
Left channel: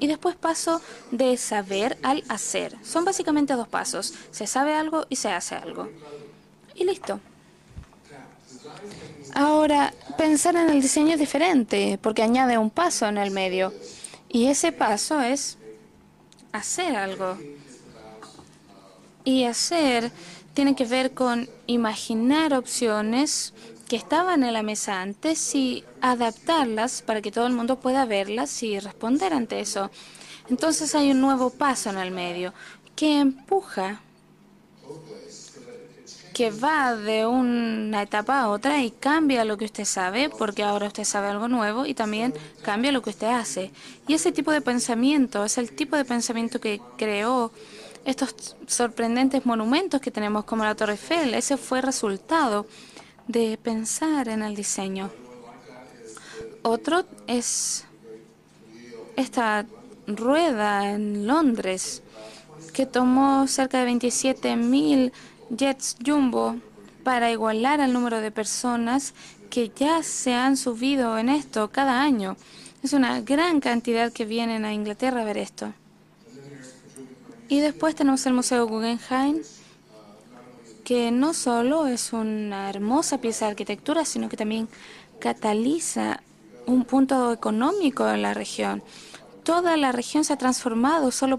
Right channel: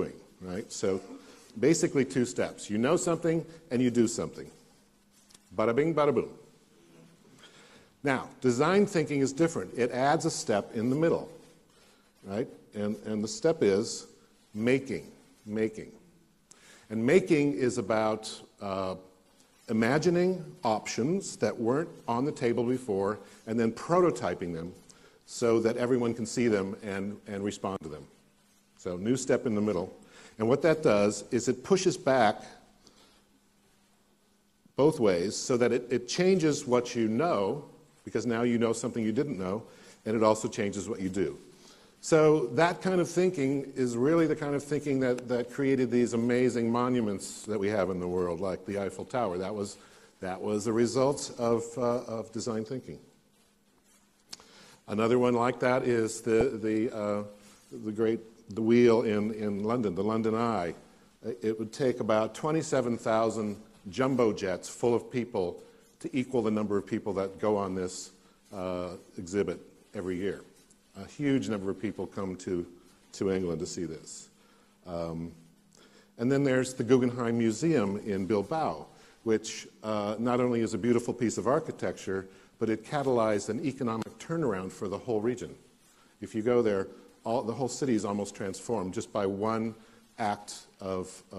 Y después paso de saber al hacer. Son básicamente dos pasos. Se sabe algo y se hace algo. Y listo. Ahora, pensar en el diseño es diferente porque añade un paso en el medio. Y ese paso es hacer algo. Y hacer tiene que ver con imaginar opciones que estaban en la mesa antes y adaptarlas para que todo el mundo pueda verlas y responder ante eso. Entonces hay un nuevo paso en el medio que empuja, que va de una etapa a otra y cambia lo que usted sabe, porque ahora usted sabe algo nuevo, y también cambia lo que usted hace. Y ese tipo de pensamiento es el tipo de pensamiento que creó estos sorprendentes monumentos que tenemos como la Torre Eiffel. Ese fue el resultado de pensar en el diseño. Otro es esta rueda en Londres que tomó cerca de 27.000 jets jumbo para igualar el número de personas que ya se han subido en esto cada año. Es una gran cantidad que vienen a Inglaterra a ver esto. Y después tenemos el Museo Guggenheim, que no solo es una hermosa pieza de arquitectura, sino que también cataliza un punto económico en la región. Toda la región se ha transformado solo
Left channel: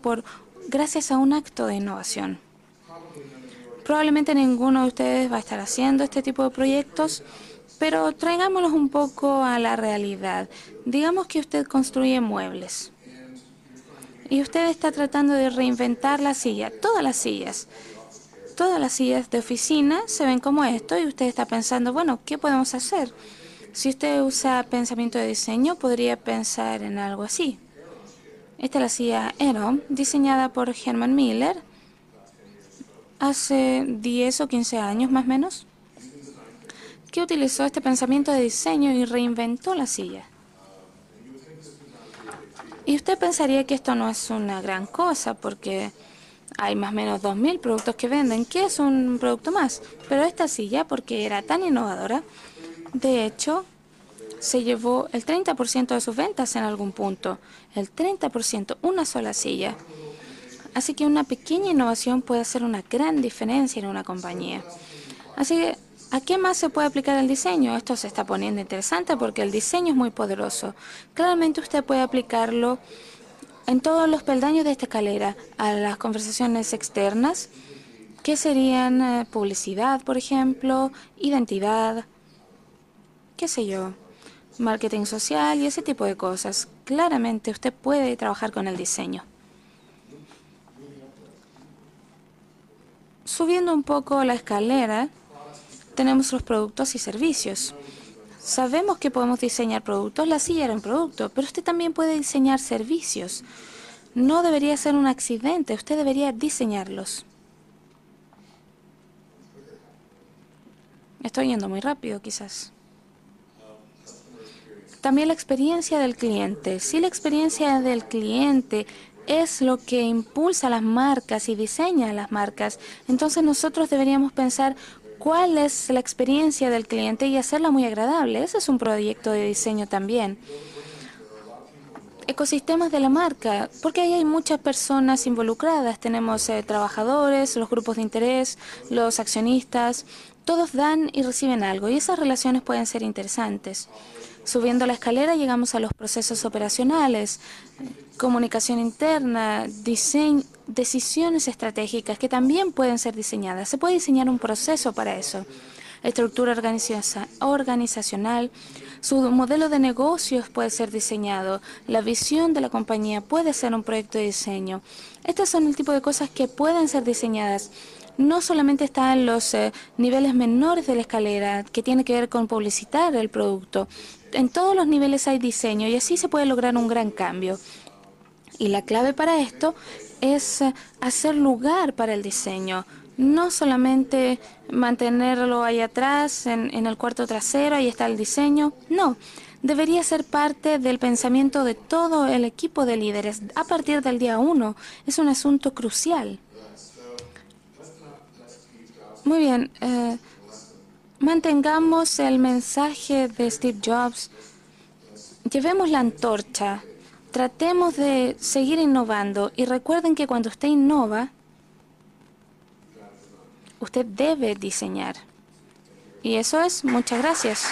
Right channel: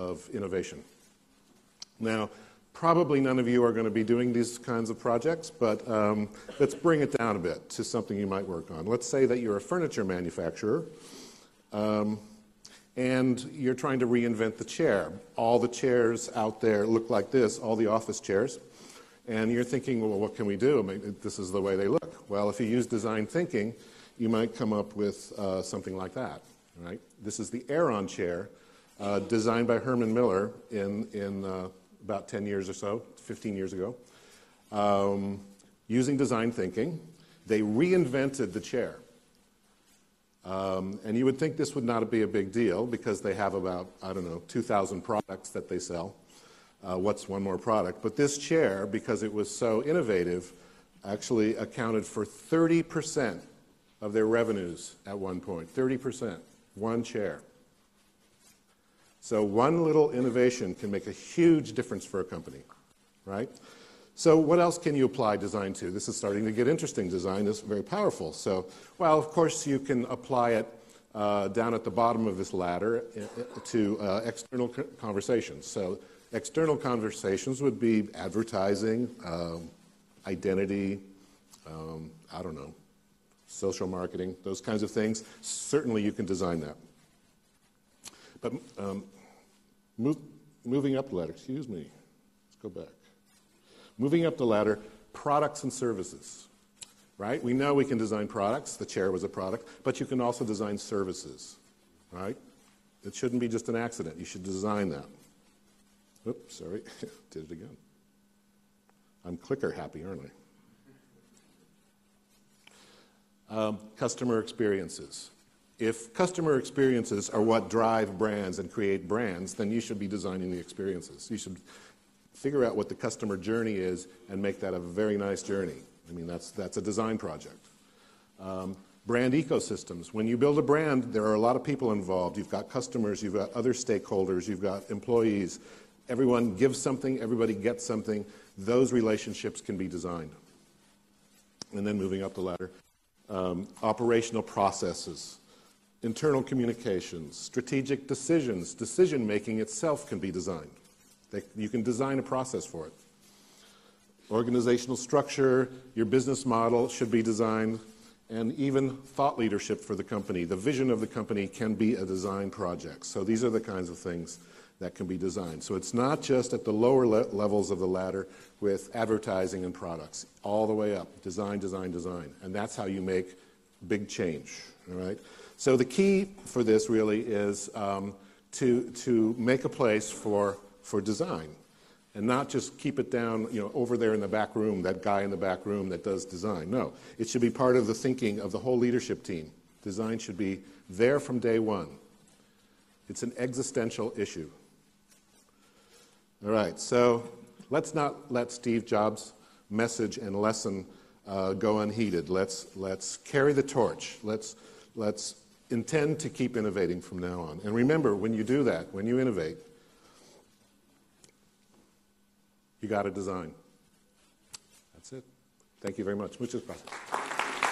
gracias a un acto de innovación. Probablemente ninguno de ustedes va a estar haciendo este tipo de proyectos, pero traigámoslos un poco a la realidad. Digamos que usted construye muebles y usted está tratando de reinventar la silla, todas las sillas de oficina se ven como esto y usted está pensando, bueno, ¿qué podemos hacer? Si usted usa pensamiento de diseño, podría pensar en algo así. Esta es la silla Aeron, diseñada por Herman Miller hace 10 o 15 años más o menos, que utilizó este pensamiento de diseño y reinventó la silla. Y usted pensaría que esto no es una gran cosa porque hay más o menos 2.000 productos que venden. ¿Qué es un producto más? Pero esta silla, porque era tan innovadora, de hecho, se llevó el 30% de sus ventas en algún punto. El 30%, una sola silla. Así que una pequeña innovación puede hacer una gran diferencia en una compañía. Así que, ¿a qué más se puede aplicar el diseño? Esto se está poniendo interesante porque el diseño es muy poderoso. Claramente usted puede aplicarlo en todos los peldaños de esta escalera, a las conversaciones externas, que serían publicidad, por ejemplo, identidad, qué sé yo, marketing social y ese tipo de cosas. Claramente usted puede trabajar con el diseño. Subiendo un poco la escalera, tenemos los productos y servicios. Sabemos que podemos diseñar productos, la silla era un producto, pero usted también puede diseñar servicios. No debería ser un accidente, usted debería diseñarlos. Estoy yendo muy rápido, quizás. También la experiencia del cliente. Si la experiencia del cliente es lo que impulsa las marcas y diseña las marcas, entonces nosotros deberíamos pensar cuál es la experiencia del cliente y hacerla muy agradable. Ese es un proyecto de diseño también. Ecosistemas de la marca, porque ahí hay muchas personas involucradas. Tenemos trabajadores, los grupos de interés, los accionistas. Todos dan y reciben algo y esas relaciones pueden ser interesantes. Subiendo la escalera llegamos a los procesos operacionales, comunicación interna, decisiones estratégicas que también pueden ser diseñadas. Se puede diseñar un proceso para eso. Estructura organizacional, su modelo de negocios puede ser diseñado. La visión de la compañía puede ser un proyecto de diseño. Estas son el tipo de cosas que pueden ser diseñadas. No solamente están los niveles menores de la escalera, que tiene que ver con publicitar el producto. En todos los niveles hay diseño y así se puede lograr un gran cambio. Y la clave para esto es hacer lugar para el diseño, no solamente mantenerlo ahí atrás, en el cuarto trasero, ahí está el diseño. No, debería ser parte del pensamiento de todo el equipo de líderes a partir del día 1. Es un asunto crucial. Muy bien. Mantengamos el mensaje de Steve Jobs. Llevemos la antorcha. Tratemos de seguir innovando. Y recuerden que cuando usted innova, usted debe diseñar. Y eso es. Muchas gracias.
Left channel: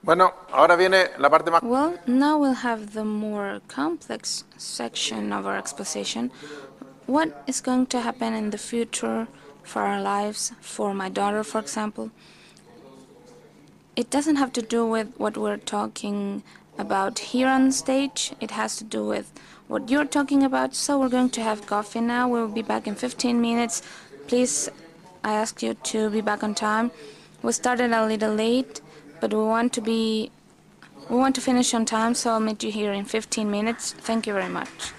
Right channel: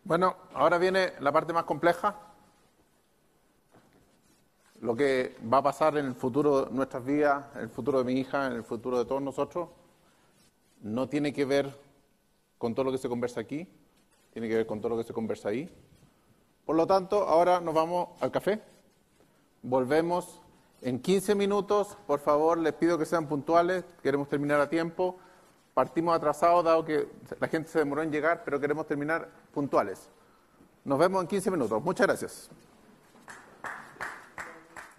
Bueno, ahora viene la parte más compleja. Now we'll have the more complex section of our exposition. What is going to happen in the future for our lives, for my daughter, for example? It doesn't have to do with what we're talking about here on stage. It has to do with what you're talking about. So we're going to have coffee now. We'll be back in 15 minutes. Please, I ask you to be back on time. We started a little late, but we want to finish on time, so I'll meet you here in 15 minutes. Thank you very much.